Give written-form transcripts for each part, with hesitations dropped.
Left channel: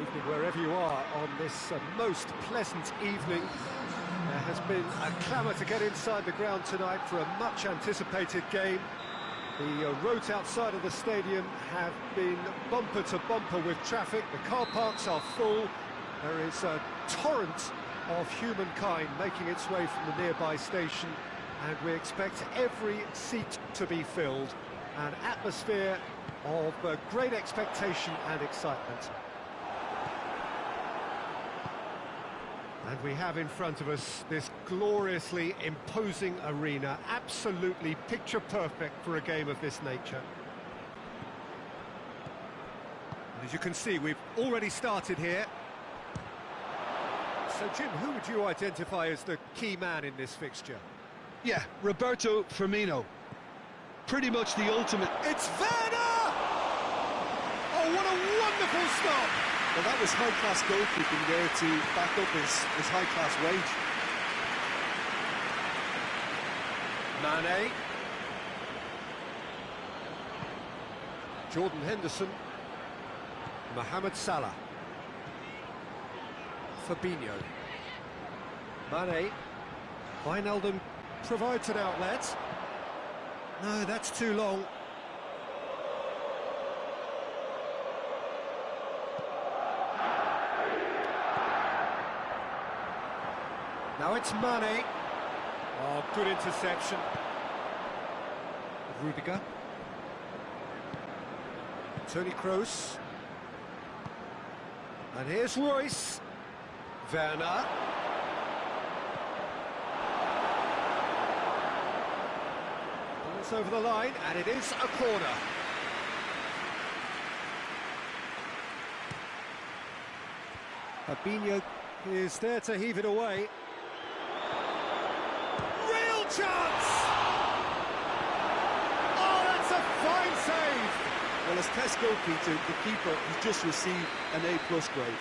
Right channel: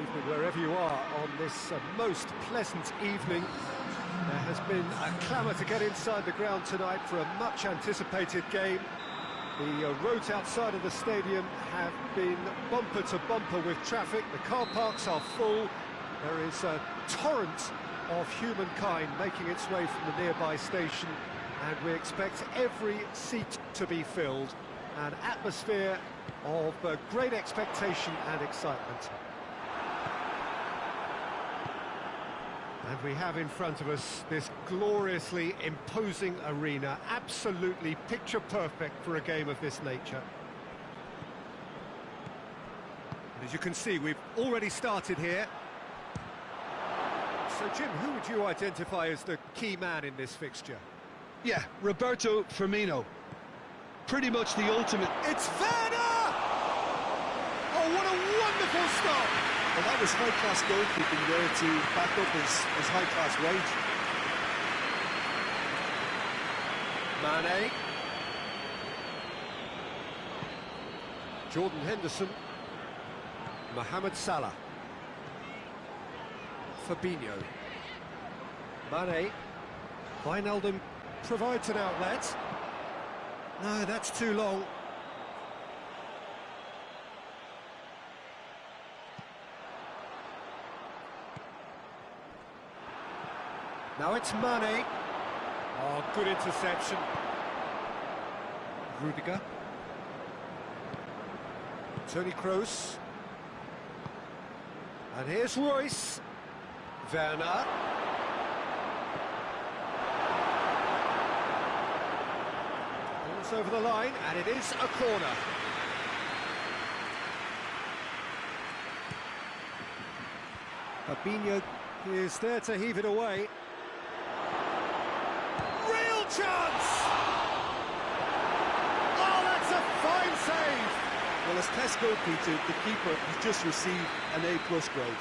Evening wherever you are on this most pleasant evening. There has been a clamour to get inside the ground tonight for a much anticipated game. The roads outside of the stadium have been bumper to bumper with traffic. The car parks are full. There is a torrent of humankind making its way from the nearby station, and we expect every seat to be filled. An atmosphere of great expectation and excitement. And we have in front of us this gloriously imposing arena, absolutely picture perfect for a game of this nature. And as you can see, we've already started here. So Jim, who would you identify as the key man in this fixture? Yeah, Roberto Firmino. Pretty much the ultimate. It's Werner! Oh, what a wonderful stop! Well, that was high-class goalkeeping there to back up his high-class wage. Mane. Jordan Henderson. Mohamed Salah. Fabinho. Mane. Wijnaldum provides an outlet. No, that's too long. Now it's Mane. Oh, good interception. Rudiger. Toni Kroos. And here's Royce. Werner. Ball's over the line, and it is a corner. Fabinho is there to heave it away. Real chance! Oh, that's a fine save! Well, as test goalkeeper, the keeper has just received an A+ grade.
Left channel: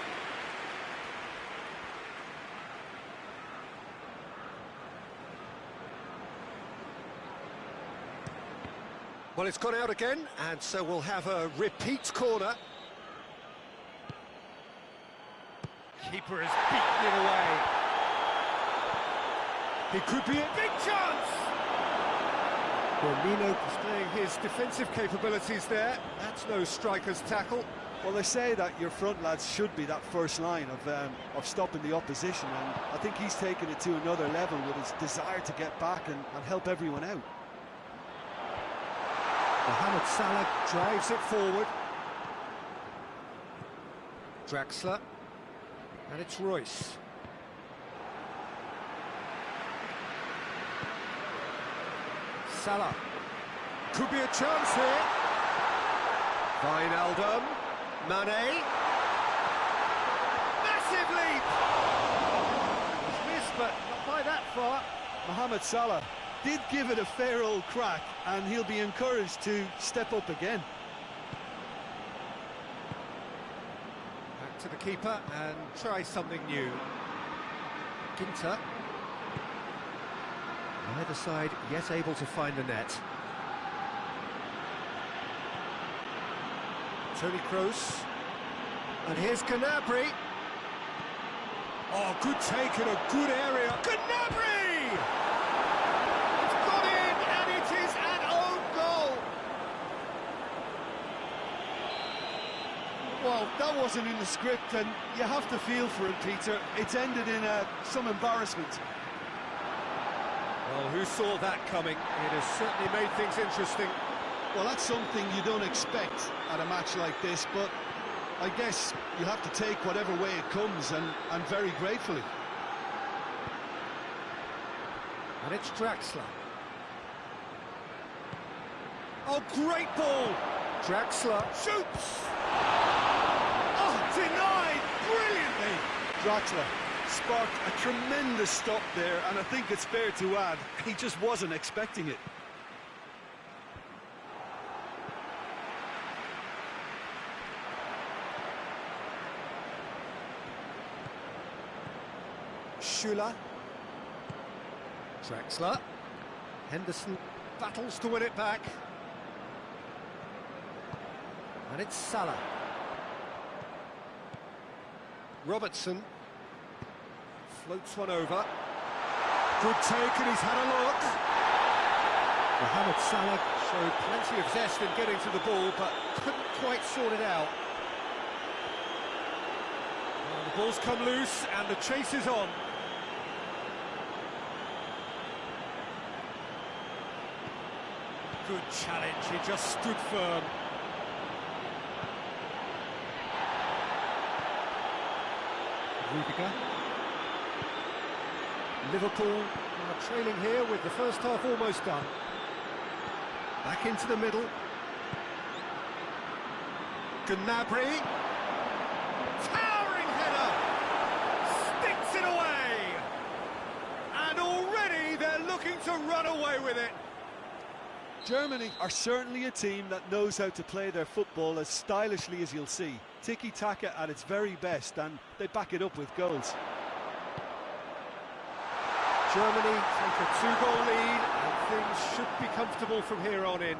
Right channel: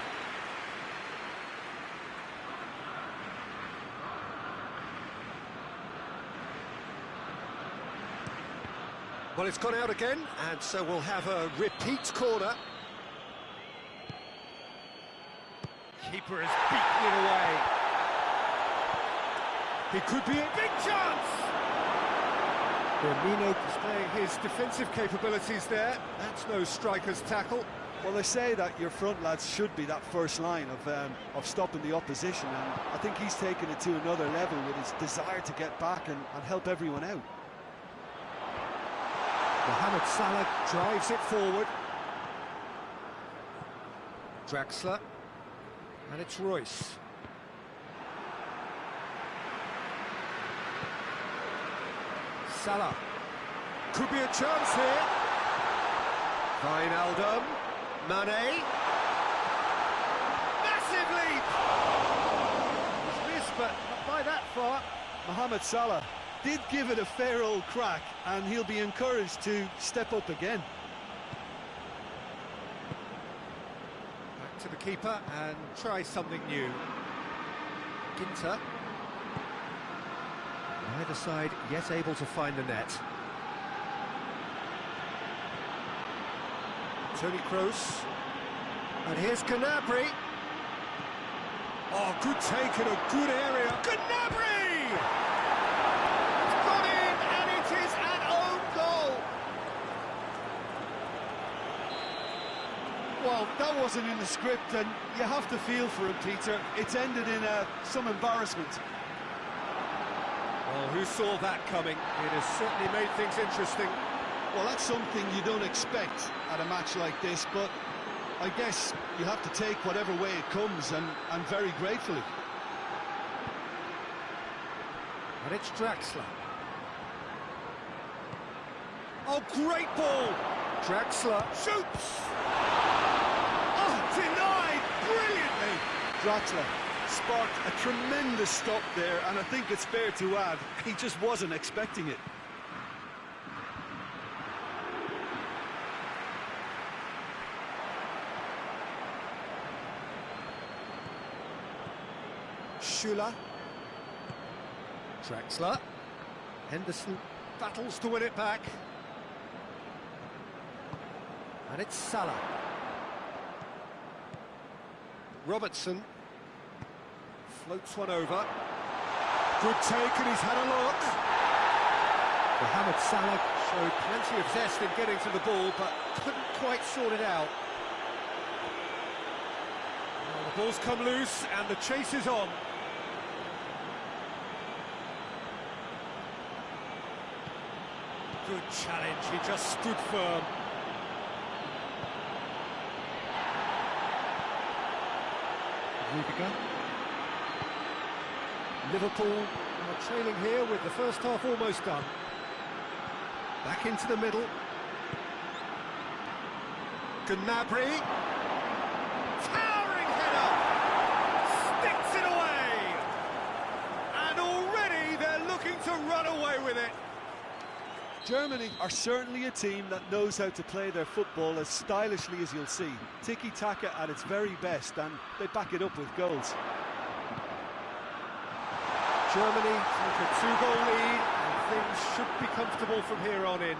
Well, it's gone out again, and so we'll have a repeat corner. Keeper has beaten it away. It could be a big chance! Firmino displaying his defensive capabilities there. That's no striker's tackle. Well, they say that your front lads should be that first line of stopping the opposition, and I think he's taken it to another level with his desire to get back and help everyone out. Mohamed Salah drives it forward. Draxler. And it's Royce. Salah. Could be a chance here. Wijnaldum. Mane. Massive leap! He's missed, but not by that far. Mohamed Salah did give it a fair old crack, and he'll be encouraged to step up again. Back to the keeper and try something new. Ginter. Neither side yet able to find the net. Toni Kroos. And here's Gnabry. Oh, good take in a good area. Gnabry! It's gone in, and it is an own goal. Well, that wasn't in the script, and you have to feel for him, Peter. It's ended in some embarrassment. Well, who saw that coming? It has certainly made things interesting. Well, that's something you don't expect at a match like this, but I guess you have to take whatever way it comes, and very gratefully. And it's Draxler. Oh, great ball! Draxler shoots! Oh, denied brilliantly! Draxler sparked a tremendous stop there, and I think it's fair to add, he just wasn't expecting it. Schüller. Draxler. Henderson battles to win it back. And it's Salah. Robertson floats one over. Good take, and he's had a look. Mohamed Salah showed plenty of zest in getting to the ball, but couldn't quite sort it out. Well, the ball's come loose, and the chase is on. Good challenge, he just stood firm. Rudiger. Liverpool are trailing here with the first half almost done. Back into the middle. Gnabry. Towering header. Sticks it away. And already they're looking to run away with it. Germany are certainly a team that knows how to play their football as stylishly as you'll see. Tiki-taka at its very best, and they back it up with goals. Germany take a 2-goal lead, and things should be comfortable from here on in.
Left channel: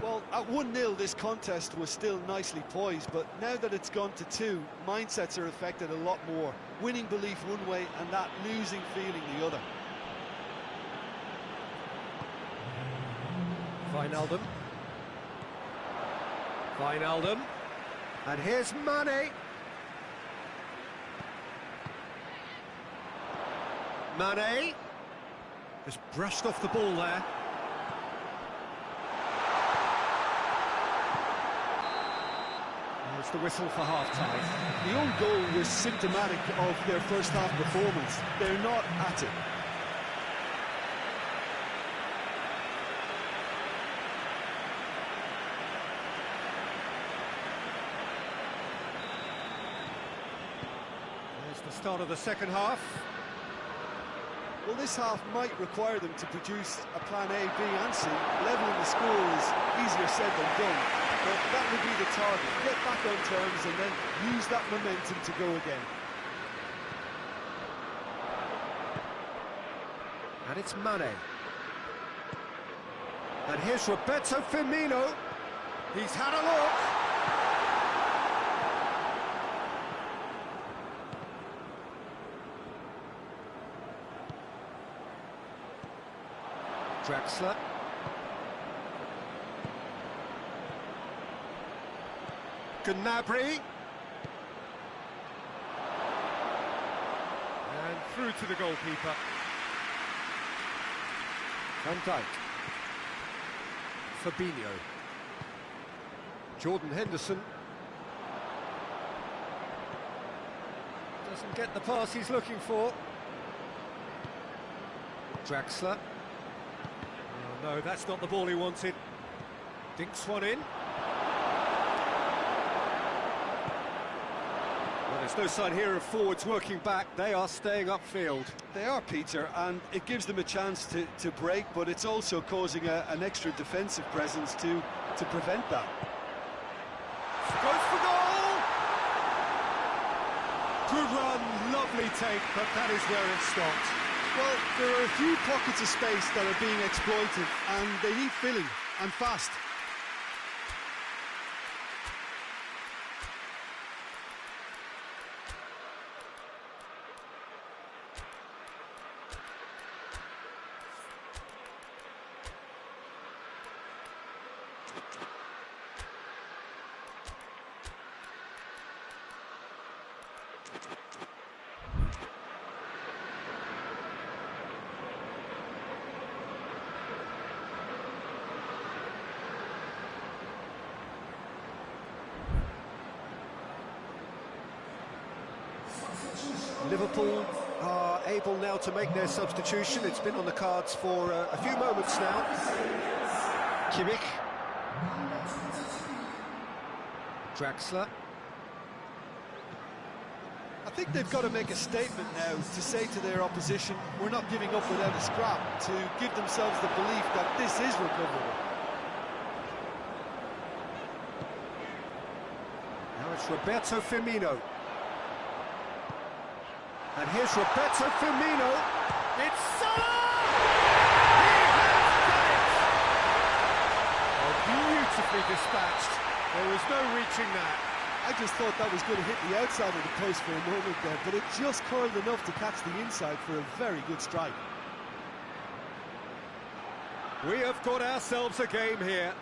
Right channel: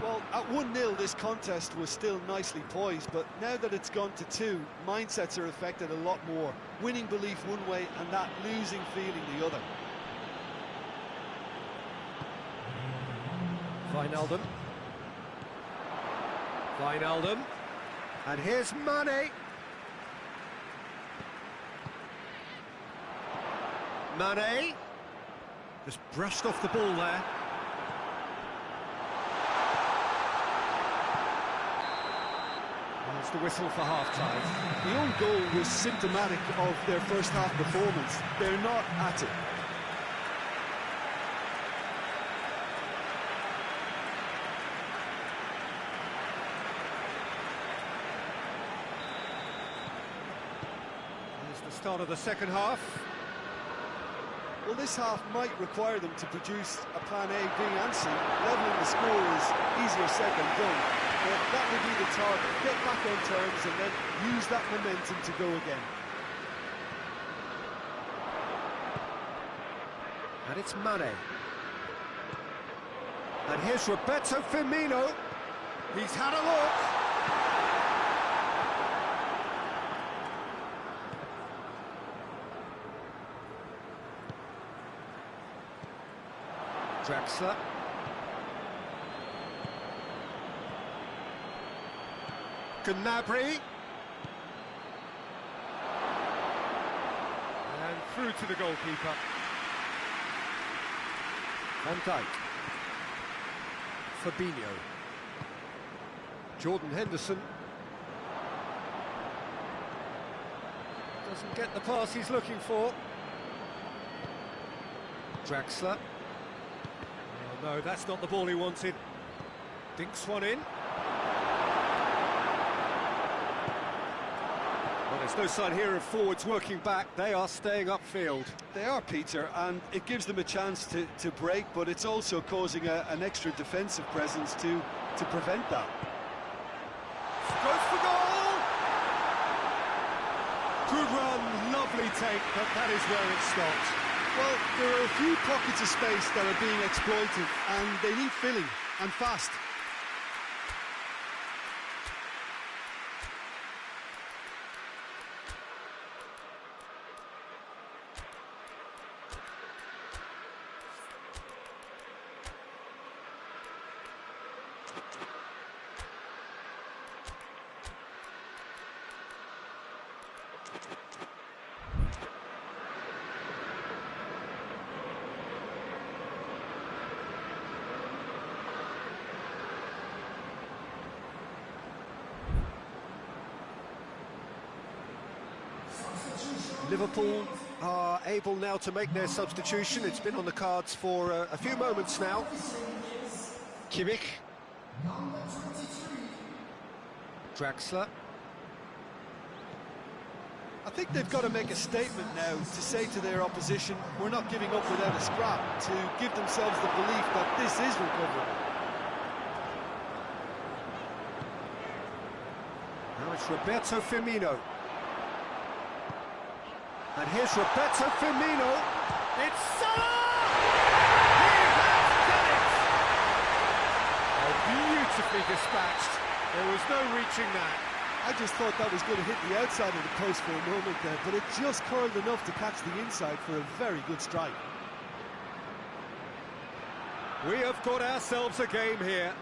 Well, at 1-0 this contest was still nicely poised, but now that it's gone to 2, mindsets are affected a lot more. Winning belief one way and that losing feeling the other. Wijnaldum. And here's Mane. Mane. Just brushed off the ball there. There's the whistle for half-time. The own goal was symptomatic of their first half performance. They're not at it. The start of the second half. Well, this half might require them to produce a plan A, B and C. Levelling the score is easier said than done, but that would be the target. Get back on terms and then use that momentum to go again. And it's Mane. And here's Roberto Firmino. He's had a look. Draxler. Gnabry. And through to the goalkeeper. Van Dijk. Fabinho. Jordan Henderson. Doesn't get the pass he's looking for. Draxler. Oh no, that's not the ball he wanted. Dinks one in. Well, there's no sign here of forwards working back. They are staying upfield. They are, Peter, and it gives them a chance to break, but it's also causing an extra defensive presence to prevent that. Goes for goal! Good run, lovely take, but that is where it stopped. Well, there are a few pockets of space that are being exploited, and they need filling, and fast. Liverpool are able now to make their substitution. It's been on the cards for a few moments now. Kimmich. Draxler. I think they've got to make a statement now to say to their opposition, we're not giving up without a scrap, to give themselves the belief that this is recoverable. Now it's Roberto Firmino. And here's Roberto Firmino. It's Salah! He has done it! Oh, beautifully dispatched. There was no reaching that. I just thought that was going to hit the outside of the post for a moment there, but it just curled enough to catch the inside for a very good strike. We have got ourselves a game here.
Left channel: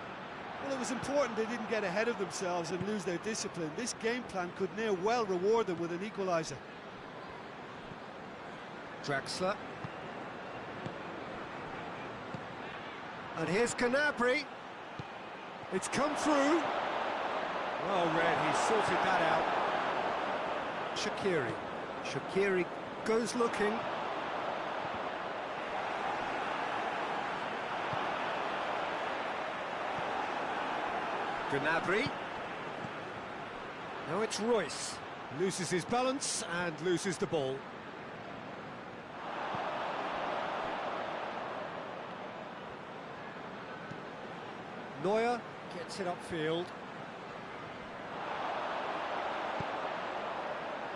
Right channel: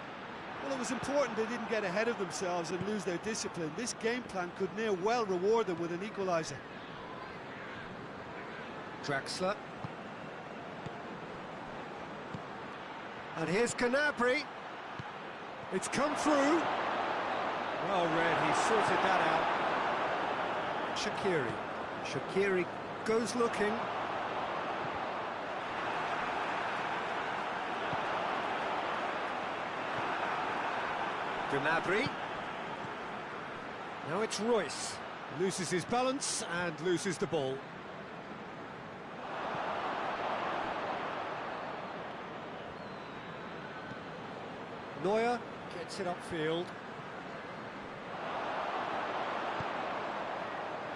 Well, it was important they didn't get ahead of themselves and lose their discipline. This game plan could near well reward them with an equaliser. Draxler. And here's Gnabry. It's come through. Well read, he sorted that out. Shaqiri. Shaqiri goes looking. Gnabry. Now it's Royce. Loses his balance and loses the ball. Neuer gets it upfield.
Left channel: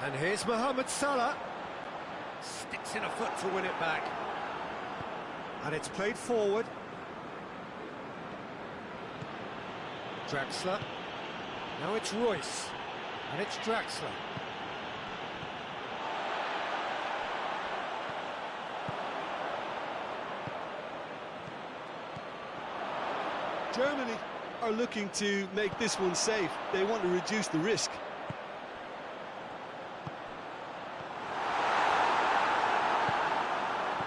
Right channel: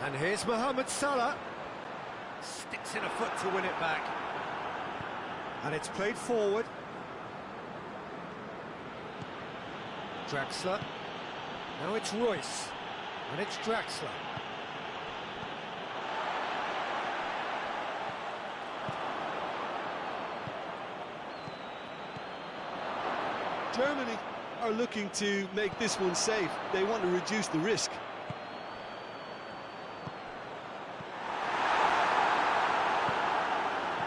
And here's Mohamed Salah. Sticks in a foot to win it back. And it's played forward. Draxler. Now it's Royce. And it's Draxler. Germany are looking to make this one safe. They want to reduce the risk.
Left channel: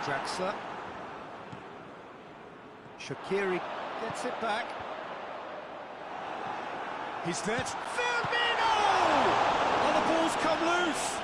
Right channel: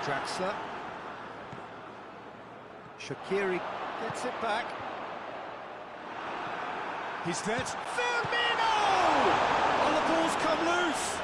Draxler. Shaqiri gets it back. He's there. Firmino! Oh, the ball's come loose.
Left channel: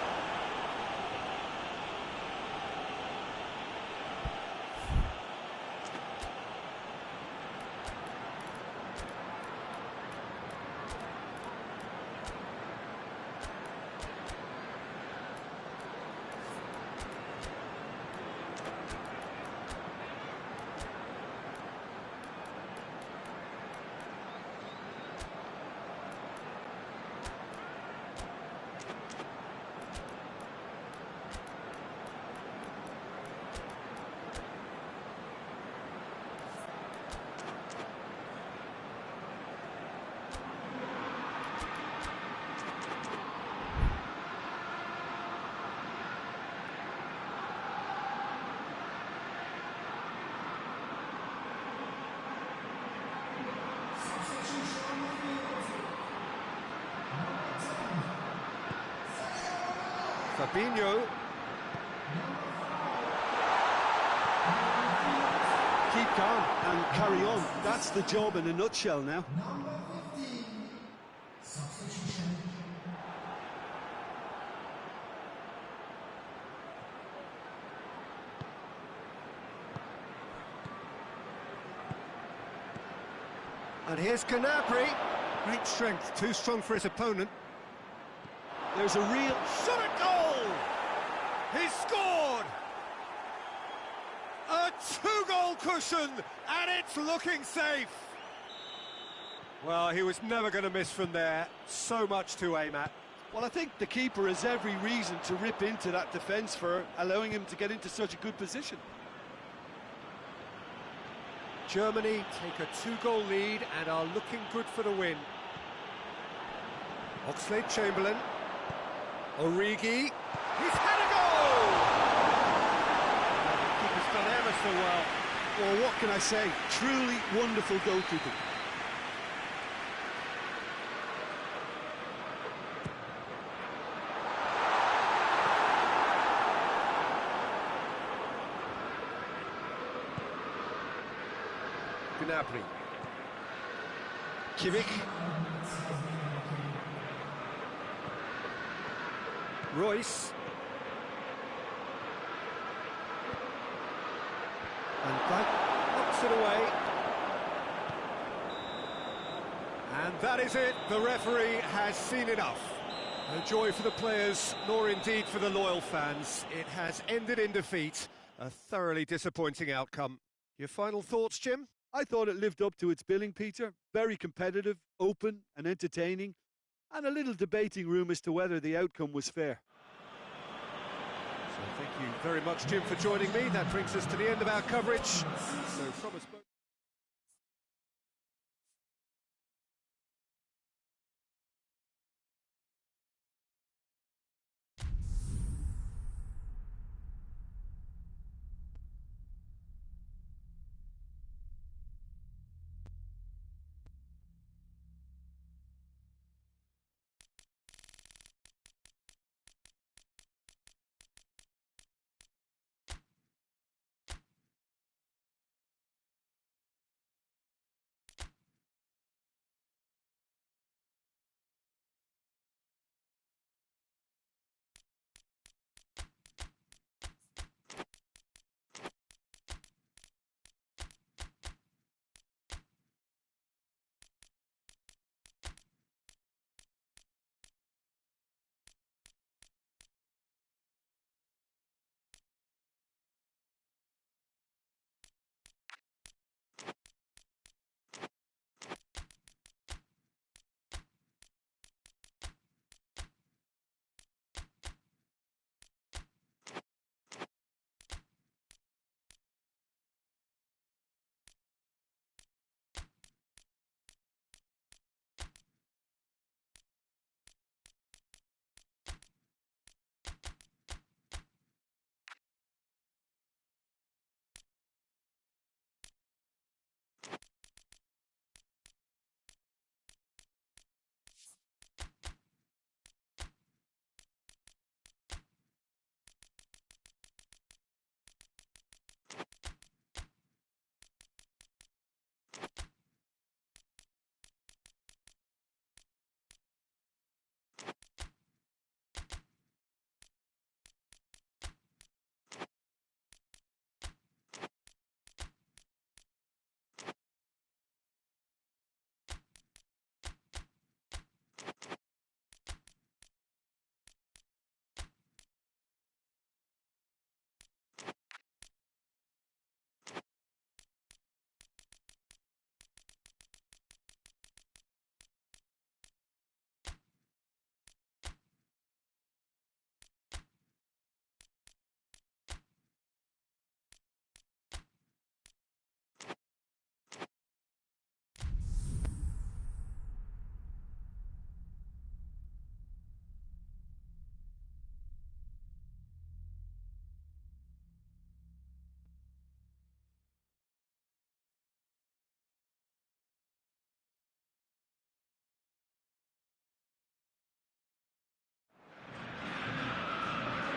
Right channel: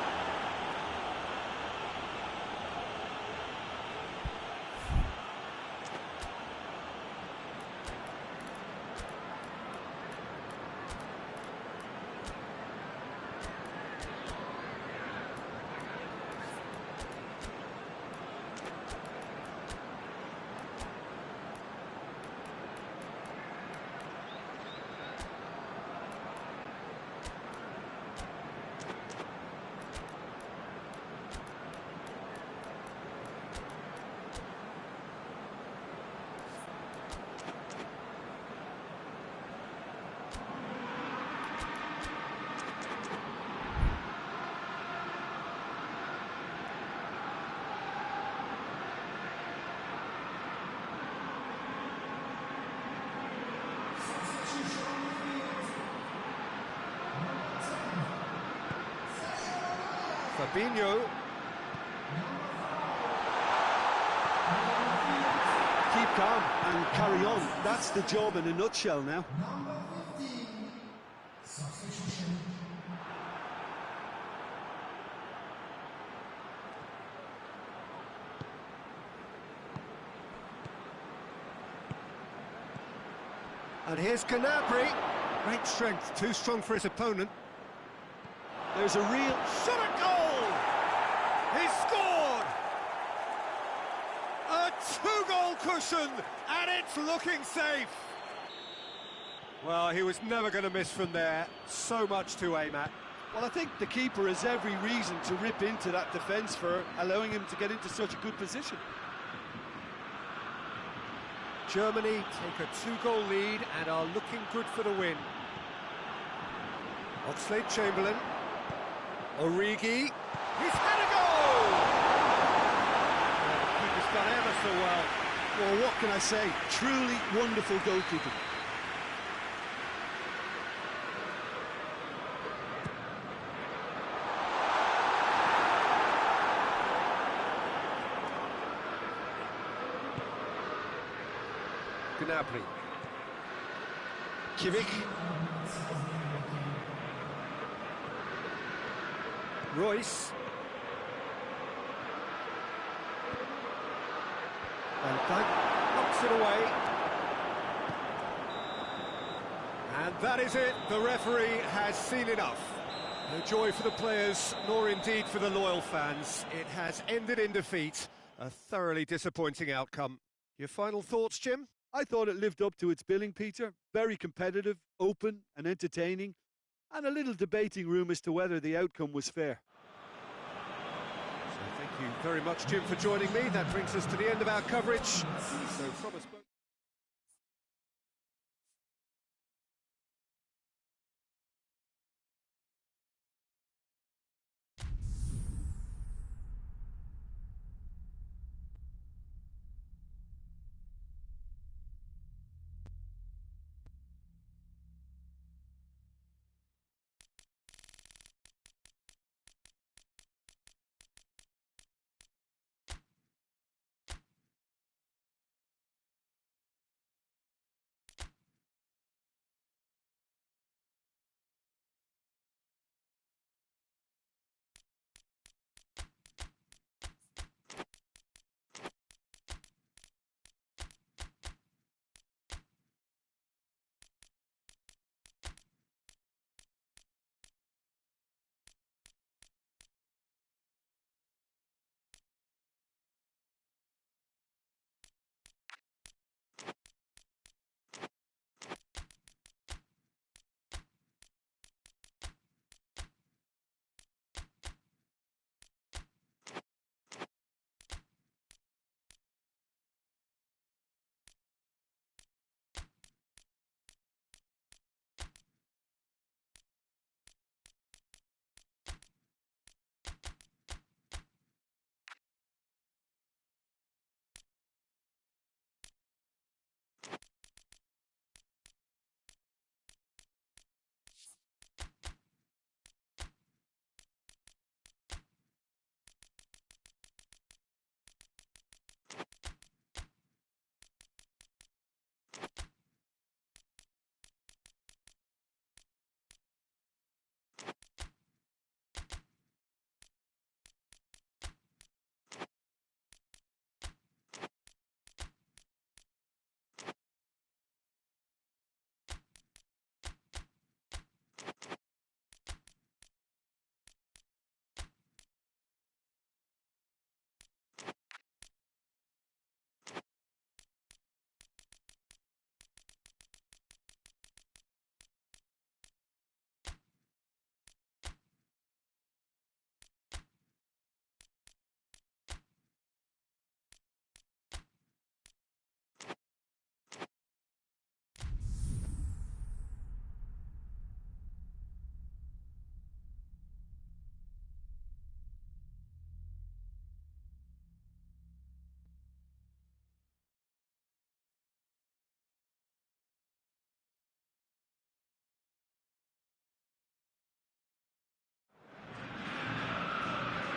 Fabinho. Keep calm and carry on. That's the job in a nutshell now. And here's Gnabry. Great strength, too strong for his opponent. There's a real shot at goal! He scored! A two-goal cushion, and it's looking safe. Well, he was never going to miss from there. So much to aim at. Well, I think the keeper has every reason to rip into that defence for allowing him to get into such a good position. Germany take a two-goal lead and are looking good for the win. Oxlade-Chamberlain. Origi. He's had a goal! Oh, the keeper's done ever so well. Well, what can I say? Truly wonderful goalkeeping. Gnabry. Kimmich. Royce. And Dijk knocks it away. And that is it. The referee has seen enough. No joy for the players, nor indeed for the loyal fans. It has ended in defeat. A thoroughly disappointing outcome. Your final thoughts, Jim? I thought it lived up to its billing, Peter. Very competitive, open and entertaining, and a little debating room as to whether the outcome was fair. So thank you very much, Jim, for joining me. That brings us to the end of our coverage. So from us both...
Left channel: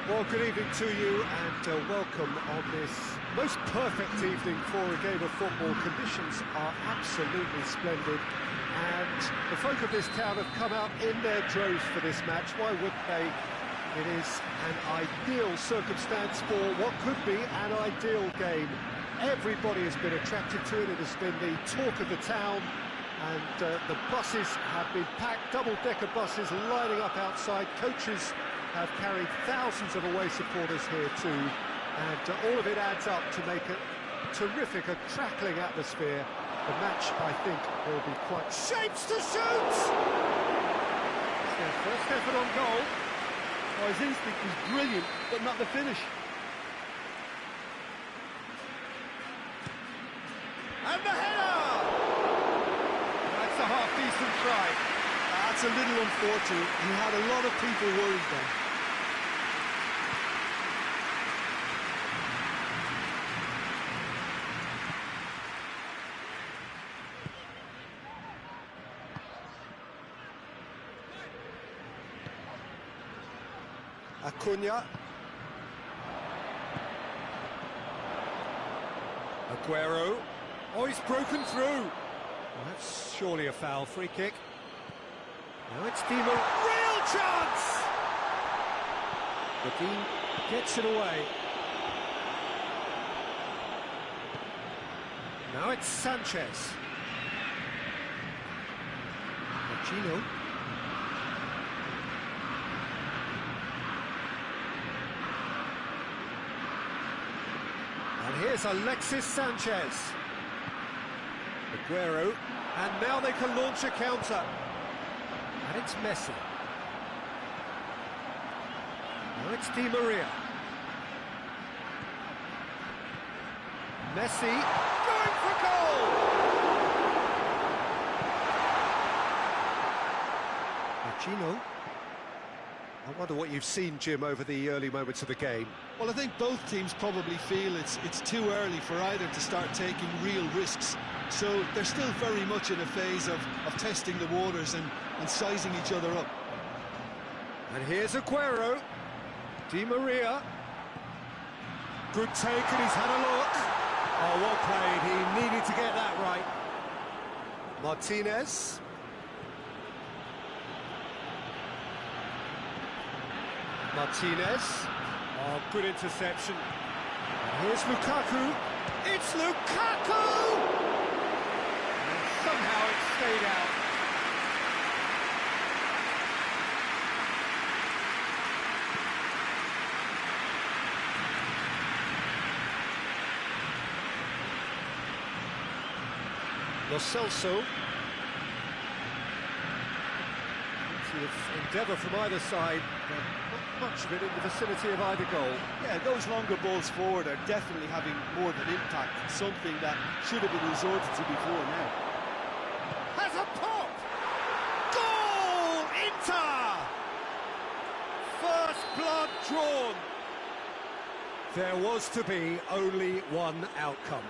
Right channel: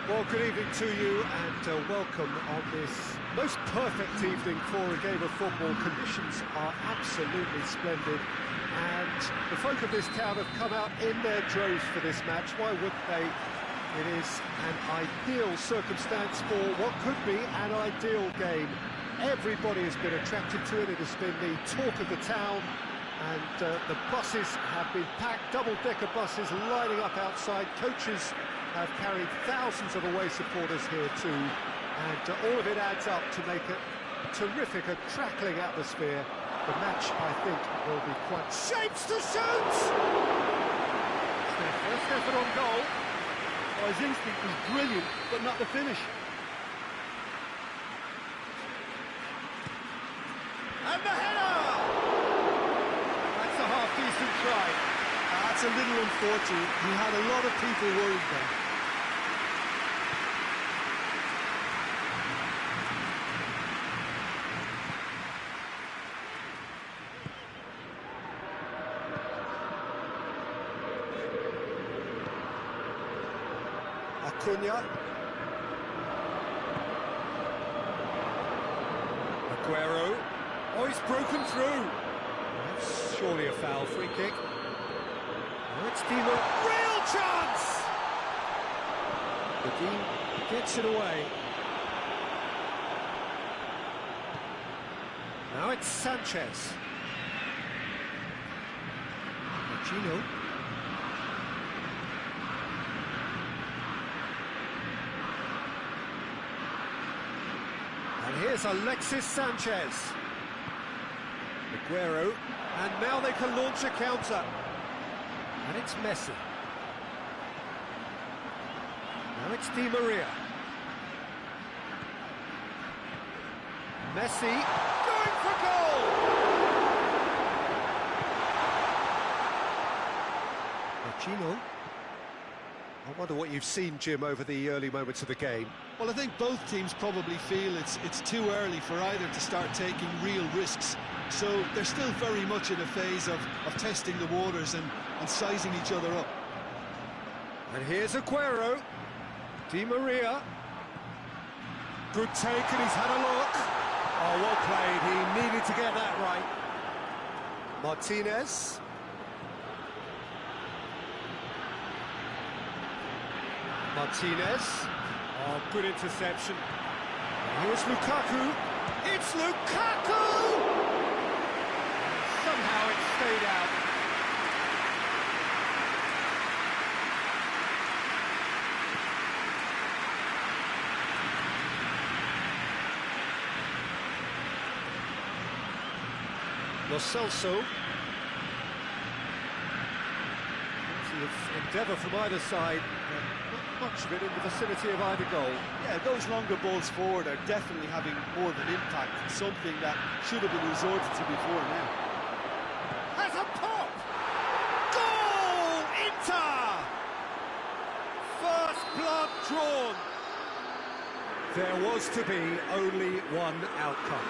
Well, good evening to you and welcome on this most perfect evening for a game of football. Conditions are absolutely splendid and the folk of this town have come out in their droves for this match. Why wouldn't they? It is an ideal circumstance for what could be an ideal game. Everybody has been attracted to it. It has been the talk of the town and the buses have been packed, double-decker buses lining up outside. Coaches have carried thousands of away supporters here too, and all of it adds up to make a terrific, a crackling atmosphere. The match, I think, will be quite... Shapes to shoot! It's their first effort on goal. Oh, his instinct was brilliant, but not the finish. And the header! That's a half-decent try. That's a little unfortunate. He had a lot of people worried then. Acuna. Aguero. Oh, he's broken through. Well, that's surely a foul. Free kick. Now it's Di Maria. Real chance! Godin gets it away. Now it's Sanchez. Machino. And here's Alexis Sanchez. Aguero. And now they can launch a counter. And it's Messi. Now it's Di Maria. Messi going for goal! Machino. I wonder what you've seen, Jim, over the early moments of the game. Well, I think both teams probably feel it's too early for either to start taking real risks. So they're still very much in a phase of testing the waters and sizing each other up. And here's Aguero. Di Maria. Good take, and he's had a look. Oh, well played. He needed to get that right. Martinez. Martinez. Oh, good interception. And here's Lukaku. It's Lukaku! And somehow it stayed out. Lo Celso. Plenty of endeavour from either side, but not much of it in the vicinity of either goal. Yeah, those longer balls forward are definitely having more of an impact, something that should have been resorted to before now. Has a pop! Goal! Inter! First blood drawn. There was to be only one outcome.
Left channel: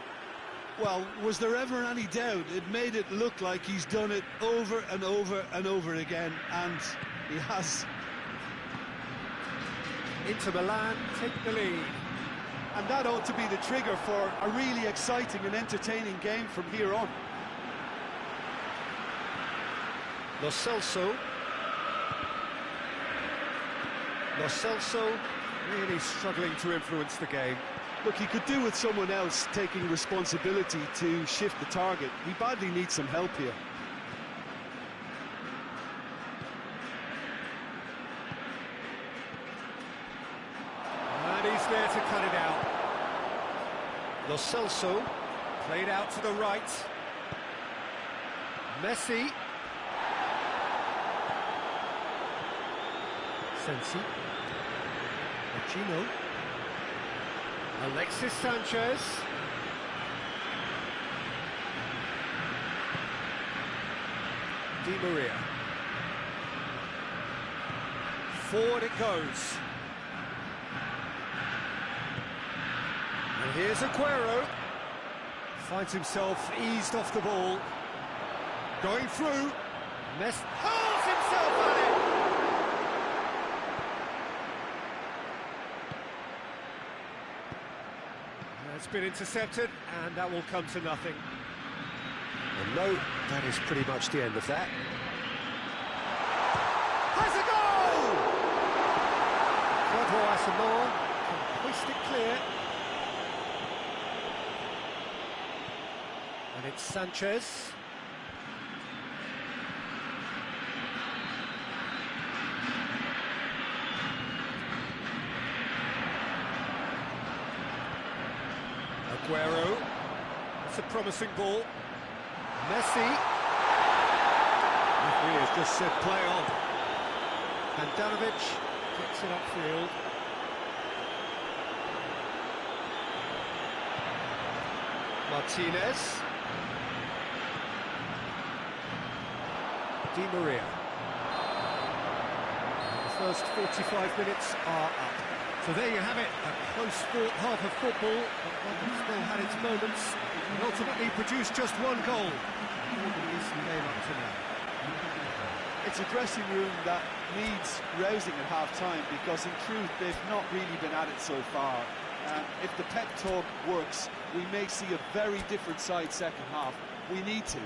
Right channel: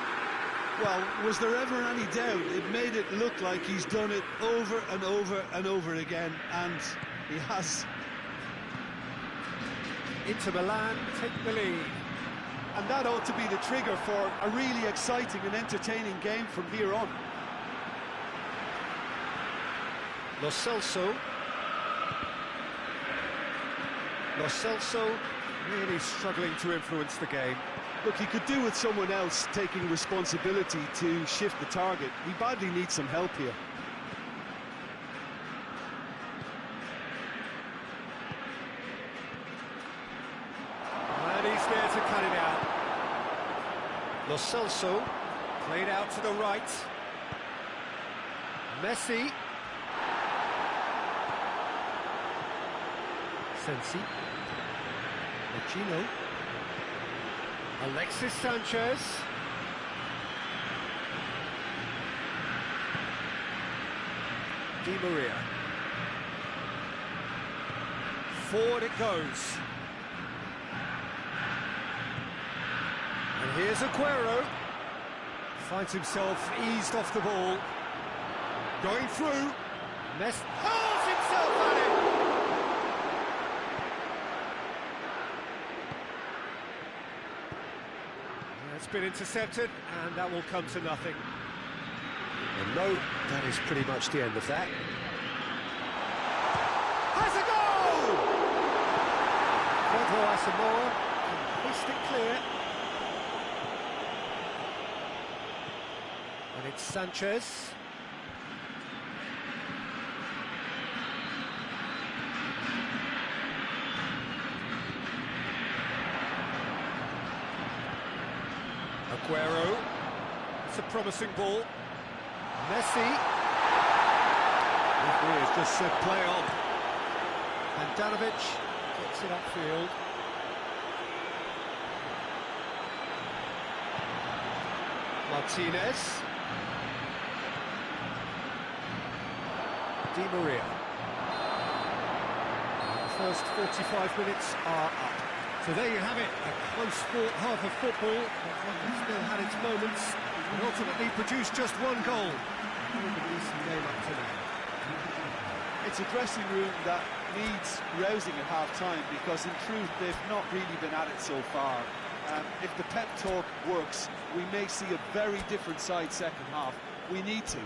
Well, was there ever any doubt? It made it look like he's done it over and over and over again, and he has. Inter Milan take the lead. And that ought to be the trigger for a really exciting and entertaining game from here on. Lo Celso. Lo Celso really struggling to influence the game. Look, he could do with someone else taking responsibility to shift the target. He badly needs some help here. And he's there to cut it out. Lo Celso played out to the right. Messi. Sensi. Machino. Alexis Sanchez. Di Maria. Forward it goes. And here's Aguero. Finds himself eased off the ball. Going through. Messi hurls himself at it. That's been intercepted, and that will come to nothing. And no, that is pretty much the end of that. Has a goal! Quadro Asamoah can hoist it clear. And it's Sanchez. Aguero. It's a promising ball. Messi. Referee has just said play on. Handanovic gets it upfield. Martinez. Di Maria. And the first 45 minutes are up. So there you have it, a close fought half of football, but one that still had its moments, and ultimately produced just one goal. More than a decent game up to now. It's a dressing room that needs rousing at half-time, because in truth they've not really been at it so far. If the pep talk works, we may see a very different side second half. We need to.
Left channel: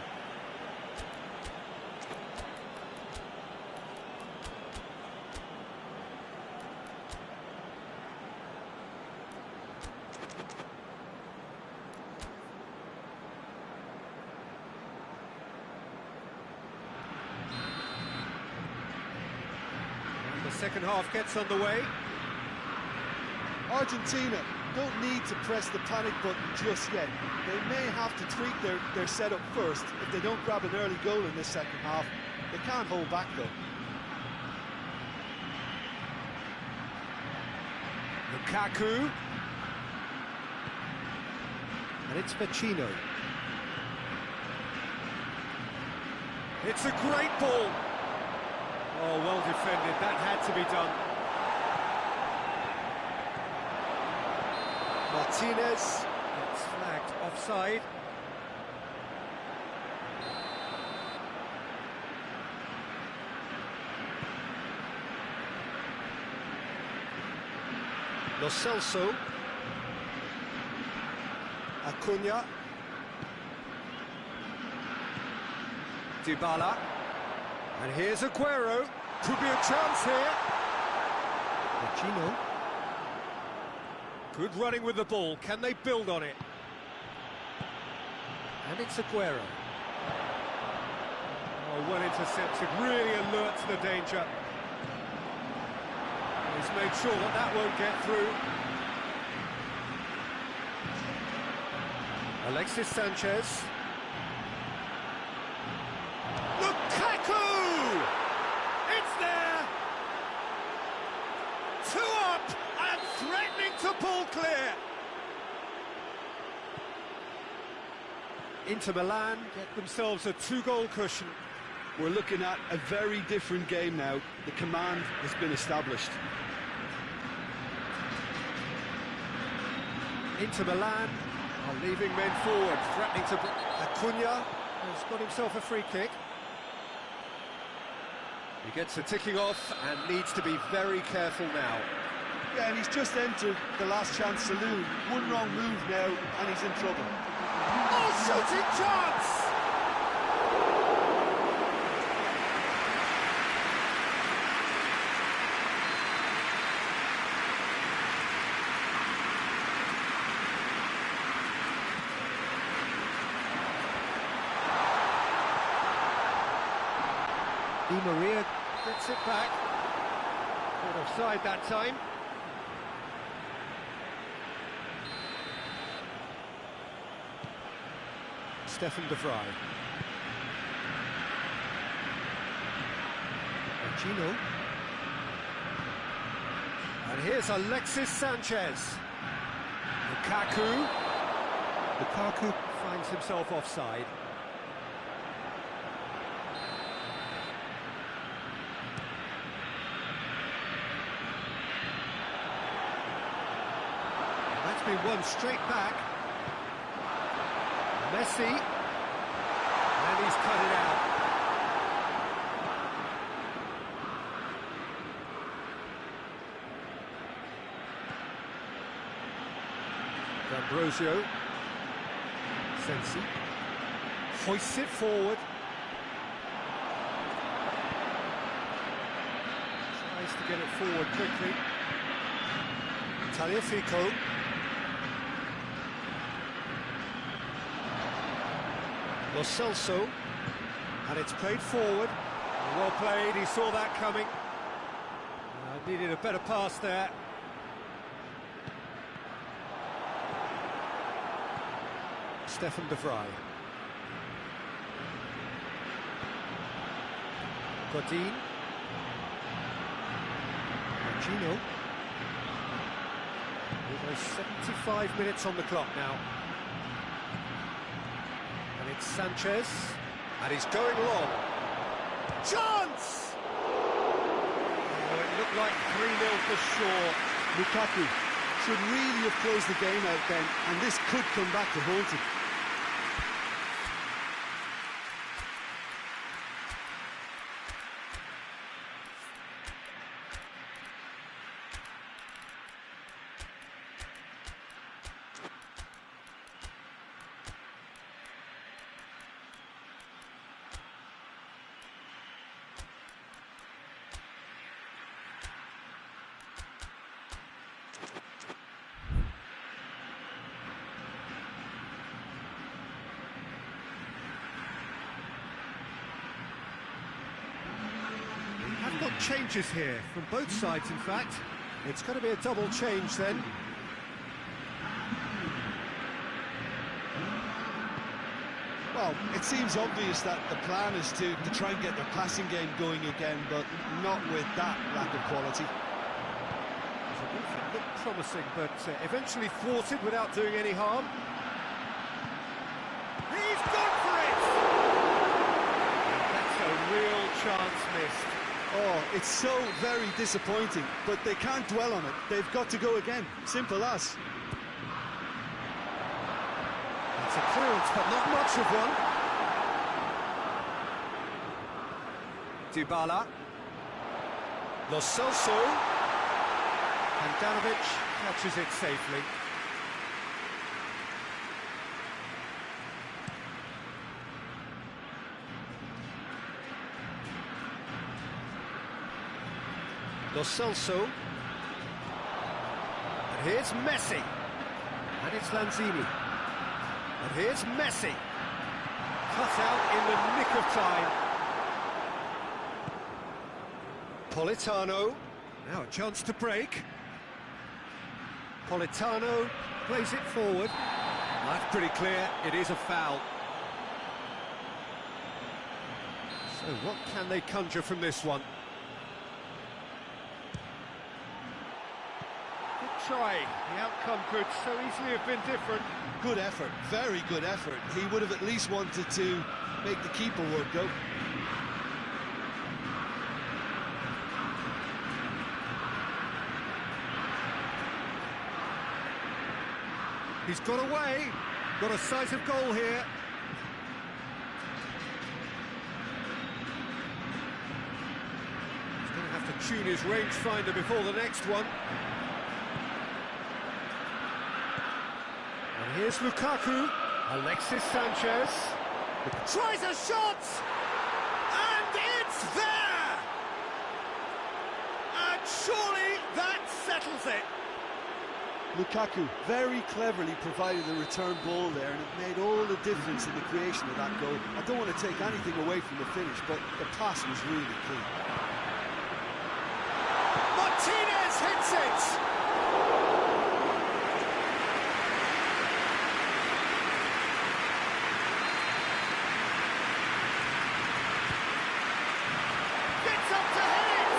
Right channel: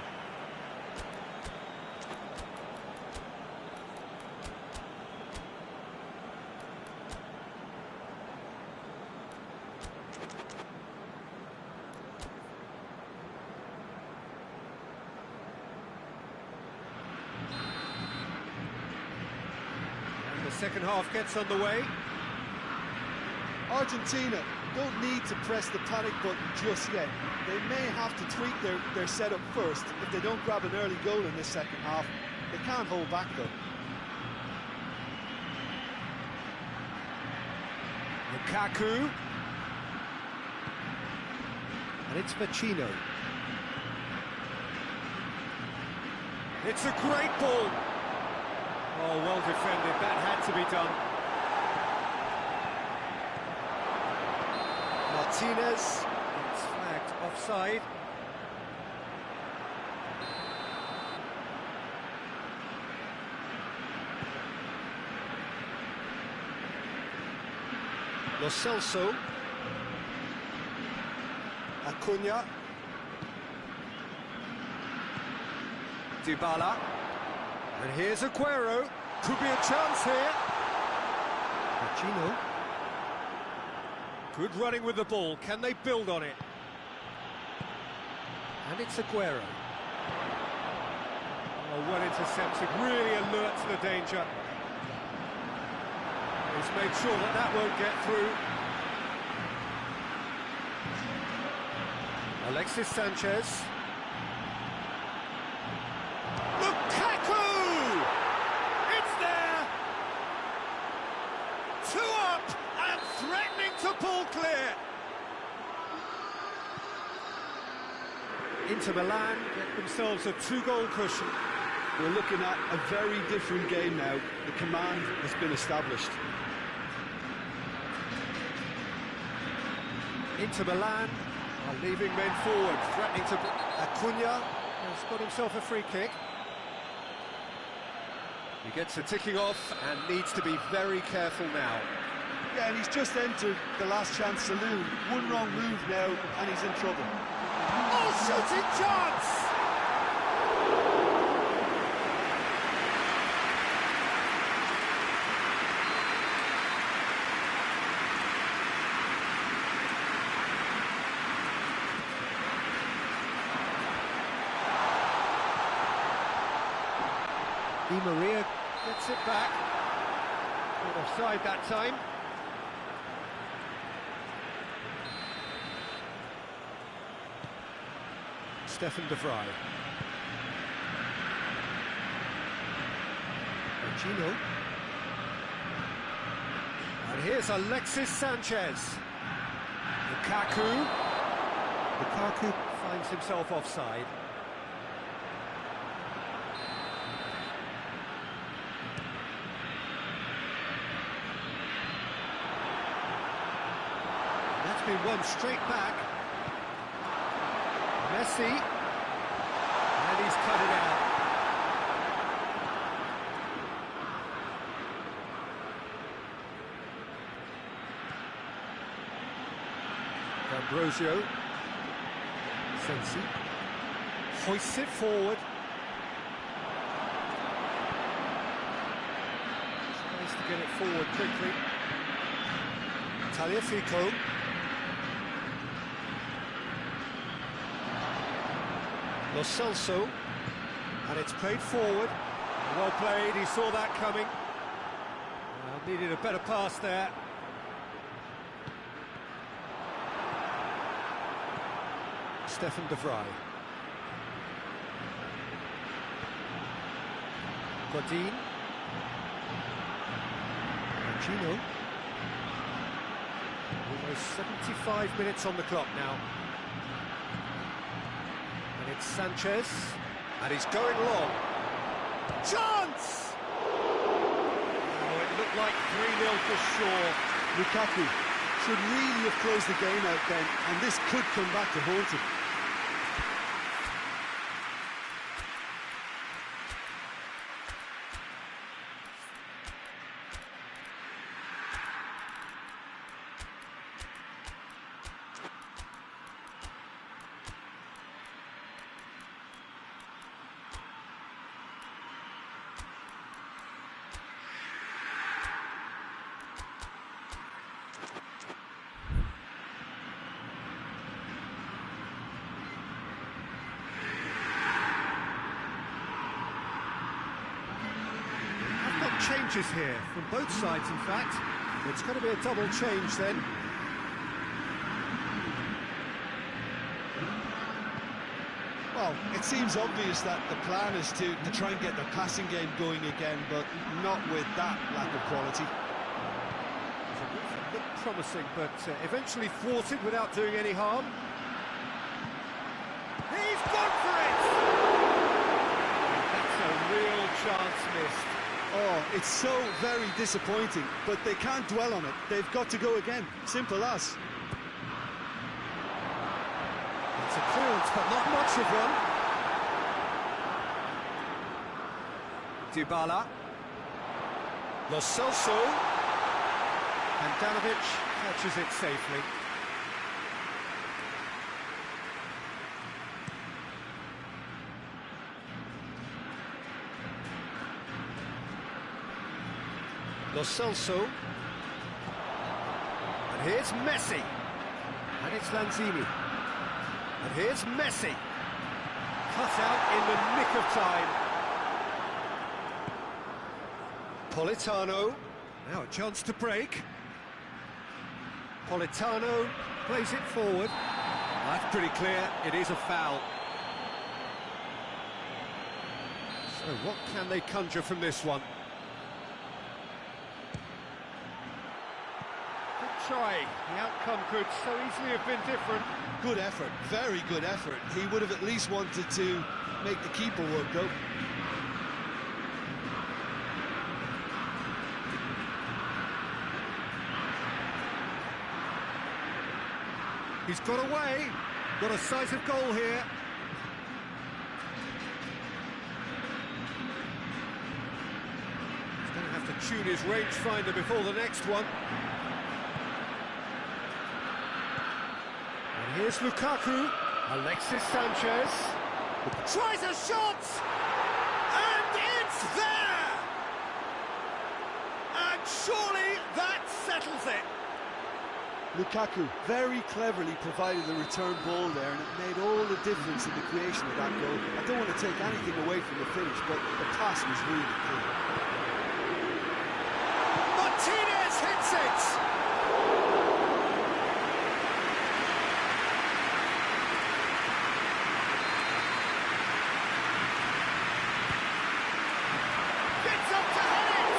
And the second half gets underway. Argentina don't need to press the panic button just yet. They may have to tweak their setup first if they don't grab an early goal in this second half. They can't hold back though. Lukaku. And it's Vecino. It's a great ball. Oh, well defended. That had to be done. Martinez gets flagged offside. Lo Celso. Acuna. Dybala. And here's Aguero. Could be a chance here. Vecino. Good running with the ball. Can they build on it? And it's Aguero. Oh, well intercepted. Really alert to the danger. He's made sure that that won't get through. Alexis Sanchez. Lukaku! It's there! 2 up and threatening to pull clear. Inter Milan get themselves a 2-goal cushion. We're looking at a very different game now. The command has been established. Inter Milan are leaving men forward, threatening to... Acuna has got himself a free kick. He gets a ticking off and needs to be very careful now. Yeah, and he's just entered the last chance saloon. One wrong move now, and he's in trouble. Oh, shooting chance! Di Maria gets it back. Caught offside that time. Stefan de Vrij. Vecino. And here's Alexis Sanchez. Lukaku. Lukaku finds himself offside. That's been won straight back. Messi. And he's cut it out. Ambrosio. Sensi. Hoists it forward. Tries to get it forward quickly. Tagliafico. Lo Celso. And it's played forward. Well played, he saw that coming. Needed a better pass there. Stefan de Vrij. Godin. Gino. Almost 75 minutes on the clock now. And it's Sanchez. And he's going long. Chance! Oh, it looked like 3-0 for sure. Lukaku should really have closed the game out then, and this could come back to haunt him. Changes here from both sides, in fact. It's going to be a double change then. Well, it seems obvious that the plan is to try and get the passing game going again, but not with that lack of quality. It looked promising, but eventually thwarted without doing any harm. He's gone for it! And that's a real chance missed. Oh, it's so very disappointing, but they can't dwell on it. They've got to go again. Simple as. It's a clearance, but not much of one. Dybala. Lo Celso. And Danovic catches it safely. Lo Celso. And here's Messi. And it's Lanzini. And here's Messi. Cut out in the nick of time. Politano. Now a chance to break. Politano plays it forward. That's pretty clear, it is a foul. So what can they conjure from this one? Try. The outcome could so easily have been different. Good effort, very good effort. He would have at least wanted to make the keeper work, though. He's got away. Got a sight of goal here. He's going to have to tune his rangefinder before the next one. And here's Lukaku. Alexis Sanchez. Tries a shot! And it's there! And surely that settles it. Lukaku very cleverly provided the return ball there, and it made all the difference in the creation of that goal. I don't want to take anything away from the finish, but the pass was really key. Martinez hits it! Gets up to head it!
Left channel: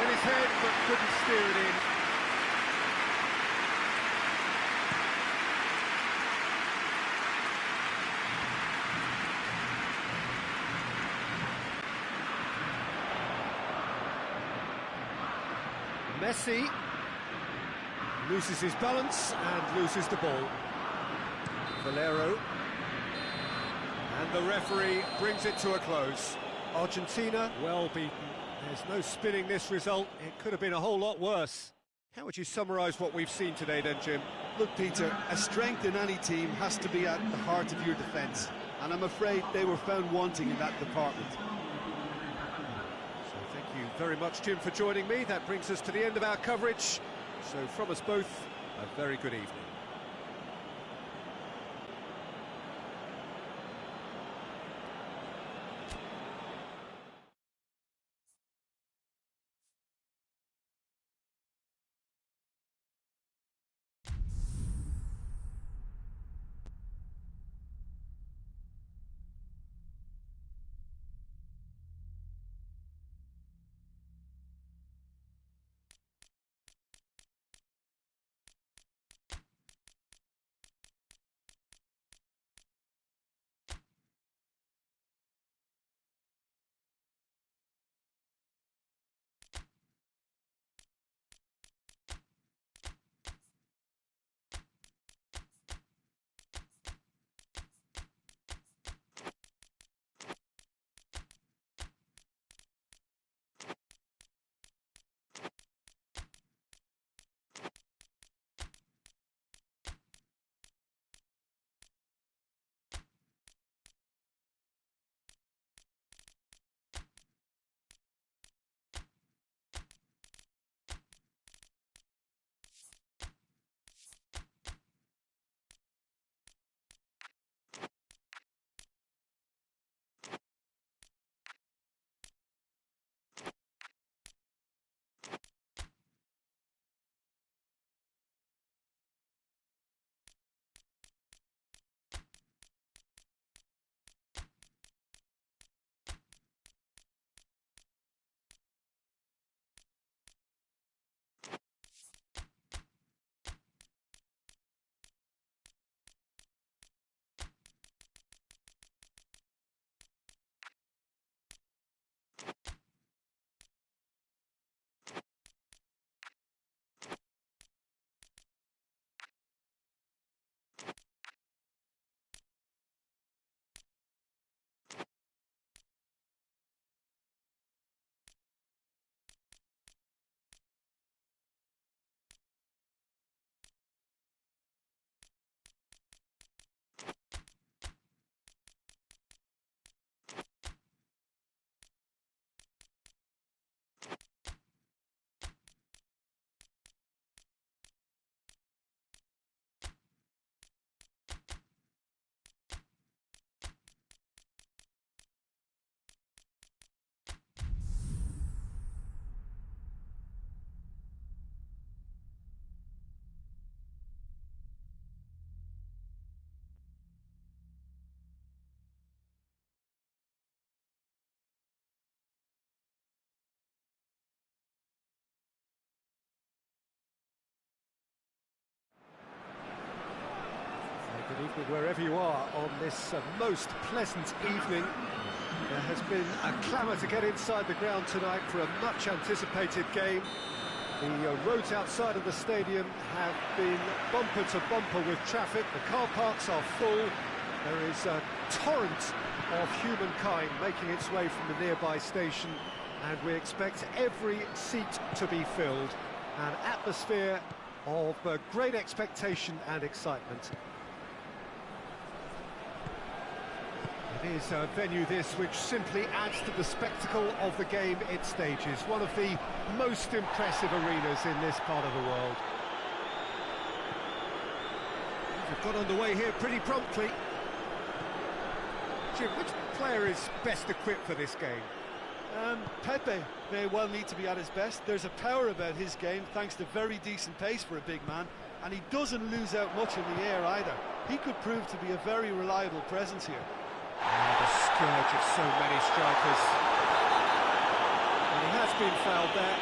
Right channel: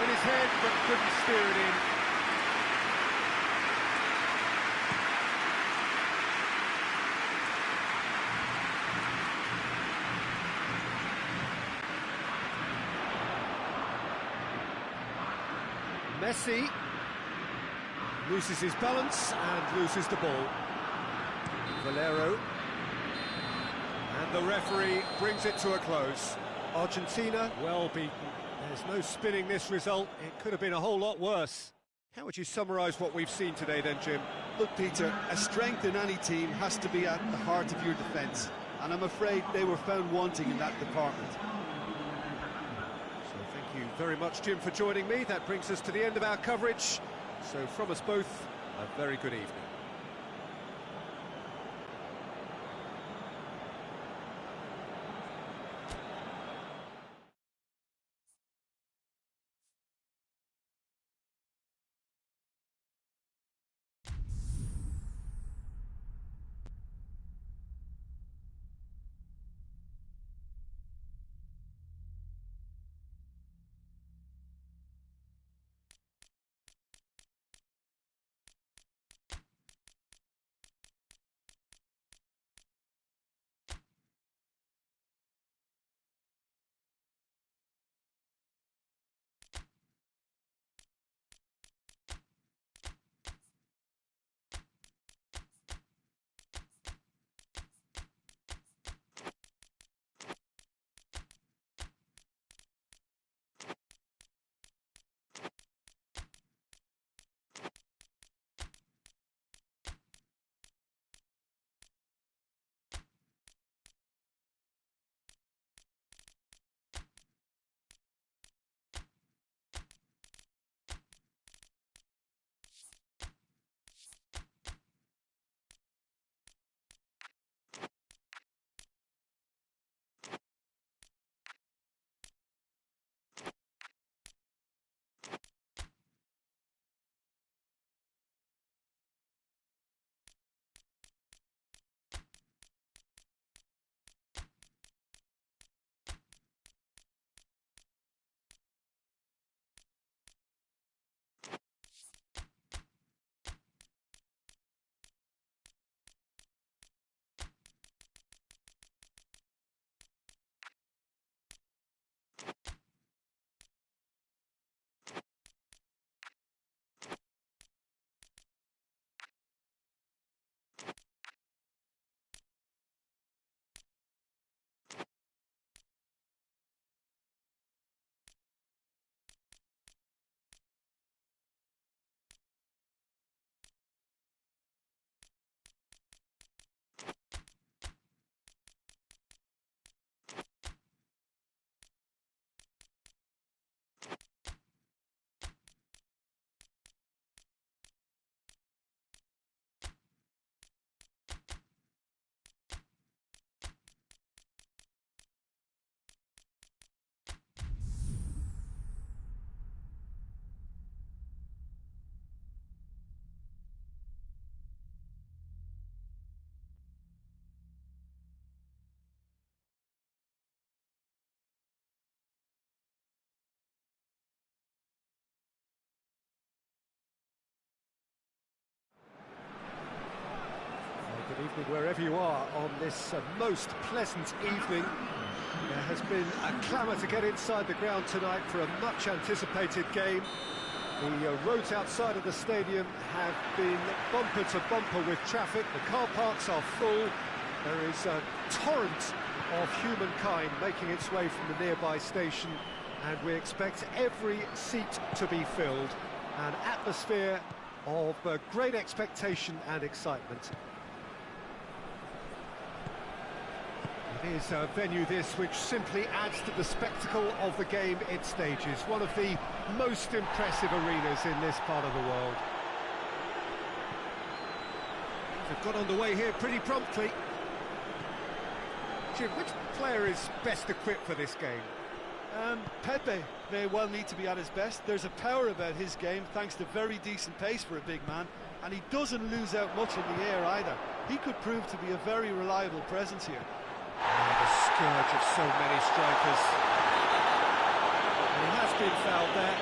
With his head, but couldn't steer it in. Messi loses his balance and loses the ball. Valero. And the referee brings it to a close. Argentina well beaten. There's no spinning this result. It could have been a whole lot worse. How would you summarise what we've seen today then, Jim? Look, Peter, a strength in any team has to be at the heart of your defence, and I'm afraid they were found wanting in that department. So thank you very much, Jim, for joining me. That brings us to the end of our coverage. So from us both, a very good evening. Good evening wherever you are on this most pleasant evening. There has been a clamour to get inside the ground tonight for a much anticipated game. The roads outside of the stadium have been bumper to bumper with traffic. The car parks are full. There is a torrent of humankind making its way from the nearby station, and we expect every seat to be filled. An atmosphere of great expectation and excitement. It is a venue this which simply adds to the spectacle of the game it stages. One of the most impressive arenas in this part of the world. Things have got underway here pretty promptly. Jim, which player is best equipped for this game? Pepe may well need to be at his best. There's a power about his game thanks to very decent pace for a big man, and he doesn't lose out much in the air either. He could prove to be a very reliable presence here. The scourge of so many strikers. And he has been fouled there.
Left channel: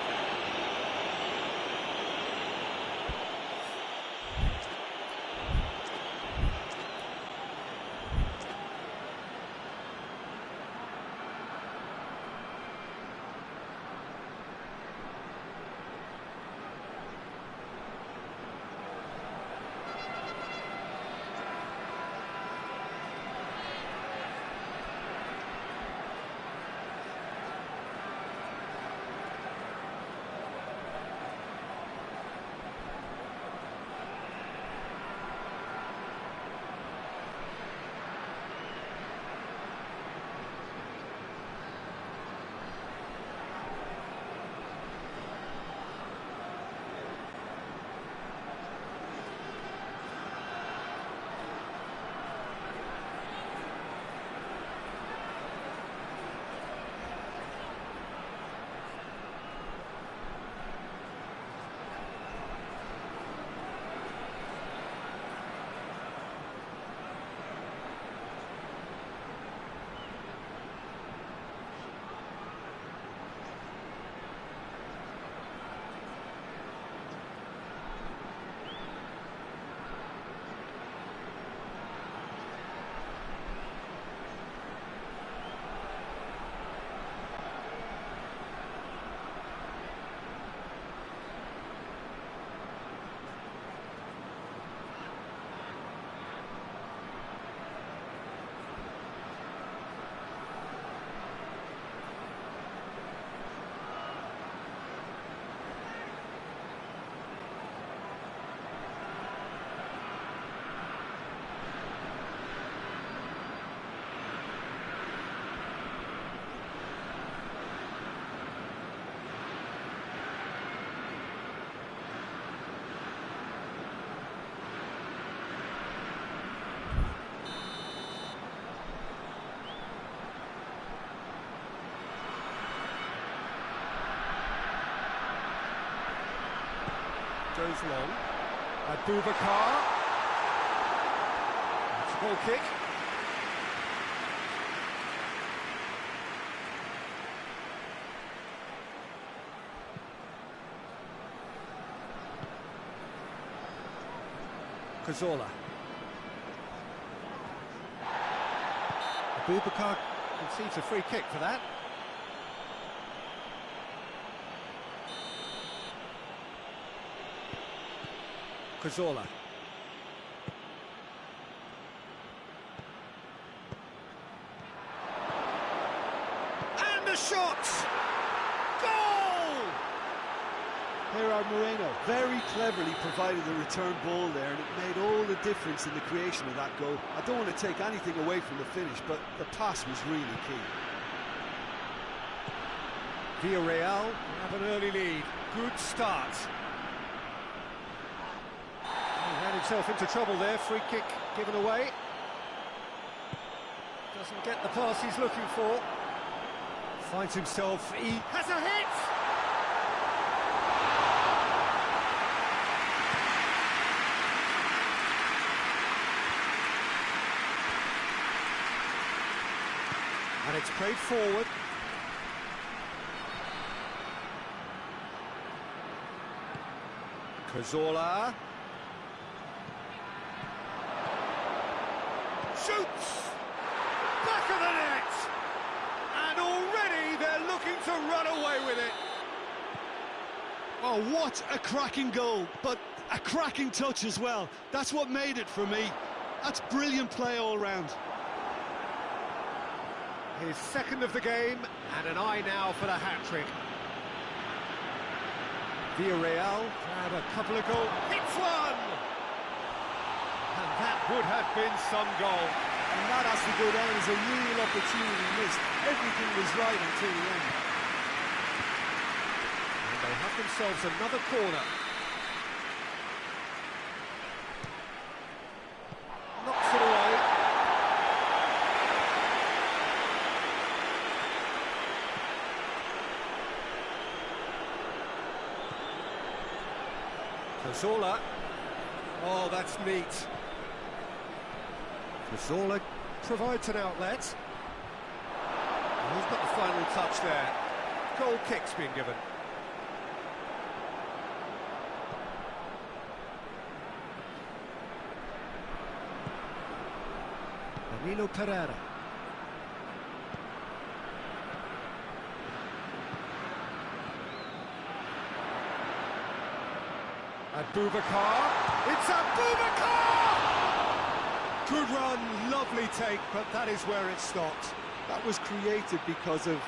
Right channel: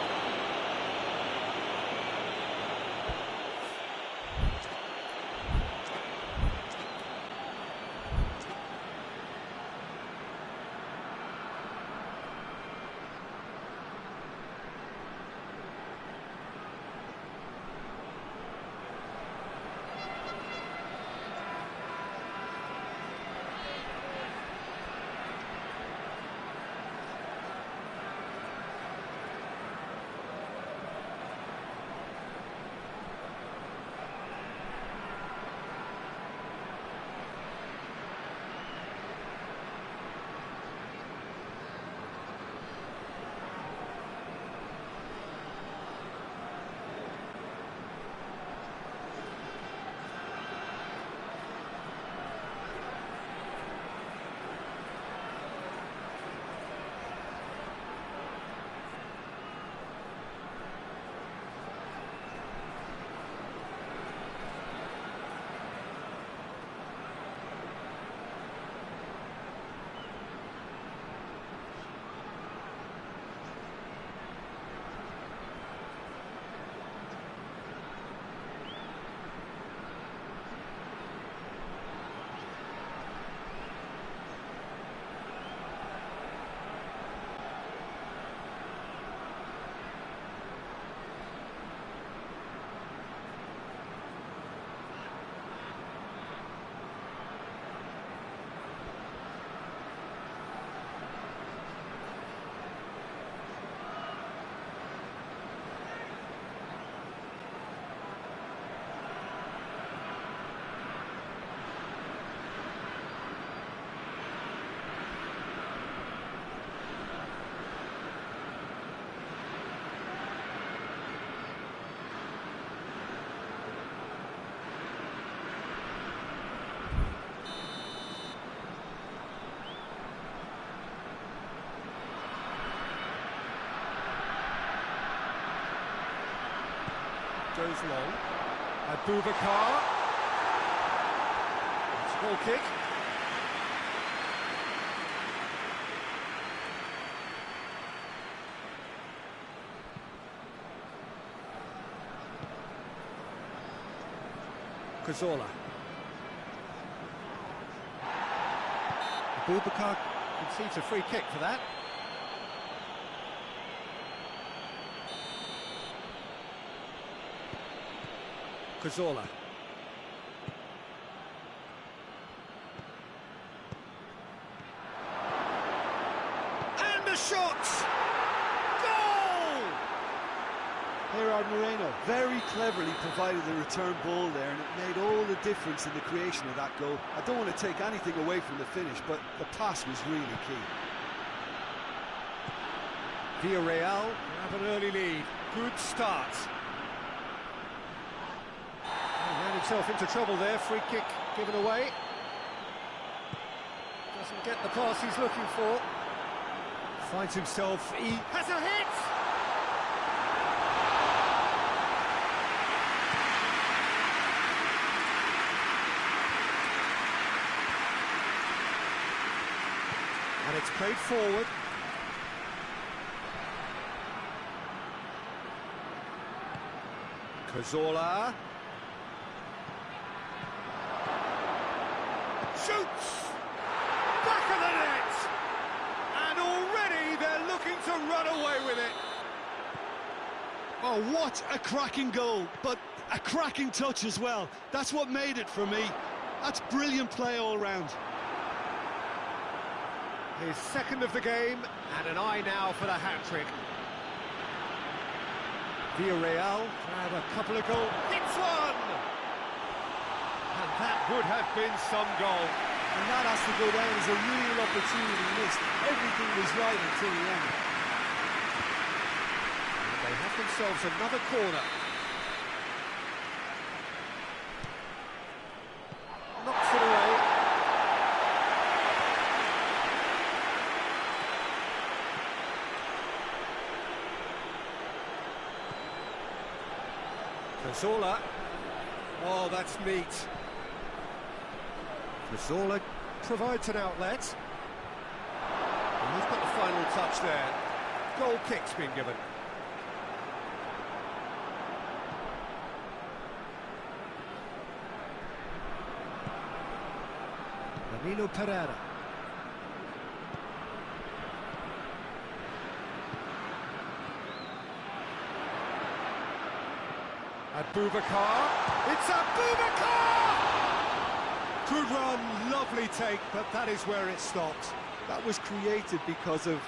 goes long. Abubakar. It's a goal kick. Cazorla. Abubakar concedes a free kick for that. Cazorla. And a shot! Goal! Gerard Moreno very cleverly provided the return ball there, and it made all the difference in the creation of that goal. I don't want to take anything away from the finish, but the pass was really key. Villarreal have an early lead. Good start. He ran himself into trouble there. Free kick given away. Doesn't get the pass he's looking for. Finds himself. He has a hit! And it's played forward. Cazorla. Shoots! Back of the net! And already they're looking to run away with it. Oh, what a cracking goal, but a cracking touch as well. That's what made it for me. That's brilliant play all round. His second of the game, and an eye now for the hat-trick. Villarreal grab a couple of goals. Hits one! And that would have been some goal. And that has to go down as a real opportunity missed. Everything was right until the end. And they have themselves another corner. Knocks it away. Cazorla. Oh, that's neat. Cazorla provides an outlet. And he's got the final touch there. Goal kick's been given. Danilo Pereira. Abubakar. It's Abubakar! Good run, lovely take, but that is where it stopped. That was created because of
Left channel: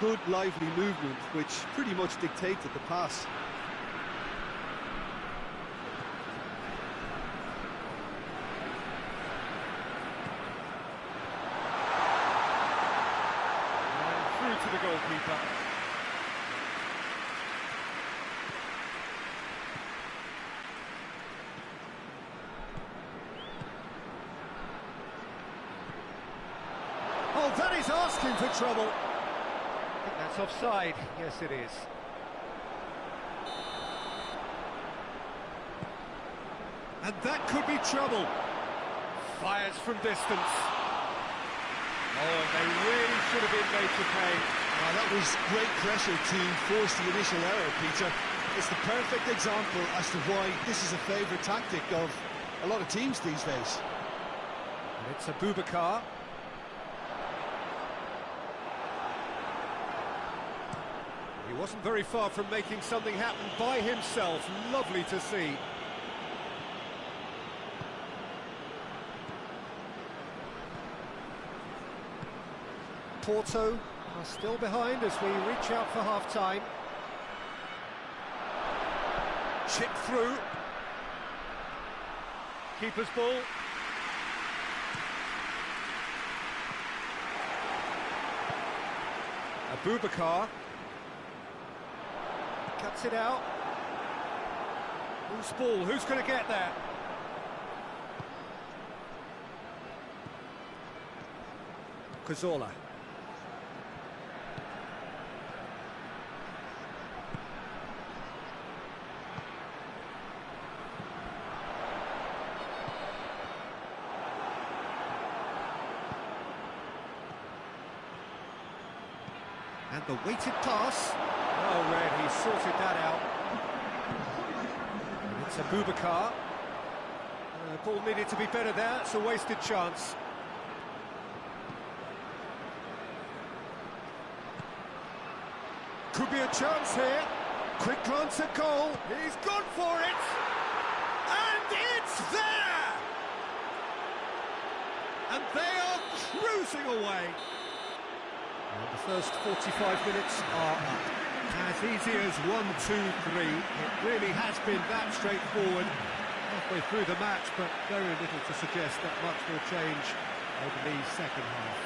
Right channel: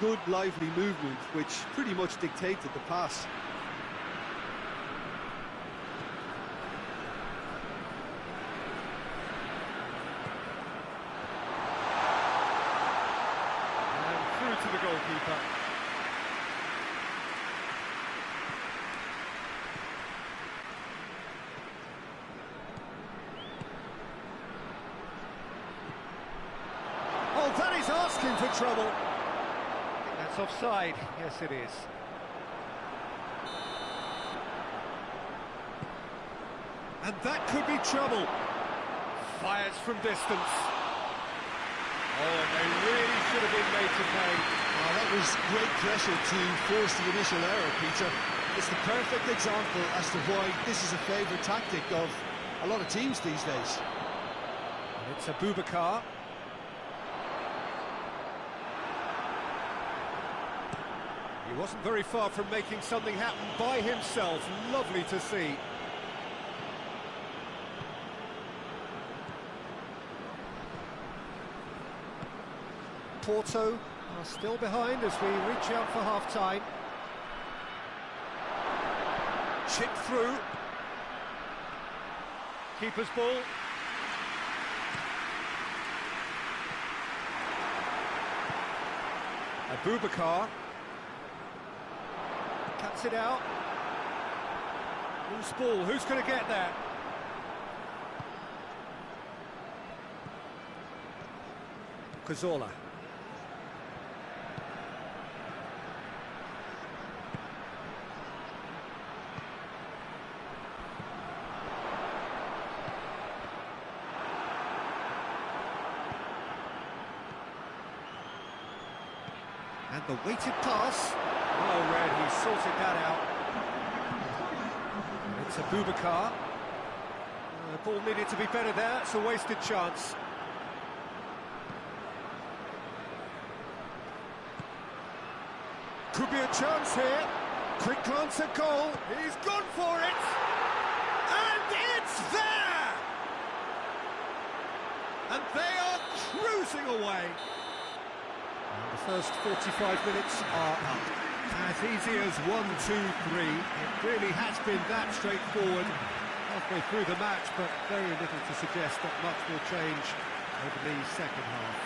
good, lively movement, which pretty much dictated the pass. And through to the goalkeeper. Oh, that is asking for trouble. I think that's offside. Yes, it is. And that could be trouble. Fires from distance. Oh, and they really should have been made to pay. Oh, that was great pressure to force the initial error, Peter. It's the perfect example as to why this is a favourite tactic of a lot of teams these days. And it's Abubakar. He wasn't very far from making something happen by himself. Lovely to see. Porto are still behind as we reach out for half-time. Chip through. Keeper's ball. Abubakar. Cuts it out. Loose ball, who's going to get there? Cazorla. And the weighted pass. Well read, he sorted that out. And it's Abubakar. Ball needed to be better there, it's a wasted chance. Could be a chance here. Quick glance at goal. He's gone for it. And it's there! And they are cruising away. And the first 45 minutes are up. As easy as 1, 2, 3. It really has been that straightforward. Halfway through the match, but very little to suggest that much will change over the second half.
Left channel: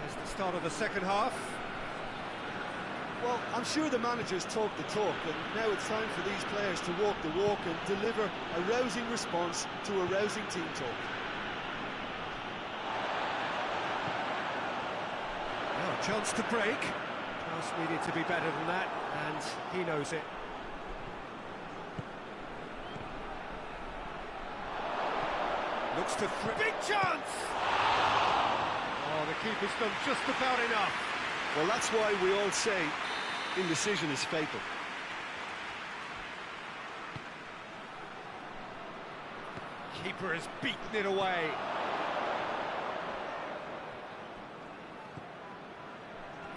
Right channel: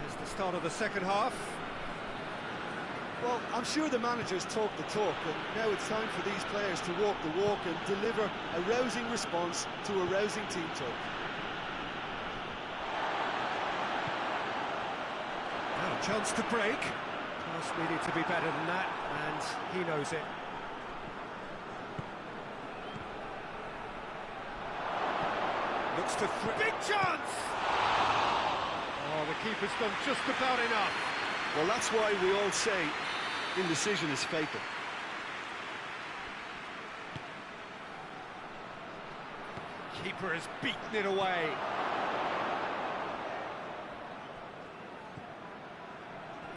There's the start of the second half. Well, I'm sure the managers talk the talk, and now it's time for these players to walk the walk and deliver a rousing response to a rousing team talk. Now a chance to break. Pass needed to be better than that, and he knows it. Looks to big chance! Oh, the keeper's done just about enough. Well, that's why we all say indecision is fatal. Keeper has beaten it away.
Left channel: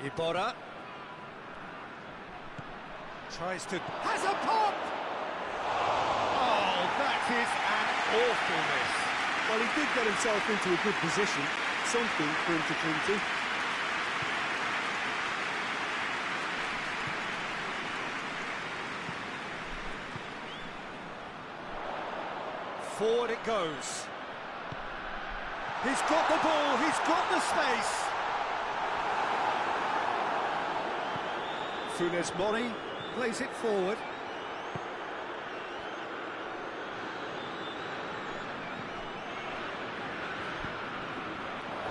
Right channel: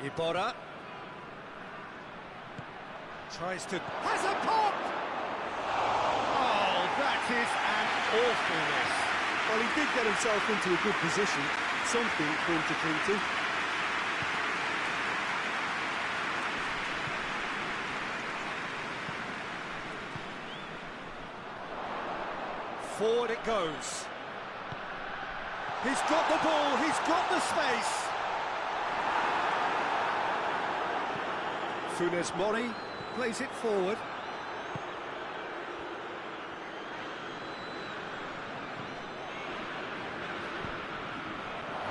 Iborra tries to... has a pop! Oh, that is an awful miss. Well, he did get himself into a good position, something for him to cling to. Forward it goes. He's got the ball, he's got the space. Funes Mori plays it forward.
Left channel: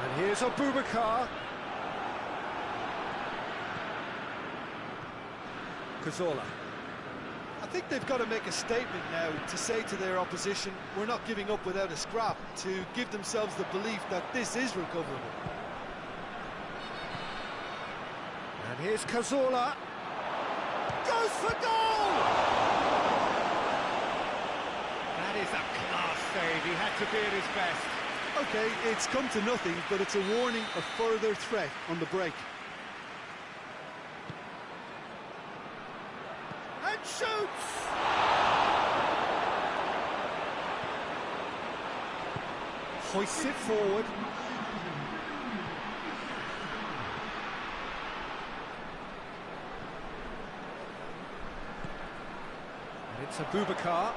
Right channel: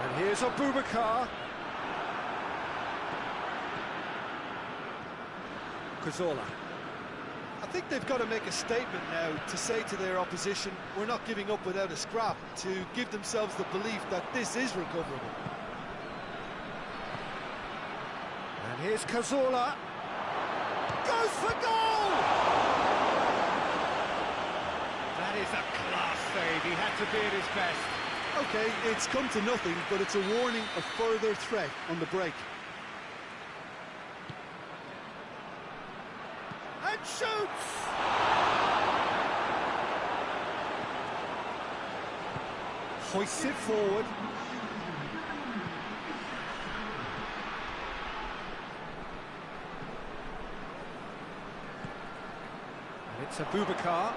And here's Abubakar. Cazorla. I think they've got to make a statement now to say to their opposition, we're not giving up without a scrap, to give themselves the belief that this is recoverable. And here's Cazorla. Goes for goal! That is a class save, he had to be at his best. OK, it's come to nothing, but it's a warning of further threat on the break. And shoots! Hoists it forward. And it's Abubakar.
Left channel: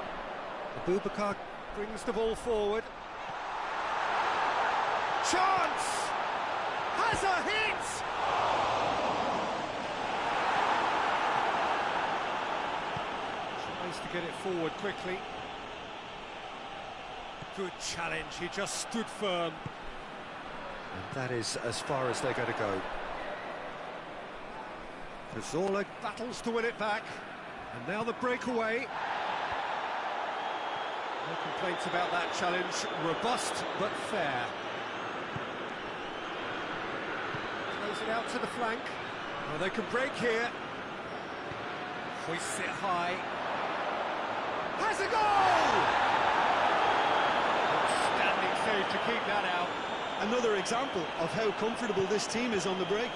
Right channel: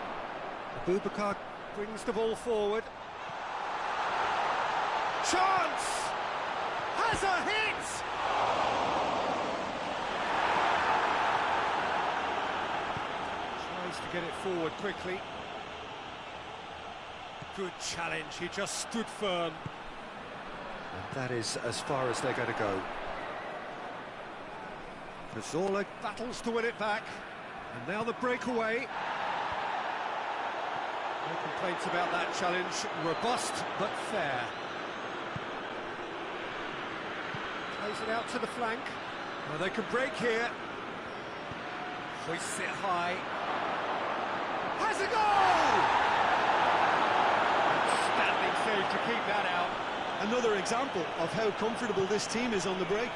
Abubakar brings the ball forward. Chance! Has a hit! Tries to get it forward quickly. Good challenge, he just stood firm. And that is as far as they're going to go. Cazorla battles to win it back. And now the breakaway. No complaints about that challenge. Robust but fair. Plays it out to the flank. Well, they can break here. Hoists it high. Has a goal! Outstanding save to keep that out. Another example of how comfortable this team is on the break.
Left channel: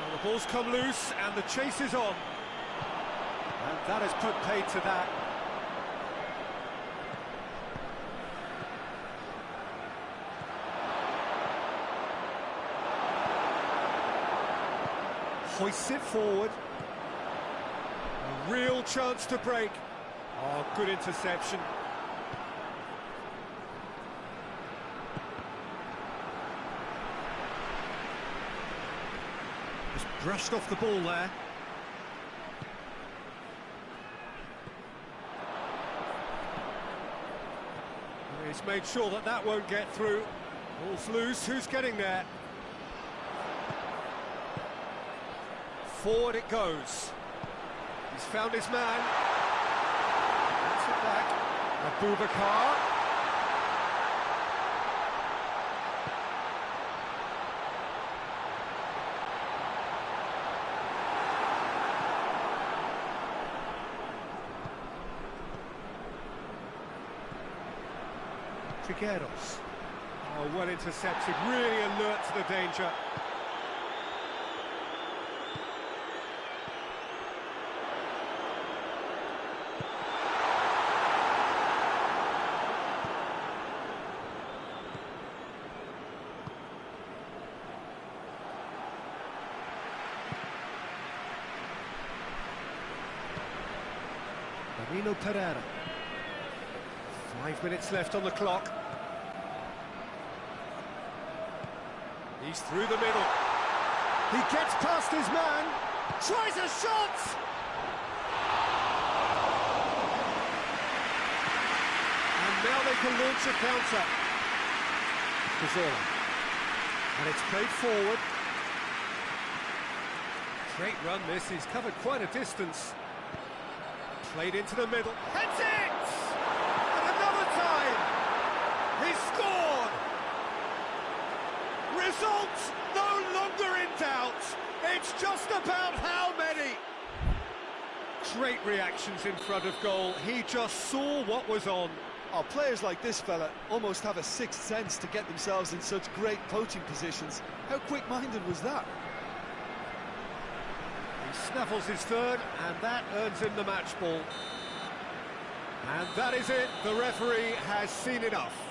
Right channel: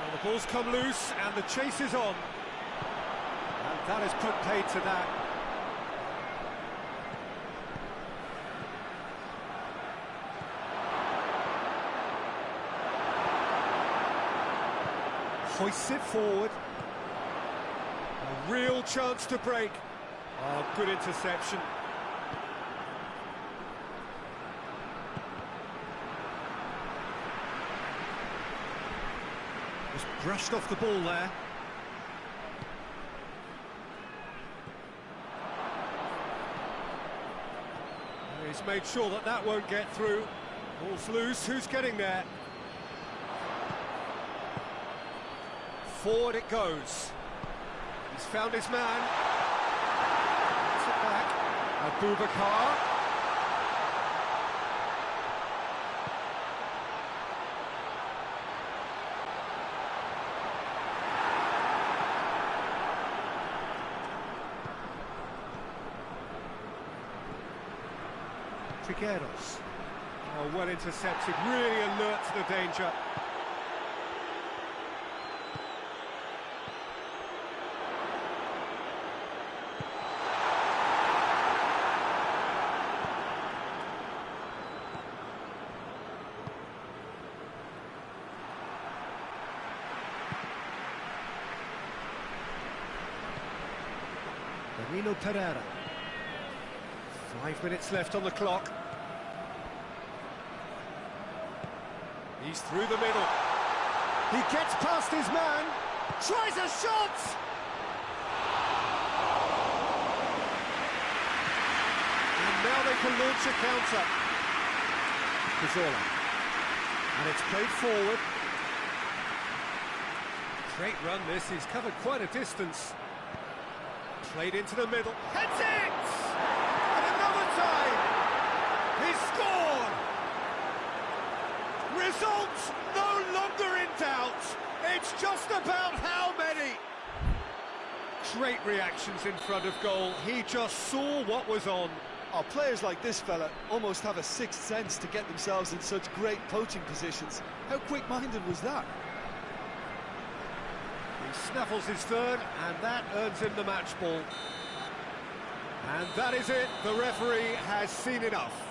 Well, the ball's come loose and the chase is on. And that has put paid to that. Hoists it forward. A real chance to break. Oh, good interception. Just brushed off the ball there. He's made sure that that won't get through. Ball's loose, who's getting there? Forward it goes. He's found his man. Gets it back. Abubakar. Trigueros. Oh, well intercepted, really alert to the danger. Danilo Pereira. 5 minutes left on the clock. He's through the middle. He gets past his man. Tries a shot! And now they can launch a counter. Cazorla. And it's played forward. Great run this, he's covered quite a distance. Played into the middle. Heads it! And another time! He's scored! Results no longer in doubt. It's just about how many. Great reactions in front of goal. He just saw what was on. Oh, players like this fella almost have a sixth sense to get themselves in such great poaching positions. How quick-minded was that? He snaffles his third, and that earns him the match ball. And that is it. The referee has seen enough.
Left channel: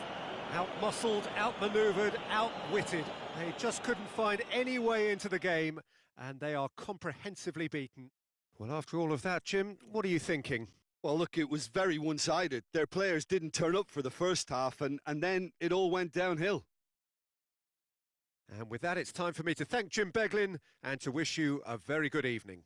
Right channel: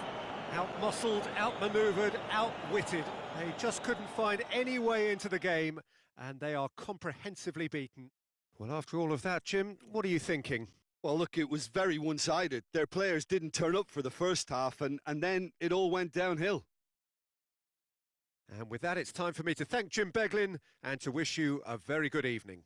Out-muscled, out-manoeuvred, outwitted. They just couldn't find any way into the game, and they are comprehensively beaten. Well, after all of that, Jim, what are you thinking? Well, look, it was very one-sided. Their players didn't turn up for the first half, and then it all went downhill. And with that, it's time for me to thank Jim Beglin and to wish you a very good evening.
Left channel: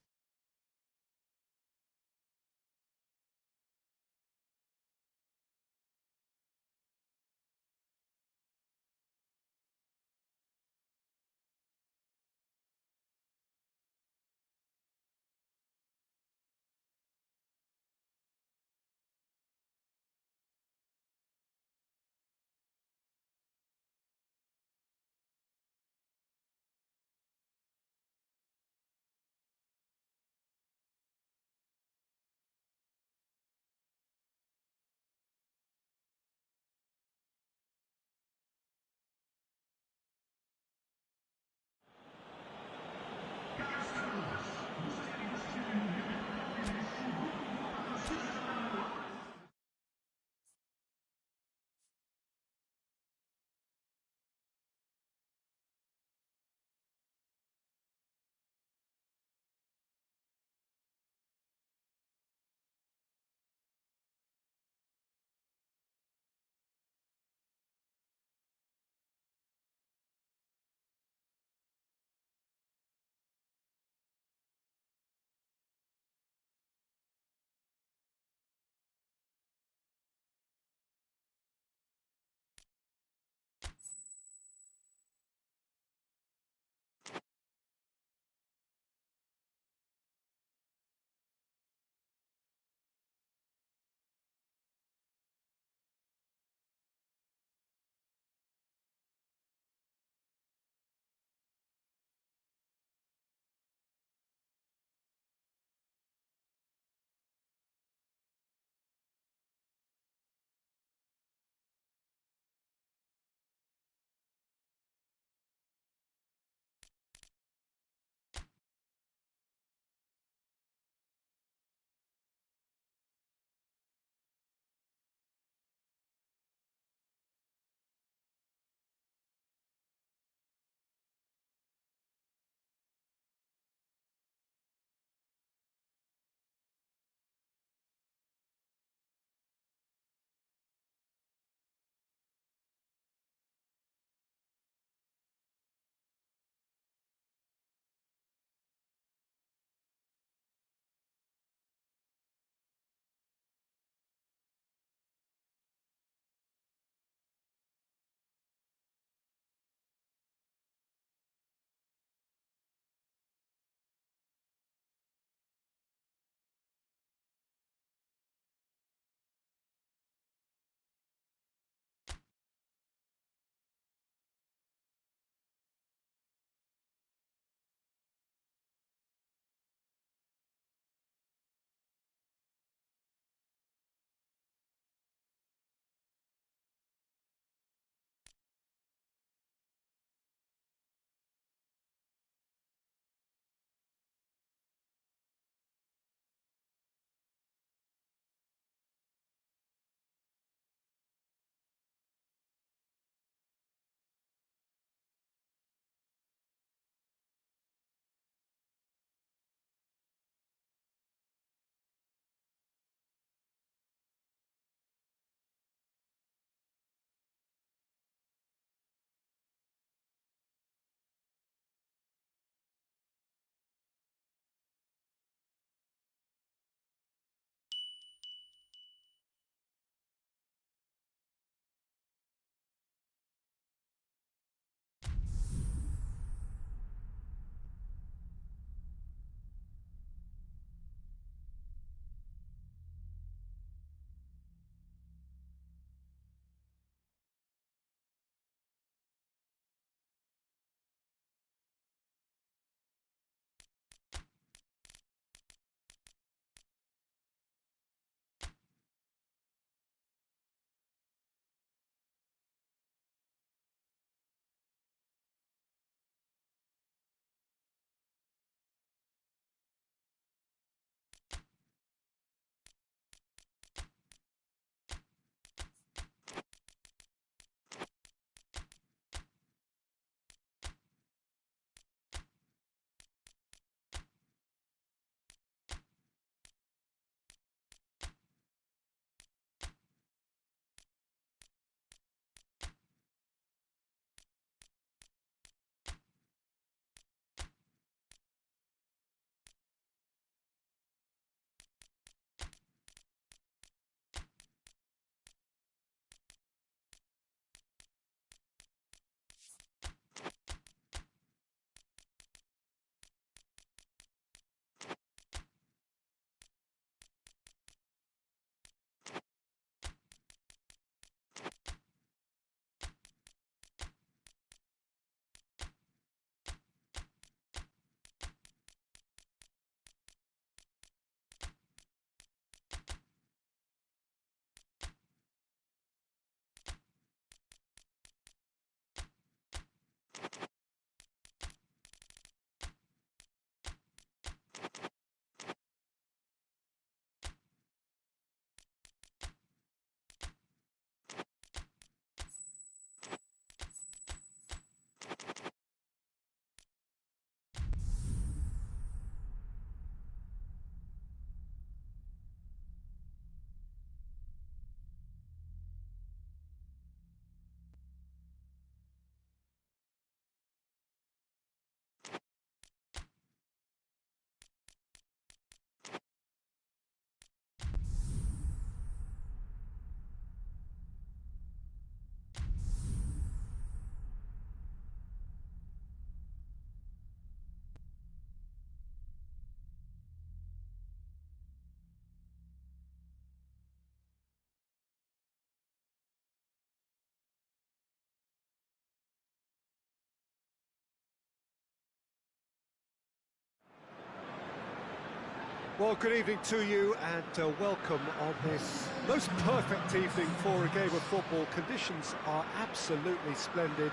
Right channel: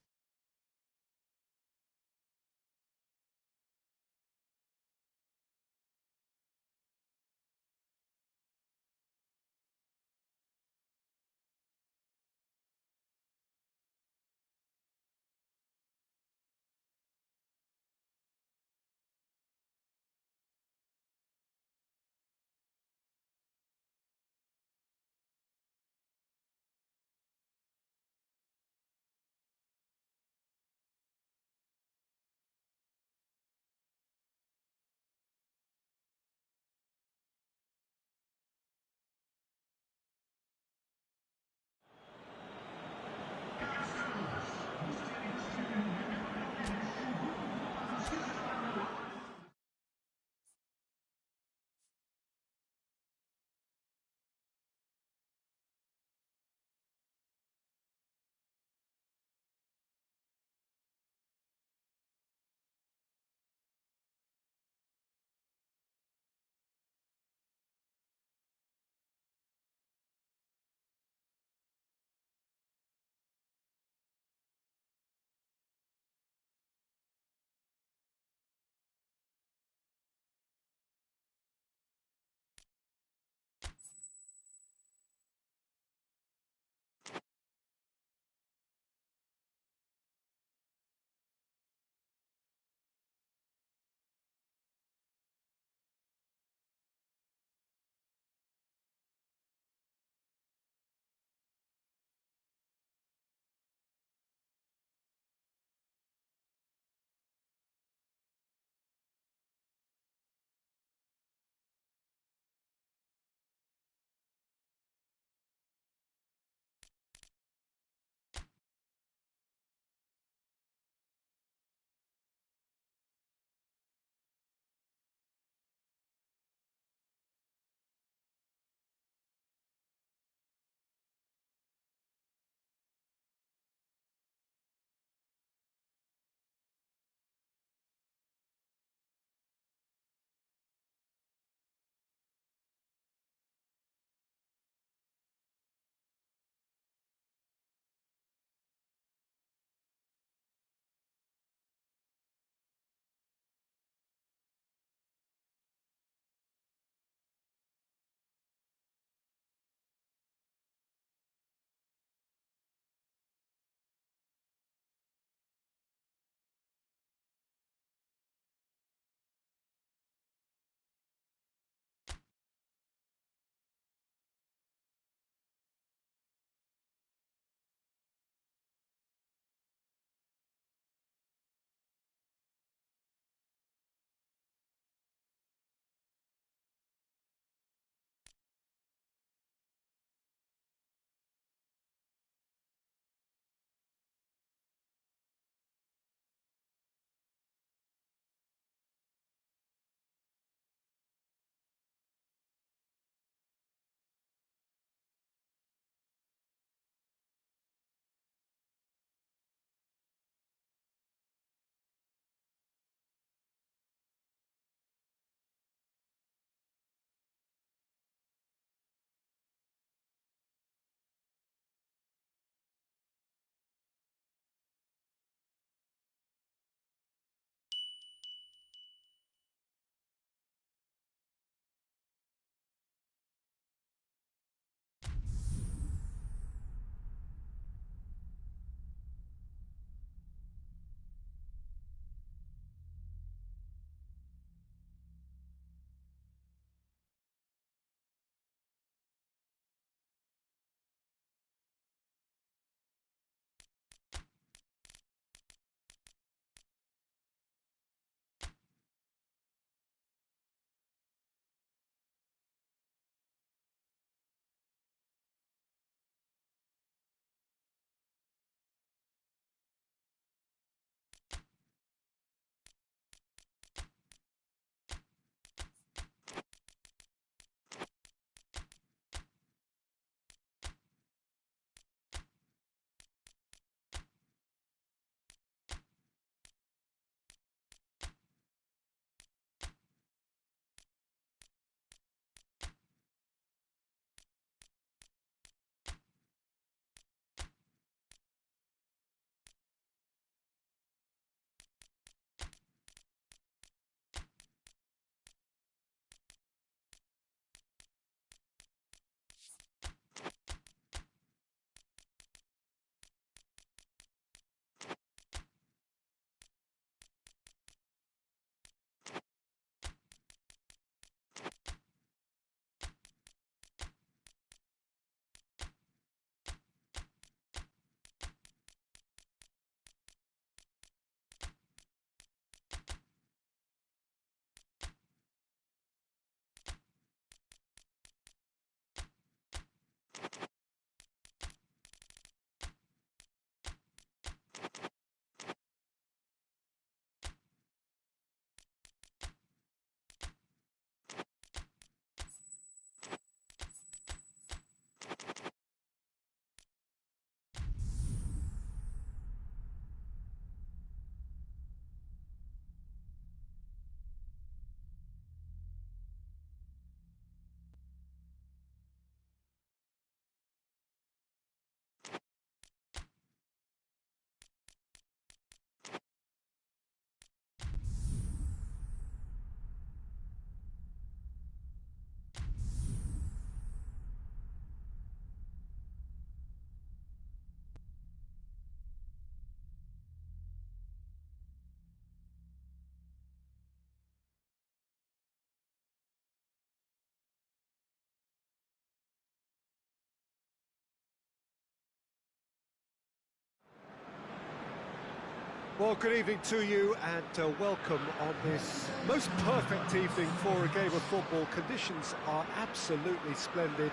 Well, good evening to you and welcome on this most perfect evening for a game of football. Conditions are absolutely splendid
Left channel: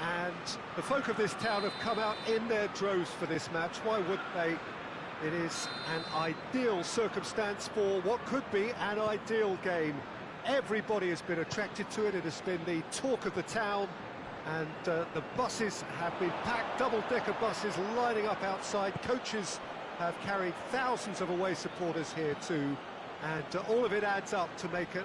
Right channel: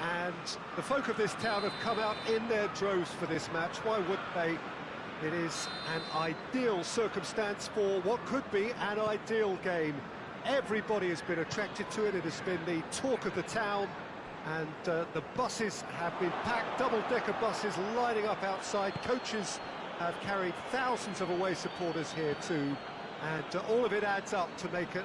and the folk of this town have come out in their droves for this match. Why wouldn't they? It is an ideal circumstance for what could be an ideal game. Everybody has been attracted to it. It has been the talk of the town and the buses have been packed, double-decker buses lining up outside. Coaches have carried thousands of away supporters here too, and all of it adds up to make a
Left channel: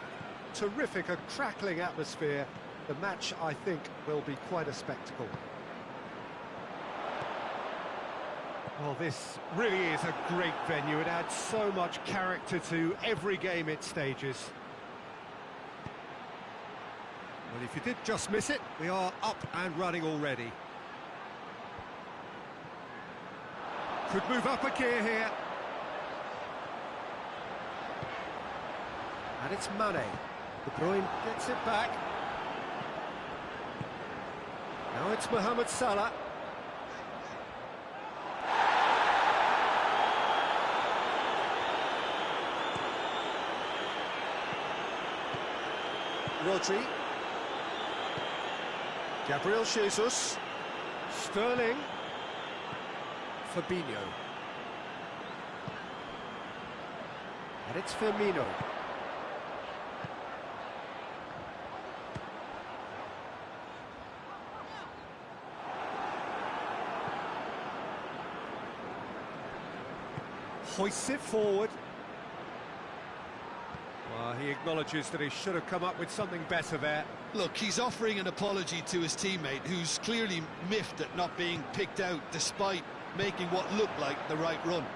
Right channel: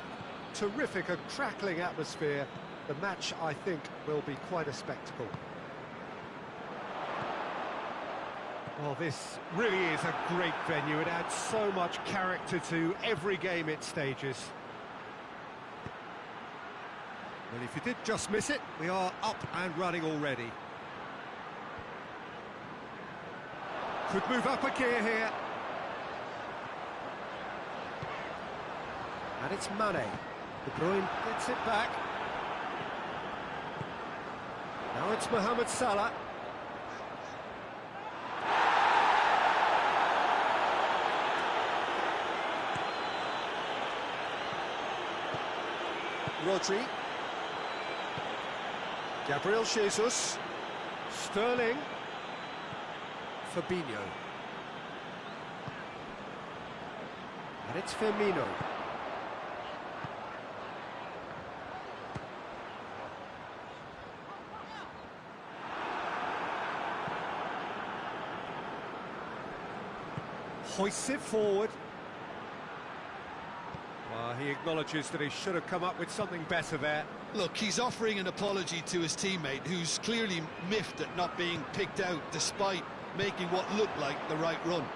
terrific, a crackling atmosphere. The match, I think, will be quite a spectacle. Well, this really is a great venue. It adds so much character to every game it stages. Well, if you did just miss it, we are up and running already. Could move up a gear here. And it's Mane. De Bruyne gets it back. Now it's Mohamed Salah. Rodri. Gabriel Jesus. Sterling. Fabinho. And it's Firmino. Hoists it forward. Well, he acknowledges that he should have come up with something better there. Look, he's offering an apology to his teammate, who's clearly miffed at not being picked out despite making what looked like the right run.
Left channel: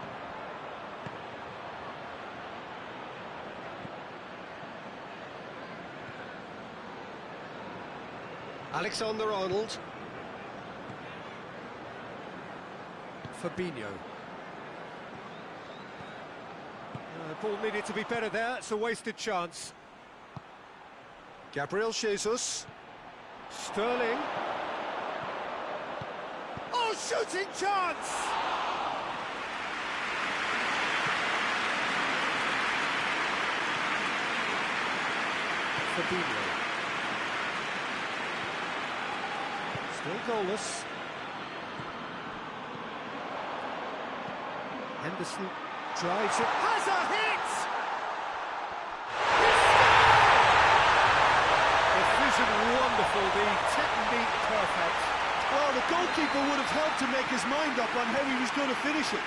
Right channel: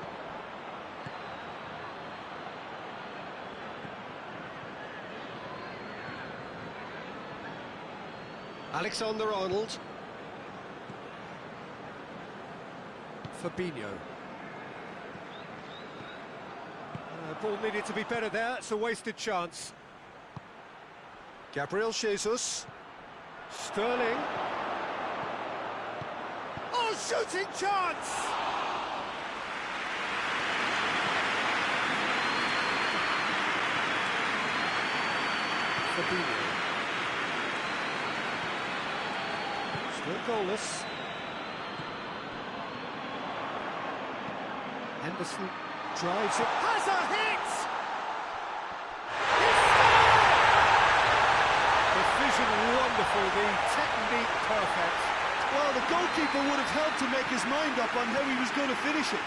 Alexander-Arnold. Fabinho. Ball needed to be better there, it's a wasted chance. Gabriel Jesus. Sterling. Oh, shooting chance! Fabinho. Still goalless. Henderson drives it. Has a hit! He scored! The vision wonderful, the technique perfect. Well, the goalkeeper would have helped to make his mind up on how he was going to finish it.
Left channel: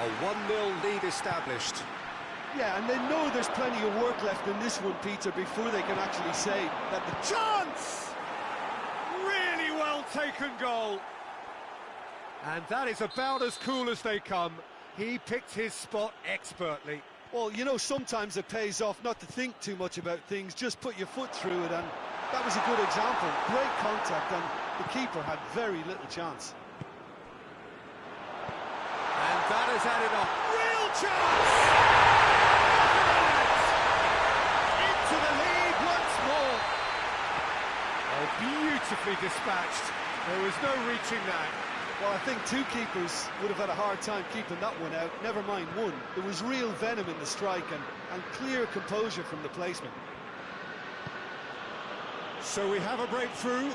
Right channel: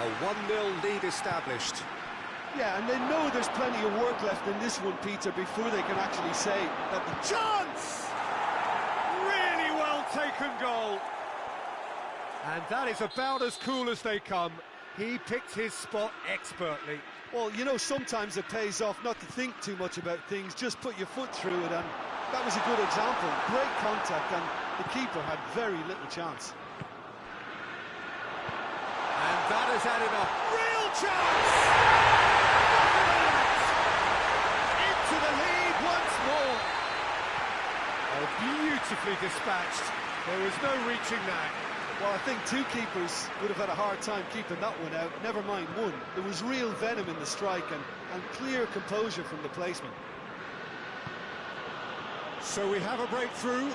A 1-0 lead established. Yeah, and they know there's plenty of work left in this one, Peter, before they can actually say that the Chance! Really well taken goal. And that is about as cool as they come. He picked his spot expertly. Well, you know, sometimes it pays off not to think too much about things, just put your foot through it, and that was a good example. Great contact, and the keeper had very little chance. And that has added a real chance! Into the lead once more. Oh, beautifully dispatched. There was no reaching that. Well, I think two keepers would have had a hard time keeping that one out, never mind one. There was real venom in the strike and clear composure from the placement. So we have a breakthrough.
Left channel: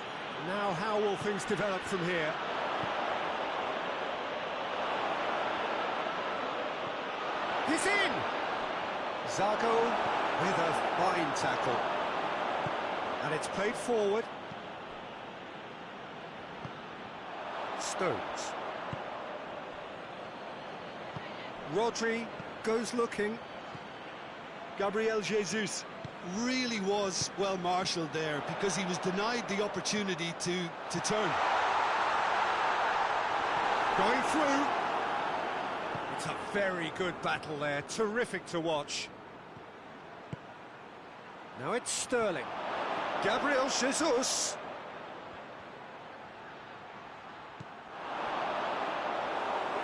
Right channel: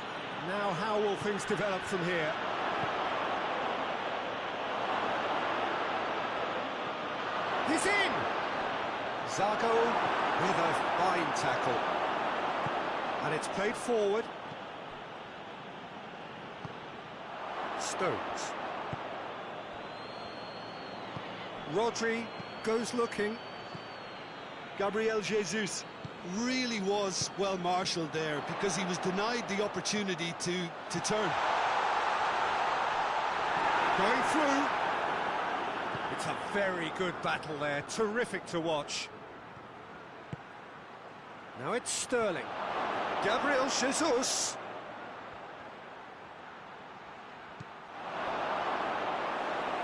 Now how will things develop from here? He's in! Zago with a fine tackle. And it's played forward. Stones. Rodri goes looking. Gabriel Jesus really was well marshalled there because he was denied the opportunity to turn. Going through. It's a very good battle there, terrific to watch. Now it's Sterling. Gabriel Jesus.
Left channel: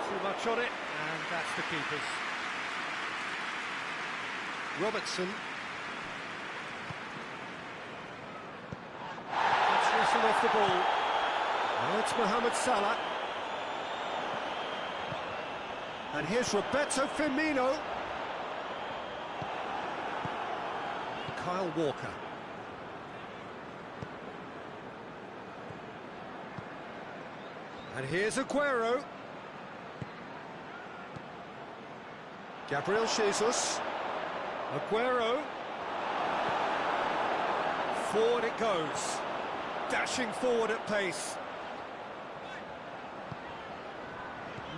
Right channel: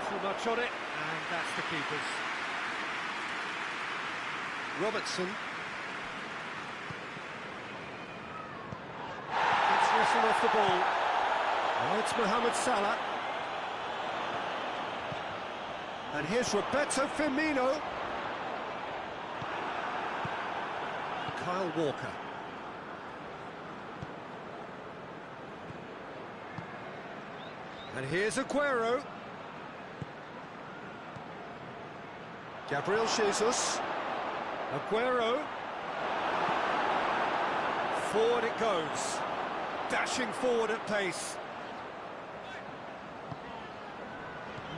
Too much on it, and that's the keeper's. Robertson. Gets whistled off the ball. Now it's Mohamed Salah. And here's Roberto Firmino. Kyle Walker. And here's Aguero. Gabriel Jesus. Aguero. Forward it goes. Dashing forward at pace.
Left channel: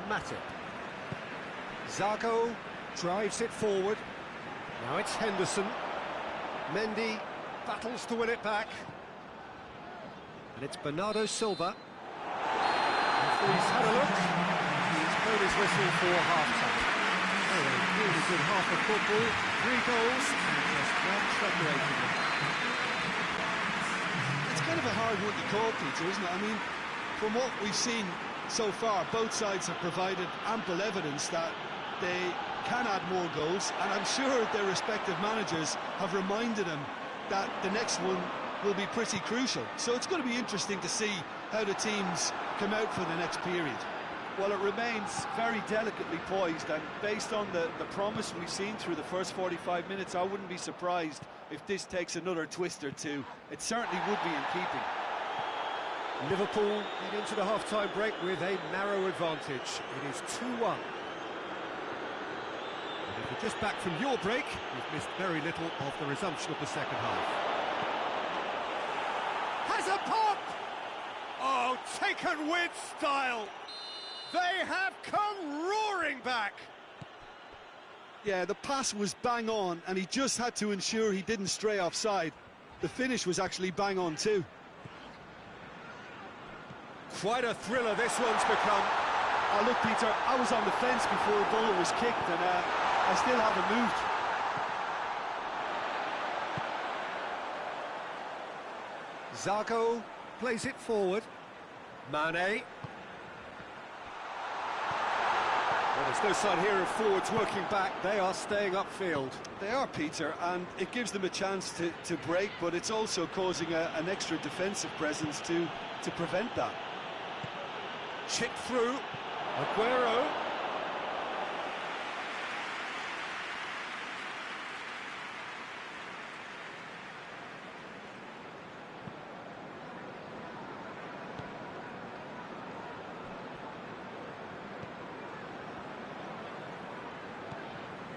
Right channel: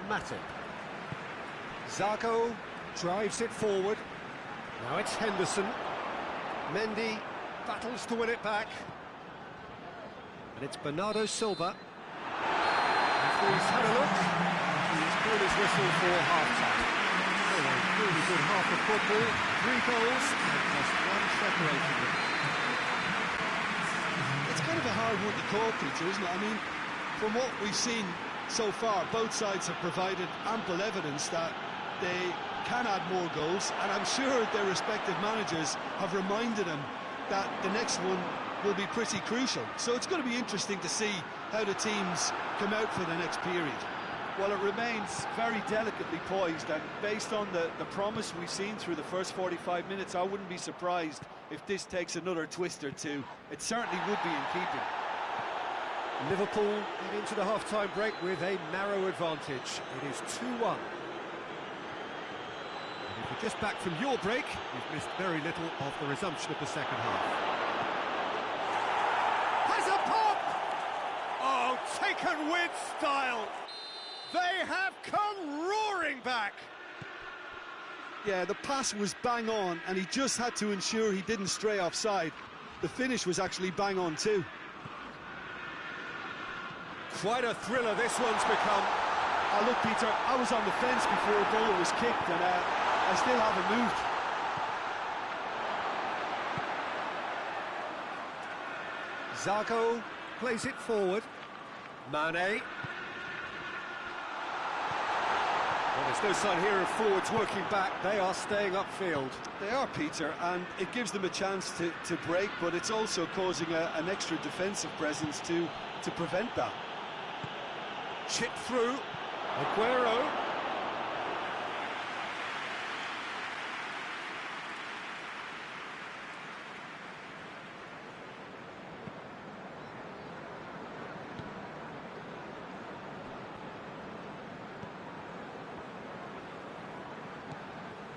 Matip. Zago drives it forward. Now it's Henderson. Mendy battles to win it back. And it's Bernardo Silva. Referee's had a look. He's blown his whistle for half-time. So a really good half of football. 3 goals and just one separating them. It's kind of a hard one to call, Peter, isn't it? I mean, from what we've seen so far, both sides have provided ample evidence that they can add more goals, and I'm sure their respective managers have reminded them that the next one will be pretty crucial. So it's going to be interesting to see how the teams come out for the next period. Well, it remains very delicately poised, and based on the promise we've seen through the first 45 minutes, I wouldn't be surprised if this takes another twist or two. It certainly would be in keeping. Liverpool get into the half-time break with a narrow advantage. It is 2-1. And if you're just back from your break, you've missed very little of the resumption of the second half. Has a pop! Oh, taken with style! They have come roaring back! Yeah, the pass was bang on, and he just had to ensure he didn't stray offside. The finish was actually bang on too. Quite a thriller this one's become. Look, Peter, I was on the fence before a ball was kicked, and I still haven't moved. Zago plays it forward. Mane. Well, there's no sign here of forwards working back. They are staying upfield. They are, Peter, and it gives them a chance to break, but it's also causing an extra defensive presence to prevent that. Chip through. Aguero.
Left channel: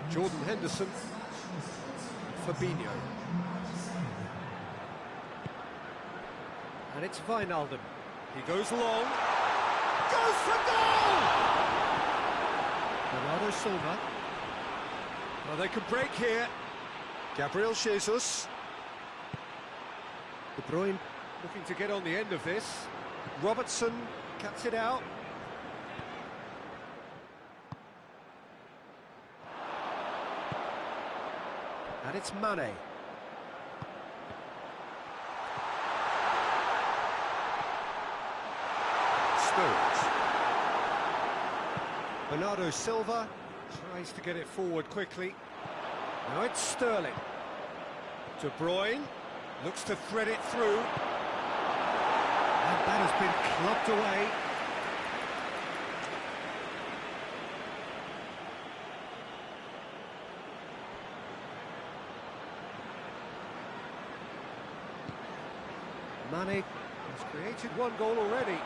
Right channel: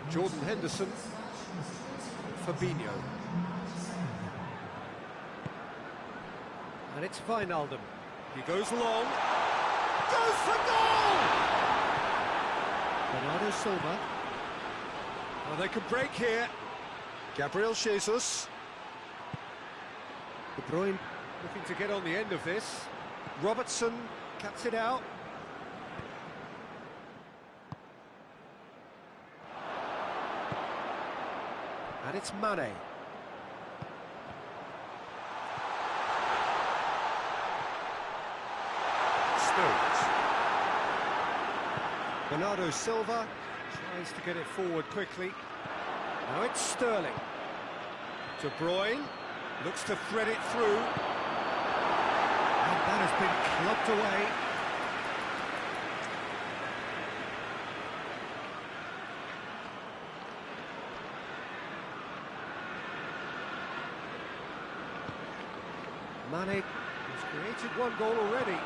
Jordan Henderson. Fabinho. And it's Wijnaldum. He goes long. Goes for goal! Bernardo Silva. Oh, they can break here. Gabriel Jesus. De Bruyne looking to get on the end of this. Robertson cuts it out. And it's Mane. Stones. Bernardo Silva tries to get it forward quickly. Now it's Sterling. De Bruyne looks to thread it through. And that has been clubbed away. Mane has created 1 goal already.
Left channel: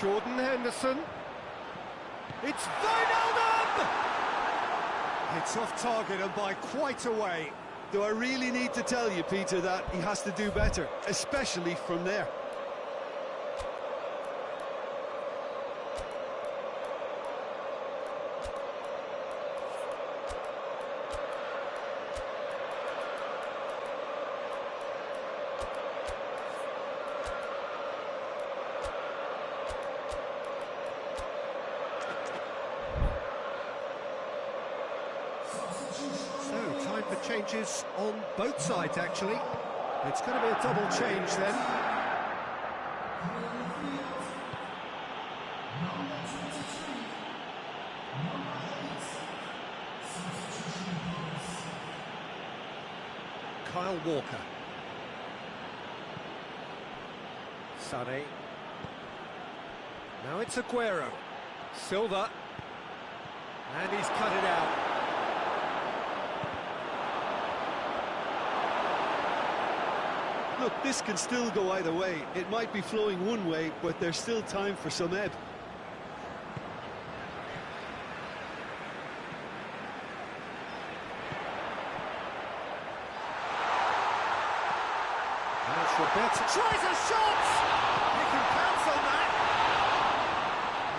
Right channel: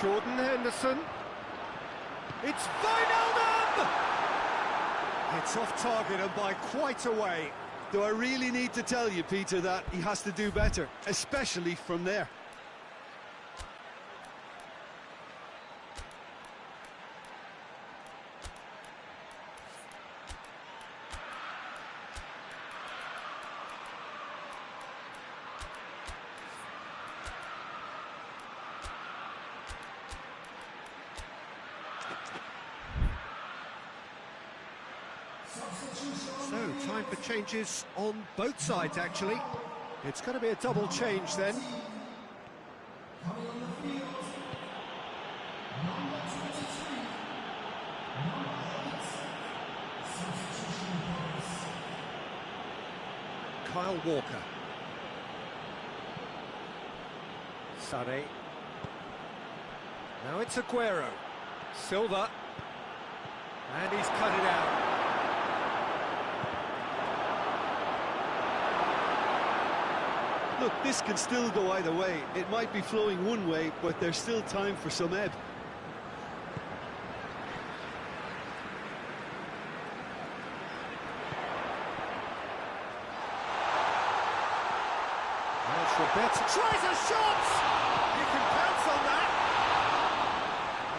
Jordan Henderson. It's Wijnaldum! It's off target and by quite a way. Do I really need to tell you, Peter, that he has to do better, especially from there? So, time for changes on both sides, actually. It's going to be a double change then. Kyle Walker. Sané. Now it's Aguero. Silva. And he's cut it out. Look, this can still go either way. It might be flowing one way, but there's still time for some ebb. That's Roberto. Tries a shot! He can pounce on that!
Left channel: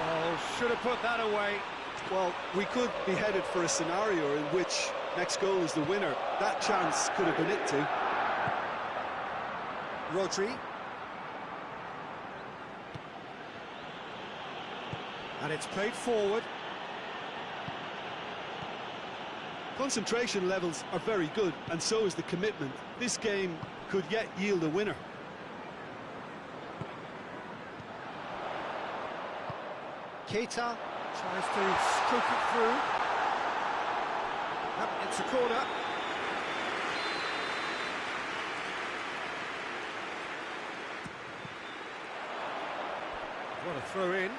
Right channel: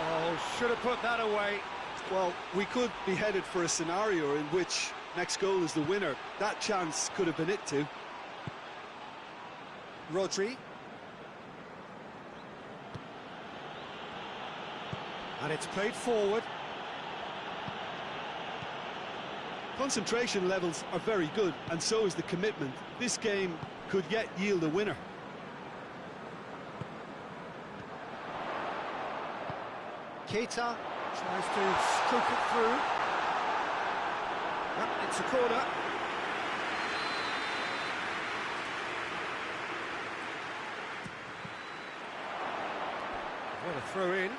Oh, should have put that away. Well, we could be headed for a scenario in which next goal is the winner. That chance could have been it too. Rodri. And it's played forward. Concentration levels are very good, and so is the commitment. This game could yet yield a winner. Keita tries to stroke it through. Yep, it's a corner. What a throw in.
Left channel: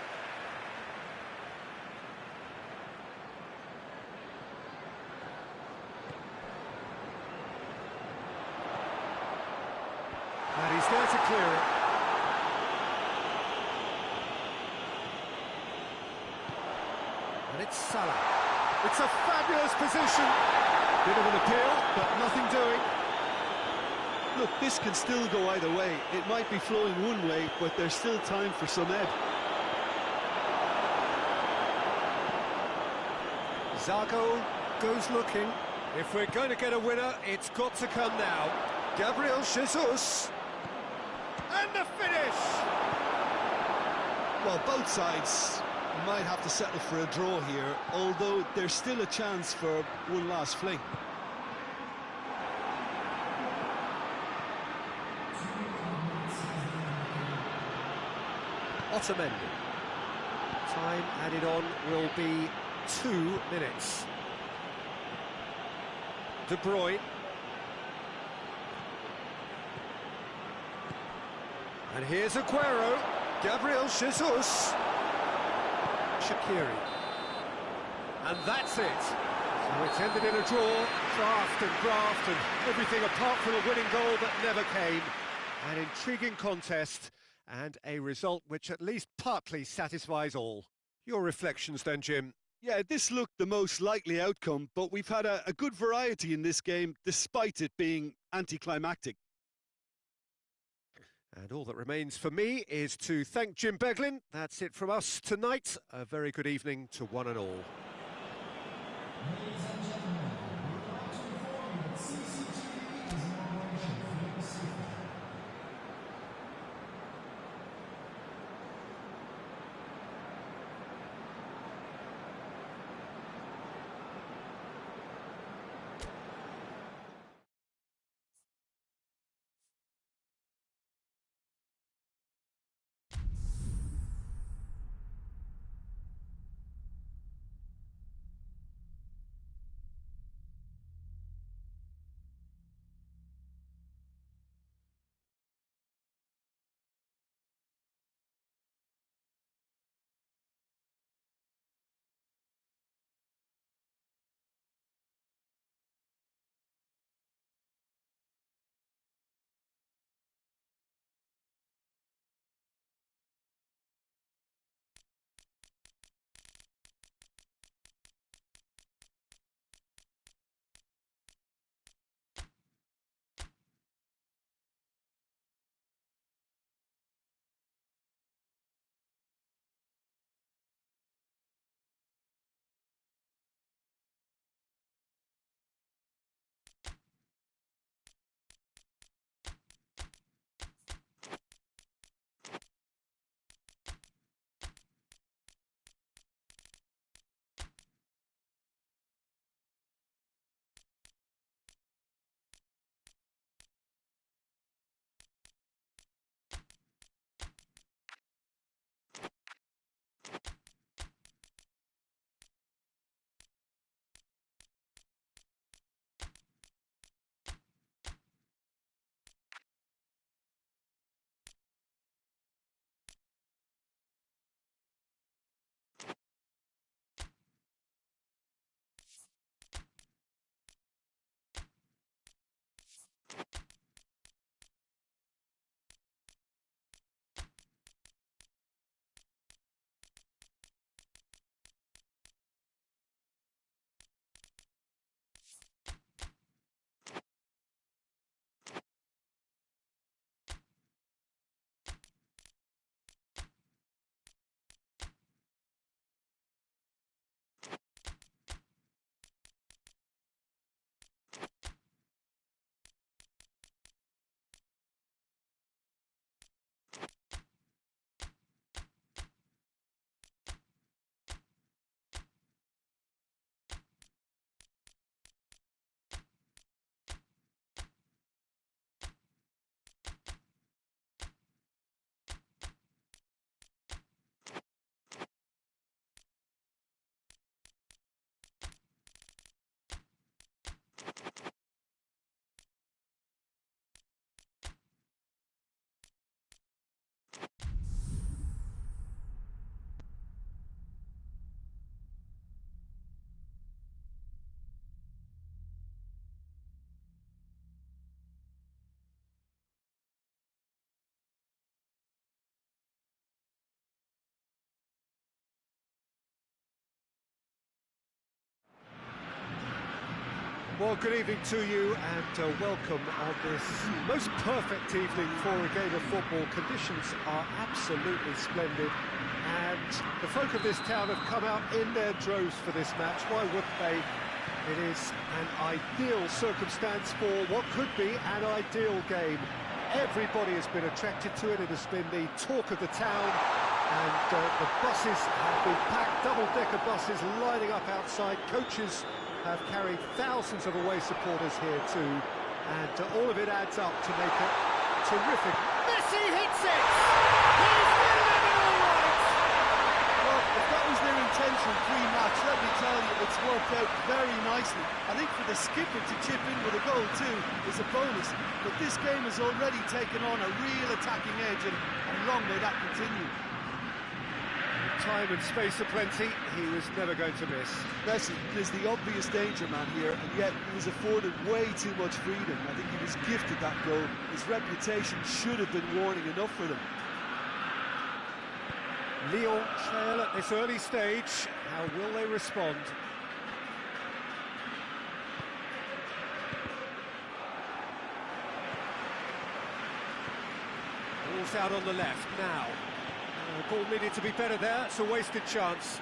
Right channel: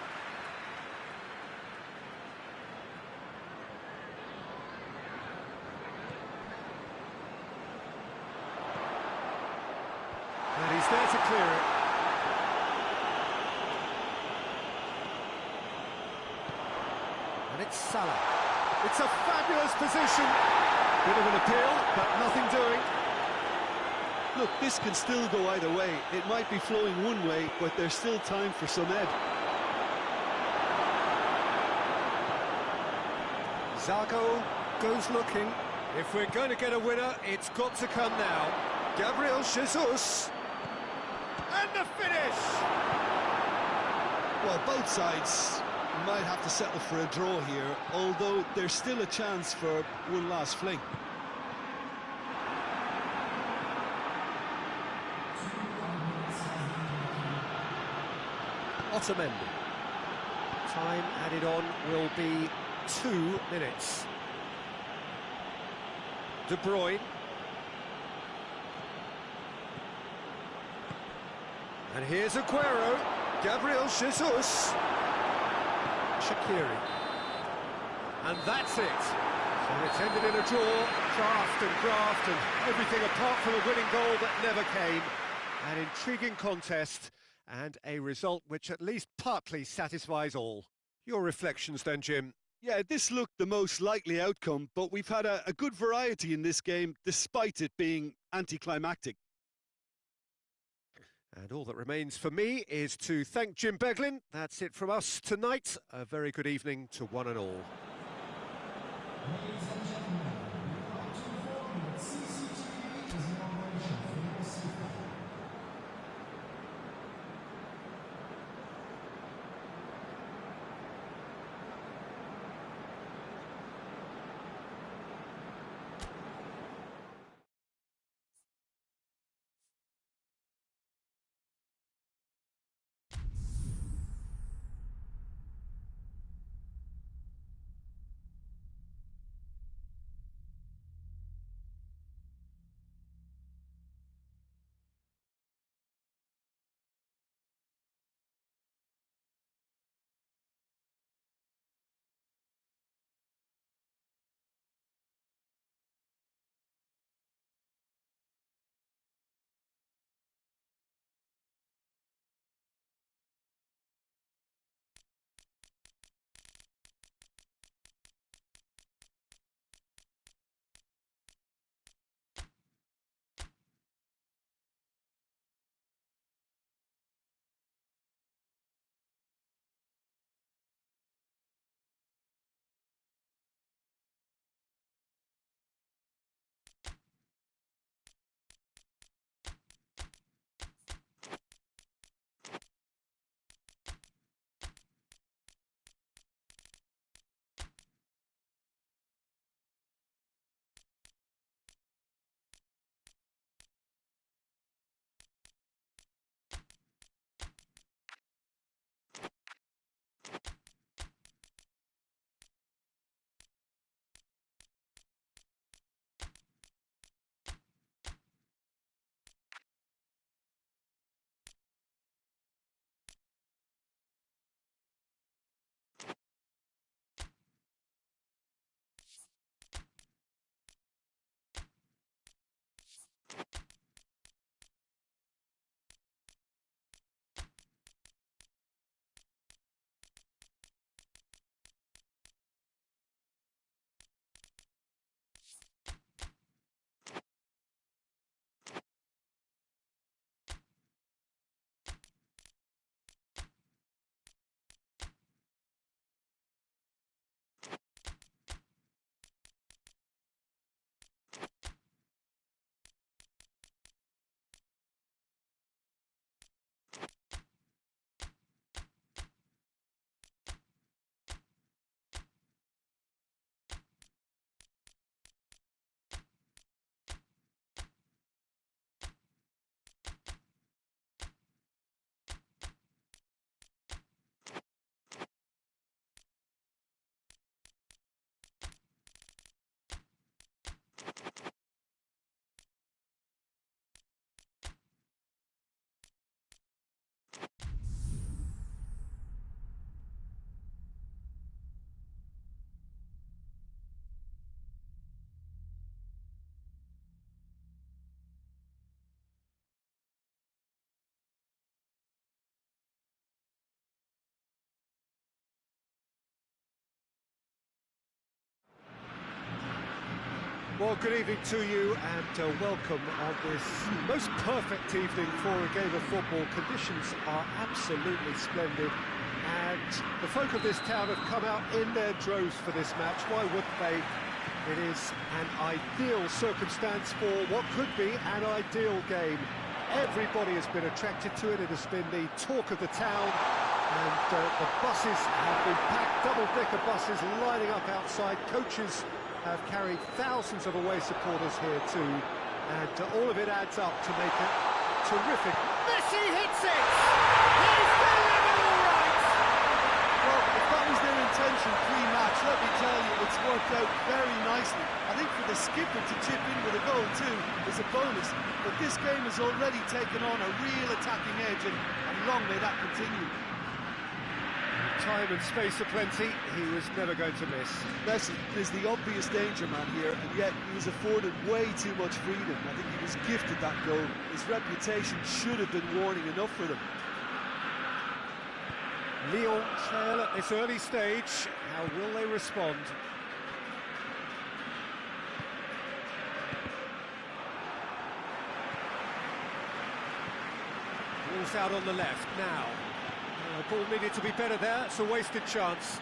And he's there to clear it. And it's Salah. It's a fabulous position. Bit of an appeal, but nothing doing. Look, this can still go either way. It might be flowing one way, but there's still time for some ebb. Zago goes looking. If we're going to get a winner, it's got to come now. Gabriel Jesus. And the finish! Well, both sides might have to settle for a draw here, although there's still a chance for one last fling. Otamendi. Time added on will be 2 minutes. De Bruyne. And here's Aguero. Gabriel Jesus. Shaqiri. And that's it. So it's ended in a draw. Draft and graft and everything apart from a winning goal that never came. An intriguing contest and a result which at least partly satisfies all. Your reflections then, Jim? Yeah, this looked the most likely outcome, but we've had a good variety in this game, despite it being anticlimactic. And all that remains for me is to thank Jim Beglin. That's it from us tonight. A very good evening to one and all. Well, good evening to you and welcome on this most perfect evening for a game of football. Conditions are absolutely splendid and the folk of this town have come out in their droves for this match. Why wouldn't they? It is an ideal circumstance for what could be an ideal game. Everybody has been attracted to it. It has been the talk of the town, and the buses have been packed, double-decker buses lining up outside. Coaches have carried thousands of away supporters here too, and all of it adds up to make it terrific. Messi hits it! He's doing it all right! Well, if that was their intention pre-match, let me tell you, it's worked out very nicely. I think for the skipper to chip in with a goal too is a bonus, but this game has already taken on a real attacking edge, and long may that continue. Time and space aplenty, he was never going to miss. Messi is the obvious danger man here, and yet he was afforded way too much freedom. I think he was gifted that goal. His reputation should have been warning enough for them. Lyon trail at this early stage. How will they respond? Ball's out on the left now. Ball needed to be better there. It's a wasted chance.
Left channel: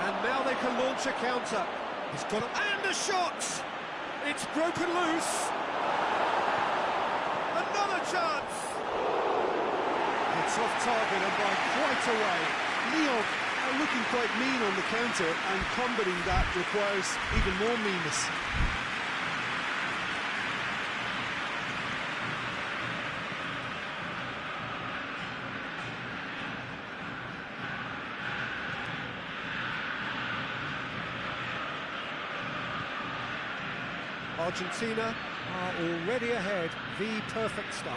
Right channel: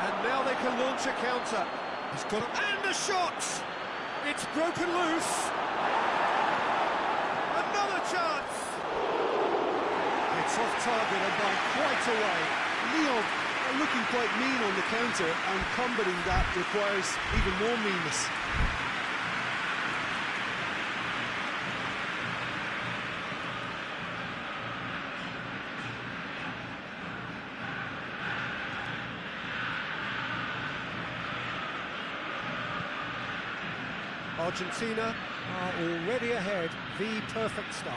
And now they can launch a counter. He's got it, and a shot! It's broken loose. Another chance! It's off target and by quite a way. Lyon are looking quite mean on the counter, and combating that requires even more meanness. Argentina are already ahead, the perfect start.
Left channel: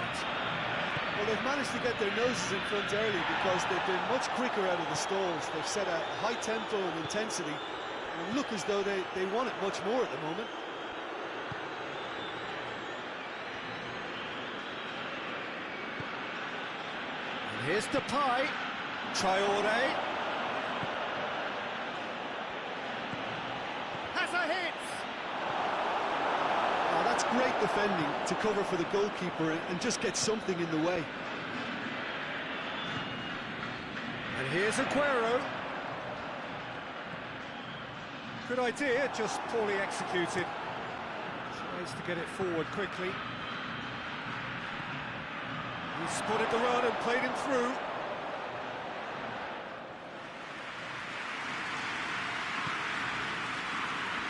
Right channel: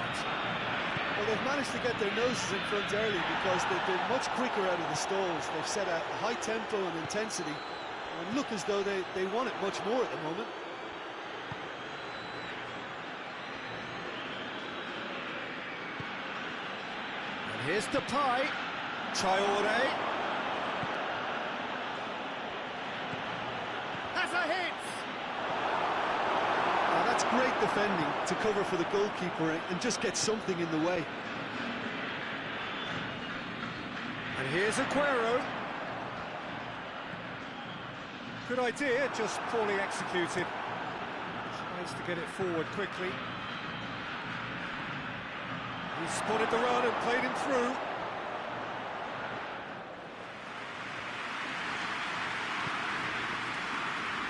Well, they've managed to get their noses in front early because they've been much quicker out of the stalls. They've set a high tempo and intensity and look as though they want it much more at the moment. And here's Depay, Traoré. Has a hit! Oh, that's great defending to cover for the goalkeeper and just get something in the way. And here's Aguero. Good idea, just poorly executed. Tries to get it forward quickly. He spotted the run and played him through.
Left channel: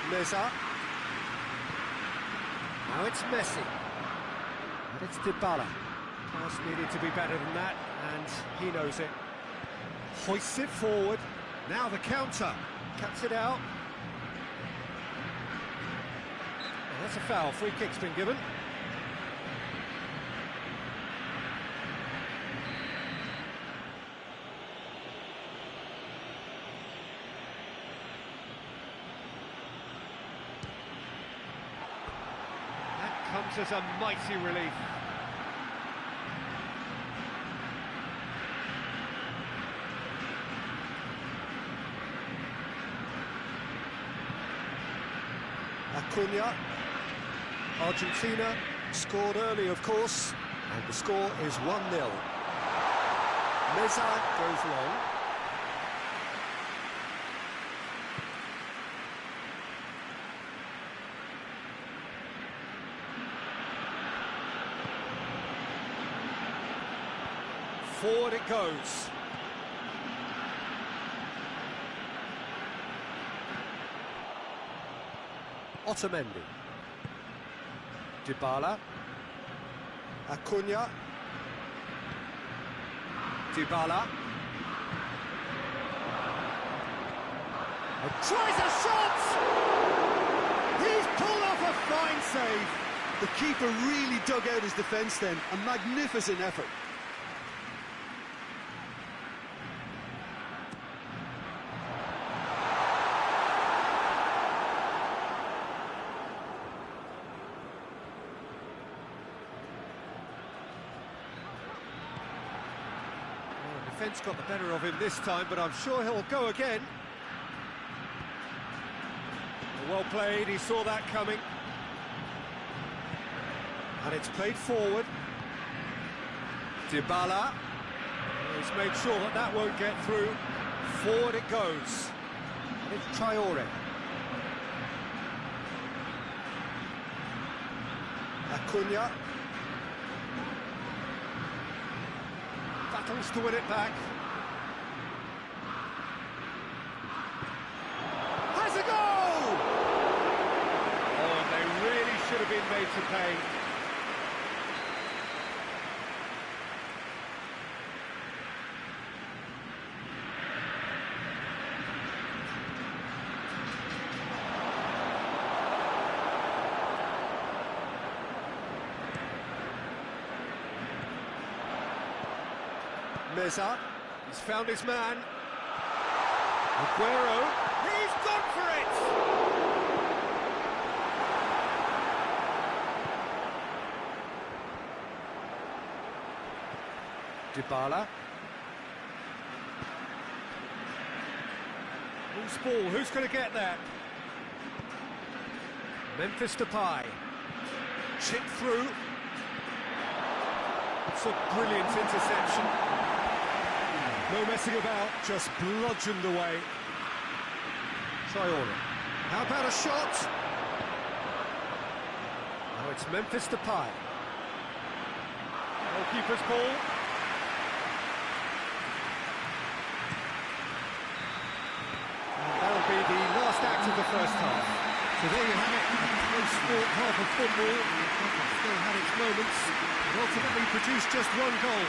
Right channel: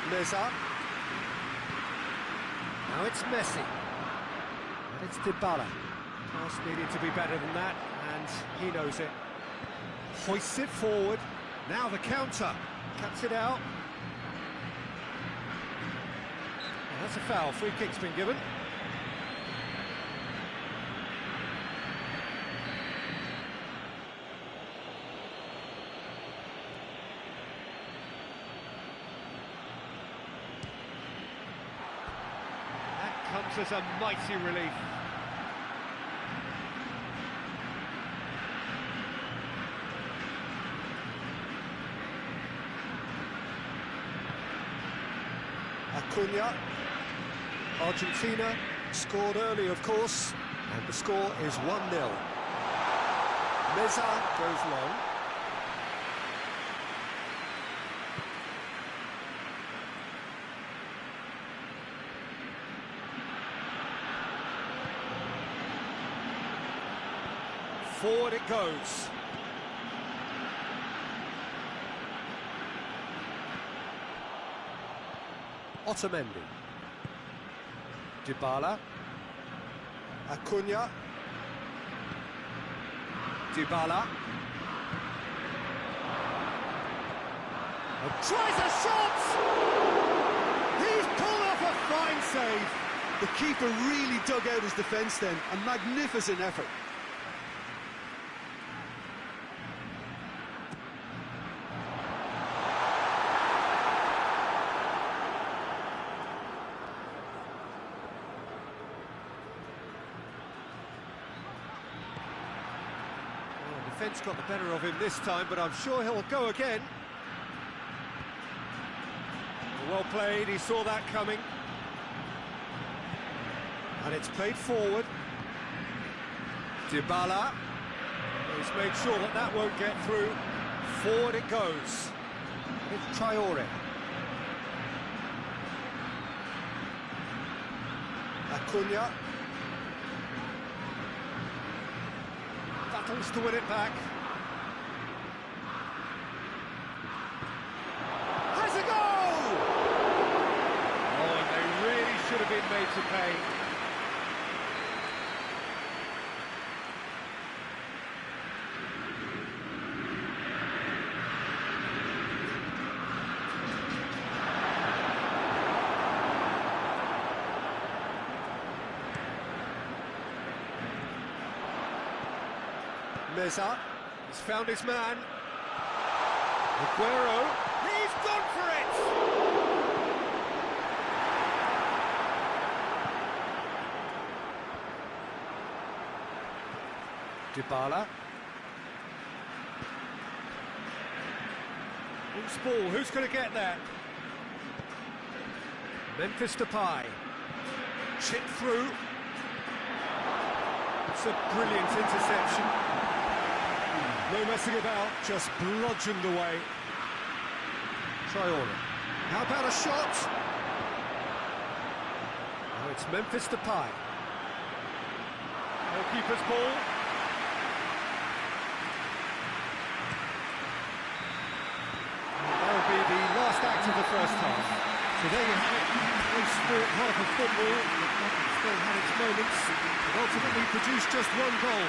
Meza. Now it's Messi, and it's Dybala. Pass needed to be better than that, and he knows it. Hoists it forward, now the counter, cuts it out. Oh, that's a foul, free kick's been given. Comes as a mighty relief. Acuna. Argentina scored early, of course, and the score is 1-0. Meza goes long. Forward it goes. Otamendi. Dybala. Acuna. Dybala. Tries a shot! He's pulled off a fine save. The keeper really dug out his defence then. A magnificent effort. Defence got the better of him this time, but I'm sure he'll go again. Well played, he saw that coming. And it's played forward. Dybala. He's made sure that that won't get through. Forward it goes. And it's Traore. Acuna. Battles to win it back. Has a goal! Oh, and they really should have been made to pay. Meza, he's found his man. Aguero, he's gone for it! Dybala. Loose ball, who's going to get that? Memphis Depay. Chip through. It's a brilliant interception. No messing about, just bludgeoned away. Traore. How about a shot? Now it's Memphis Depay. Goalkeeper's ball. And that'll be the last act of the first half. So there you have it, a close sport half of football. It still had its moments, but ultimately produced just one goal.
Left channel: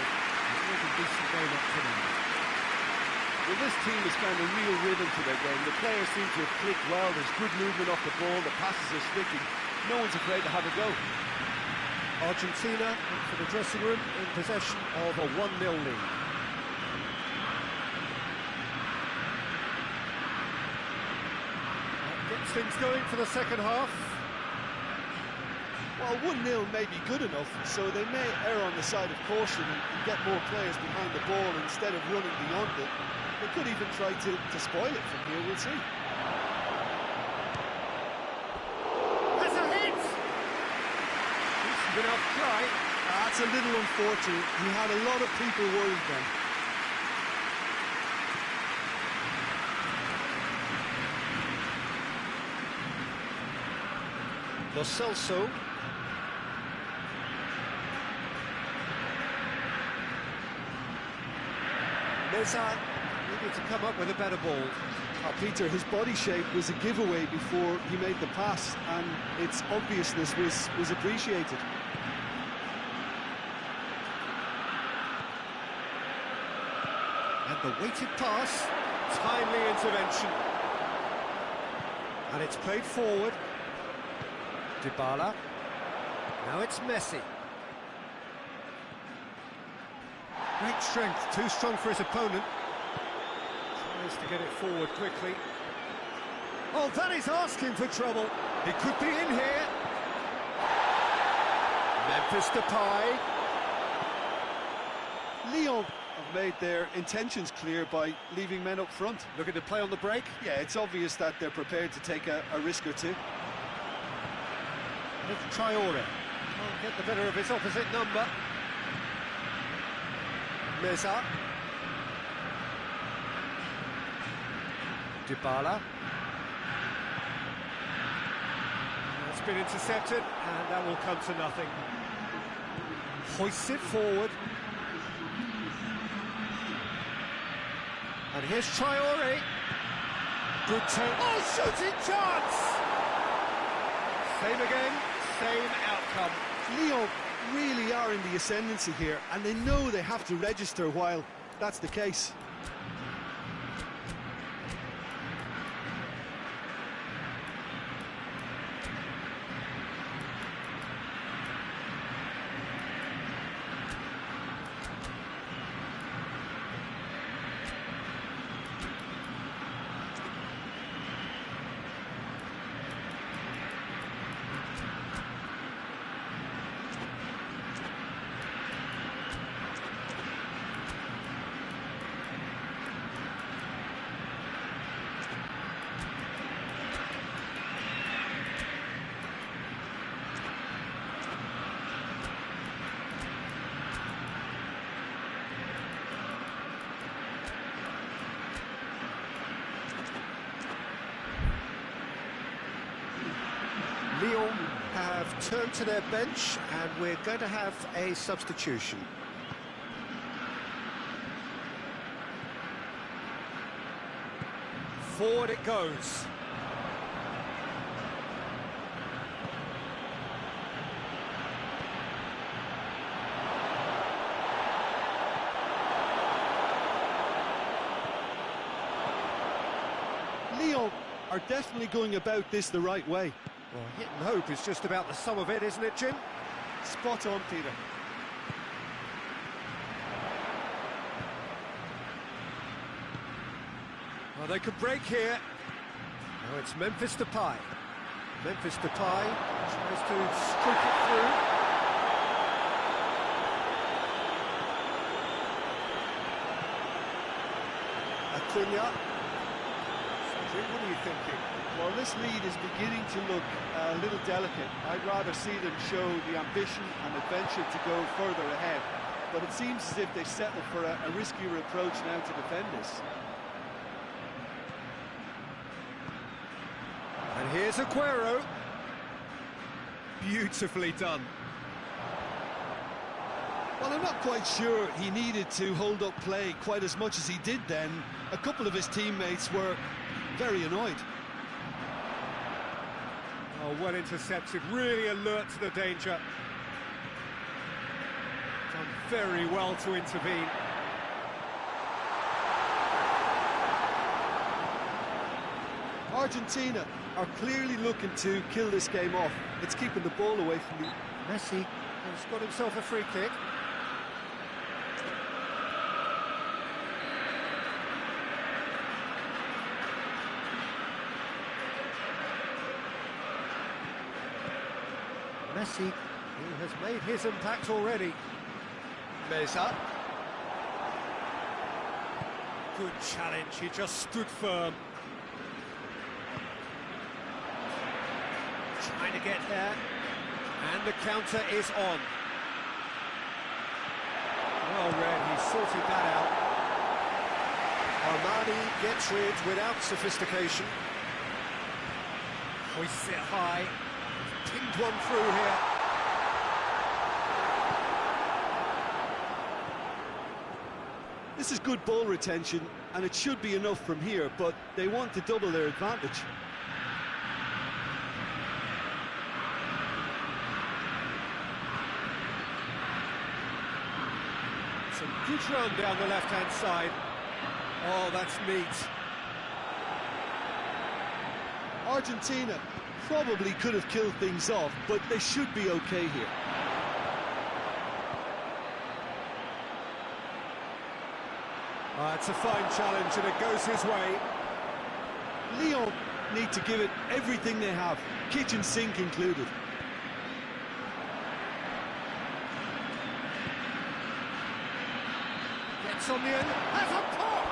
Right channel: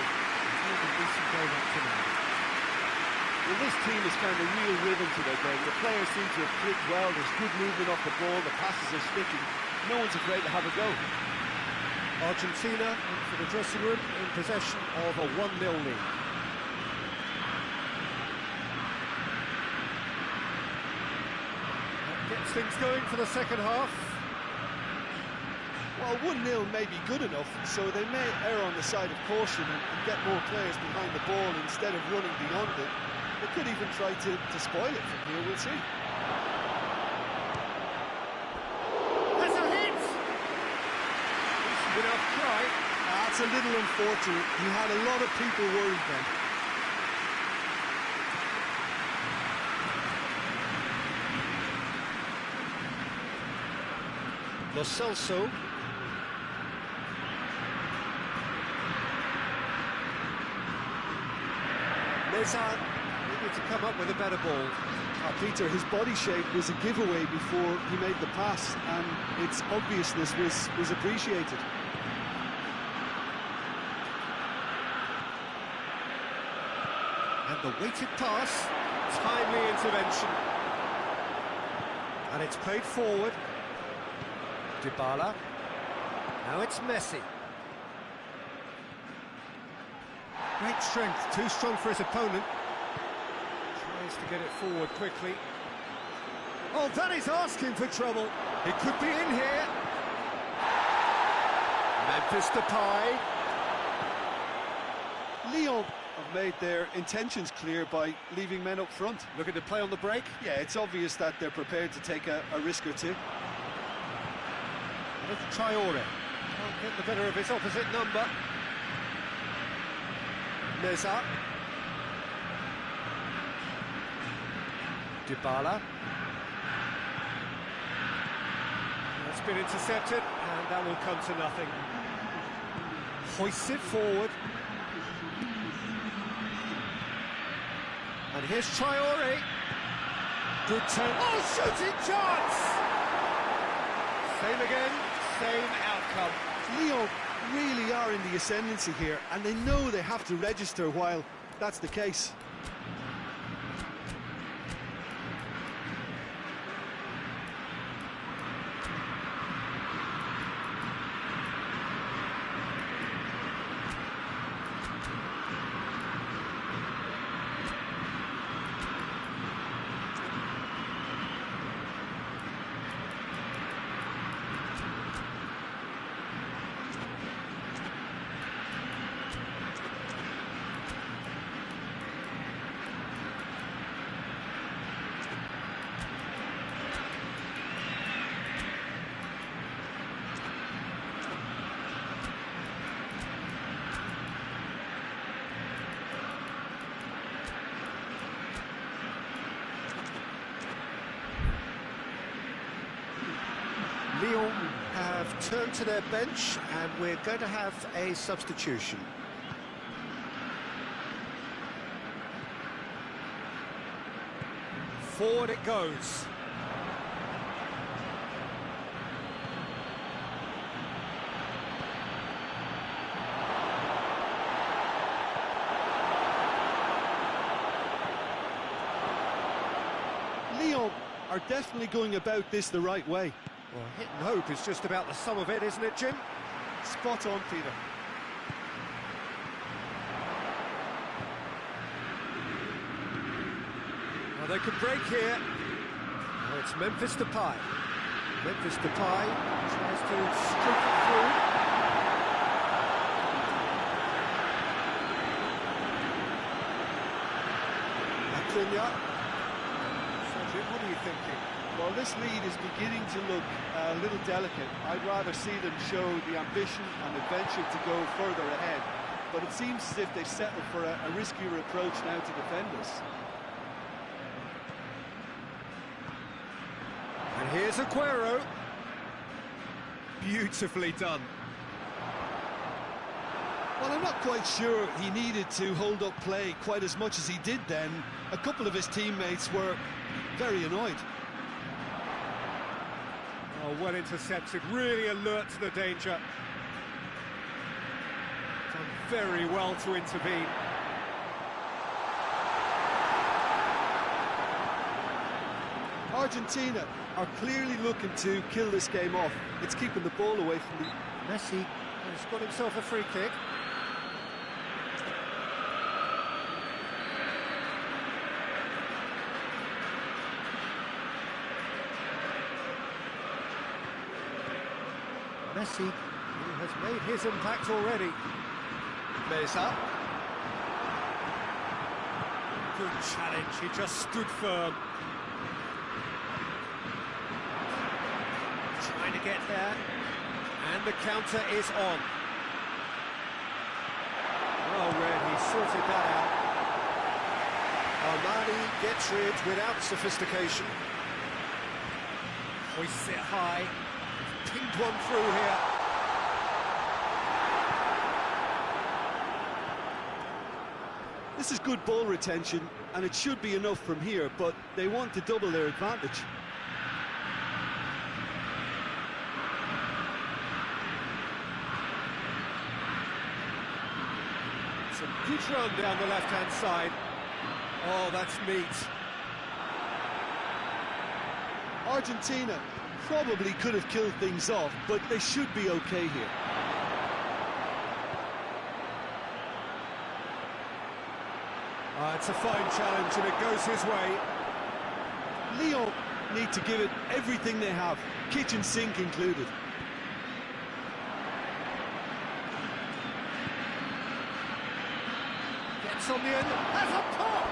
More than decent game up to now. Well, this team has found a real rhythm to their game. The players seem to have clicked well. There's good movement off the ball. The passes are sticking. No one's afraid to have a go. Argentina in for the dressing room in possession of a 1-0 lead. That gets things going for the second half. Well, 1-0 may be good enough, so they may err on the side of caution and get more players behind the ball instead of running beyond it. They could even try to spoil it from here, we'll see. That's a hit! Decent enough try. That's a little unfortunate. He had a lot of people worried then. Lo Celso. Meza needed to come up with a better ball. Peter, his body shape was a giveaway before he made the pass, and its obviousness was appreciated. And the weighted pass, timely intervention. And it's played forward. Dybala. Now it's Messi. Great strength, too strong for his opponent. Tries to get it forward quickly. Oh, that is asking for trouble. He could be in here. Memphis Depay. Lyon have made their intentions clear by leaving men up front. Looking to play on the break. Yeah, it's obvious that they're prepared to take a risk or two. And it's Traore. Can't get the better of his opposite number. Meza. Dybala. That's been intercepted, and that will come to nothing. Hoists it forward. And here's Traore. Good turn. Oh, shooting chance! Same again, same outcome. Lyon really are in the ascendancy here, and they know they have to register while that's the case. Lyon have turned to their bench, and we're going to have a substitution. Forward it goes. Lyon are definitely going about this the right way. Well, hit and hope is just about the sum of it, isn't it, Jim? Spot on, Peter. Well, they could break here. Oh, it's Memphis Depay. Memphis Depay tries to stroke it through. Acuna. So, Jim, what are you thinking? Well, this lead is beginning to look a little delicate. I'd rather see them show the ambition and adventure to go further ahead. But it seems as if they've settled for a riskier approach now to defend this. And here's Aguero. Beautifully done. Well, I'm not quite sure he needed to hold up play quite as much as he did then. A couple of his teammates were very annoyed. Oh, well intercepted, really alert to the danger. Done very well to intervene. Argentina are clearly looking to kill this game off. It's keeping the ball away from the... Messi has got himself a free kick. Messi, who has made his impact already. Meza. Good challenge, he just stood firm. Trying to get there, and the counter is on. Well read, he sorted that out. Armani gets rid without sophistication. Hoists it high. Pinged one through here. This is good ball retention, and it should be enough from here, but they want to double their advantage. Some good run down the left-hand side. Oh, that's neat. Argentina probably could have killed things off, but they should be okay here. It's a fine challenge, and it goes his way. Lyon need to give it everything they have, kitchen sink included. Gets on the end, has a pop!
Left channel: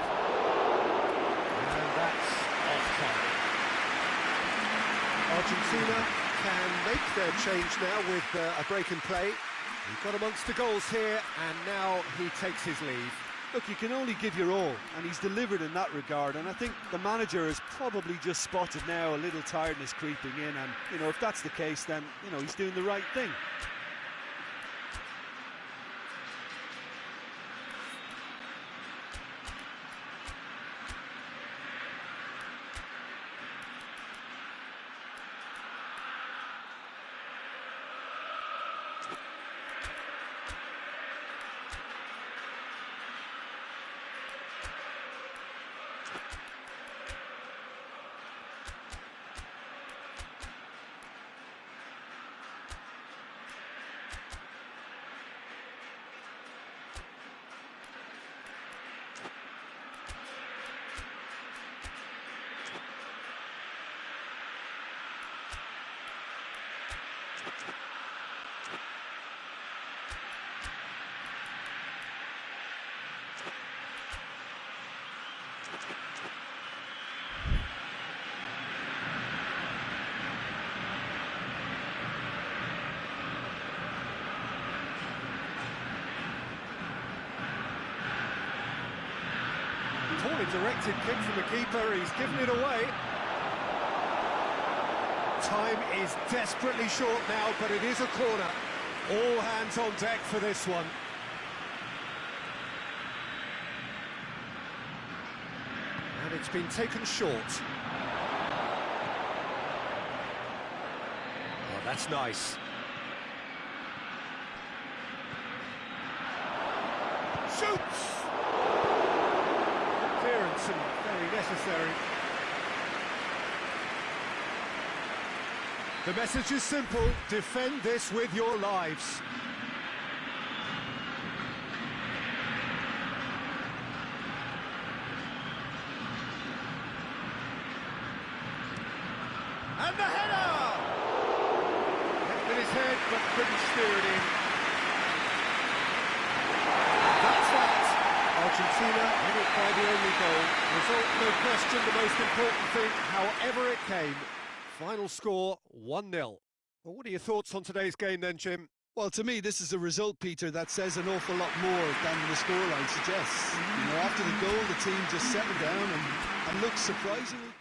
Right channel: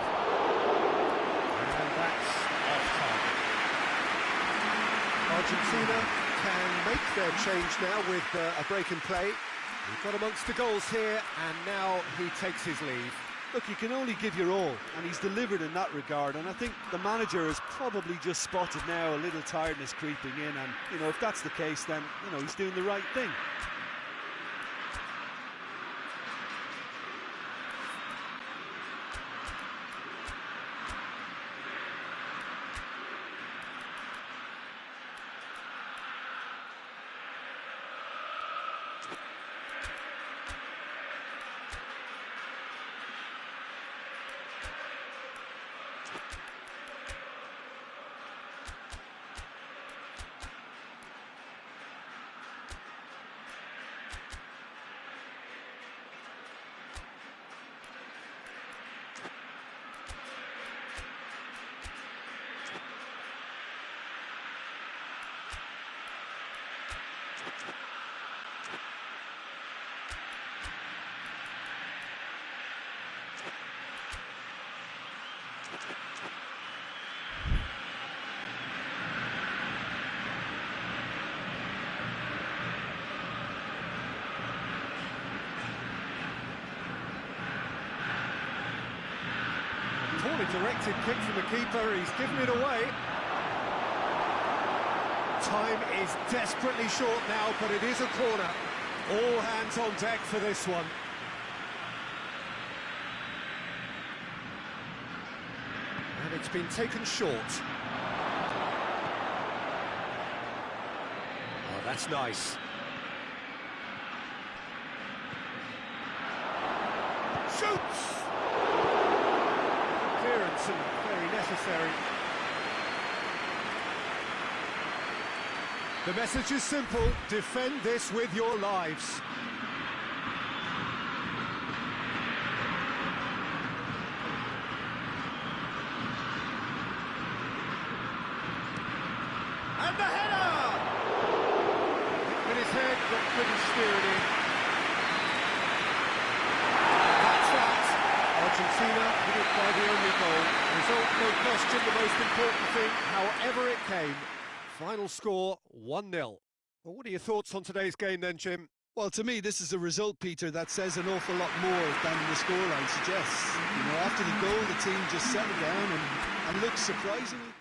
And that's off target. Argentina can make their change now with a break in play. We've got amongst the goals here, and now he takes his leave. Look, you can only give your all, and he's delivered in that regard, and I think the manager has probably just spotted now a little tiredness creeping in, and, you know, if that's the case, then, you know, he's doing the right thing. Poorly directed kick from the keeper, he's given it away. Time is desperately short now, but it is a corner. All hands on deck for this one. And it's been taken short. Oh, that's nice. Shoots! Good clearance and very necessary. The message is simple: defend this with your lives. And the header! Hit with his head, but couldn't steer it in. And that's that. Argentina hit it by the only goal. Result, no question, the most important thing, however it came. Final score, 1-0. Well, what are your thoughts on today's game then, Jim? Well, to me, this is a result, Peter, that says an awful lot more than the scoreline suggests. You know, after the goal, the team just settled down and looked surprisingly...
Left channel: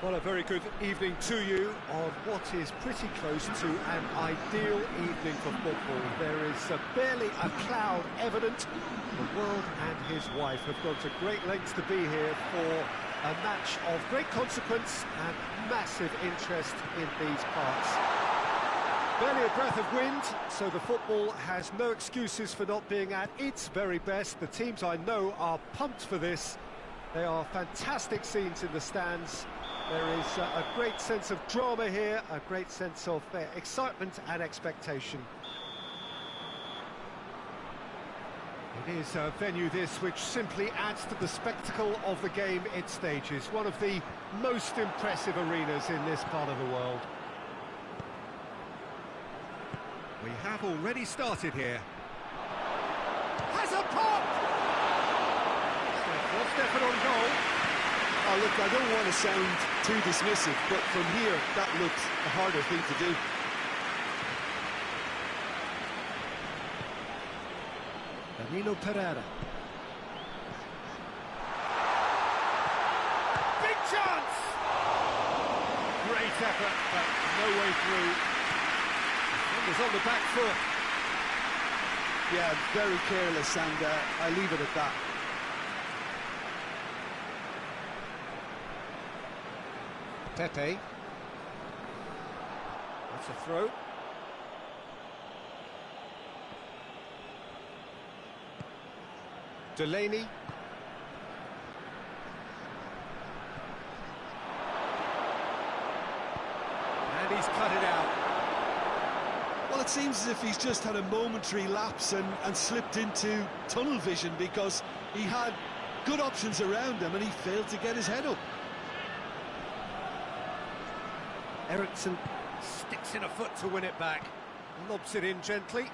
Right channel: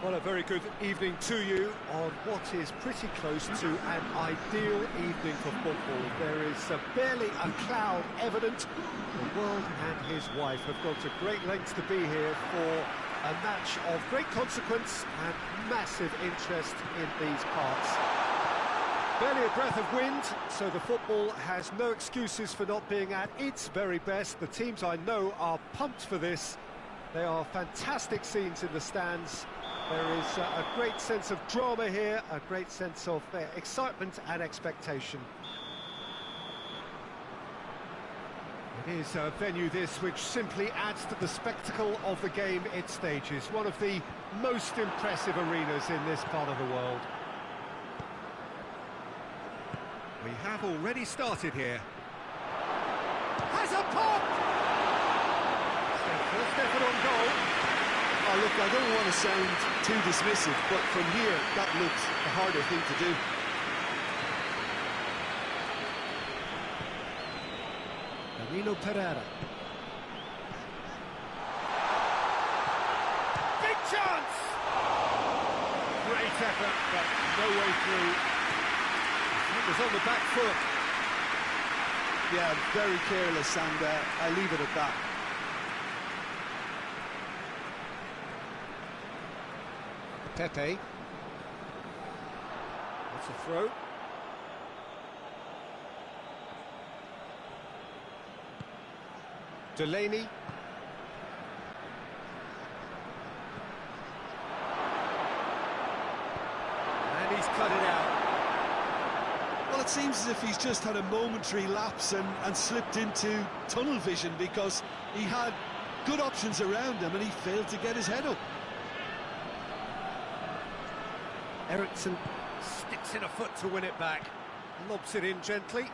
Well, a very good evening to you on what is pretty close to an ideal evening for football. There is barely a cloud evident. The world and his wife have gone to great lengths to be here for a match of great consequence and massive interest in these parts. Barely a breath of wind, so the football has no excuses for not being at its very best. The teams I know are pumped for this. They are fantastic scenes in the stands. There is a great sense of drama here, a great sense of excitement and expectation. It is a venue this which simply adds to the spectacle of the game it stages. One of the most impressive arenas in this part of the world. We have already started here. Has a pop! It's their first effort on goal. Oh, look, I don't want to sound too dismissive, but from here, that looks the harder thing to do. Danilo Pereira. Big chance! Great effort, but no way through. Defender's on the back foot. Yeah, very careless, and I leave it at that. Pepe. That's a throw. Delaney. And he's cut it out. Well, it seems as if he's just had a momentary lapse and slipped into tunnel vision, because he had good options around him and he failed to get his head up. Eriksson sticks in a foot to win it back. Lobs it in gently.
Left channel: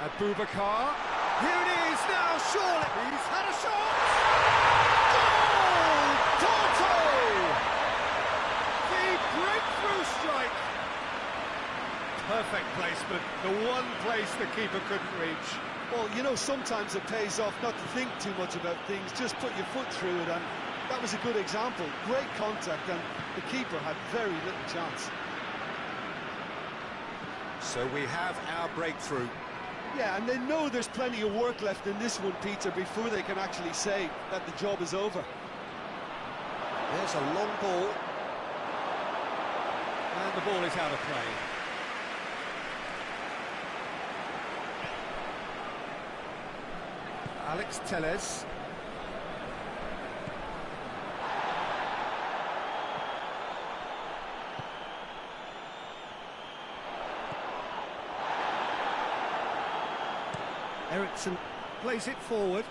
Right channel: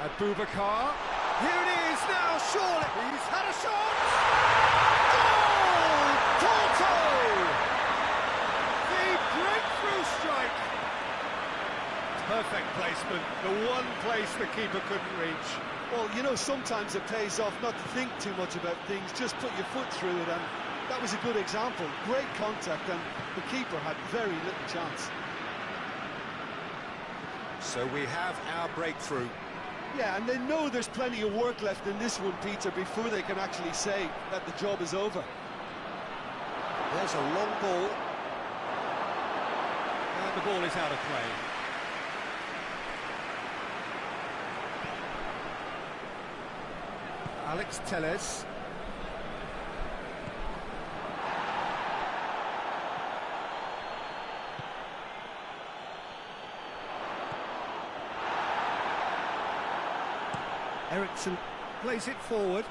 Abubakar. Here it is now, surely. He's had a shot. Goal! Porto! The breakthrough strike. Perfect placement. The one place the keeper couldn't reach. Well, you know, sometimes it pays off not to think too much about things, just put your foot through it, and that was a good example. Great contact, and the keeper had very little chance. So we have our breakthrough. Yeah, and they know there's plenty of work left in this one, Peter, before they can actually say that the job is over. There's a long ball. And the ball is out of play. Alex Telles. Eriksson plays it forward.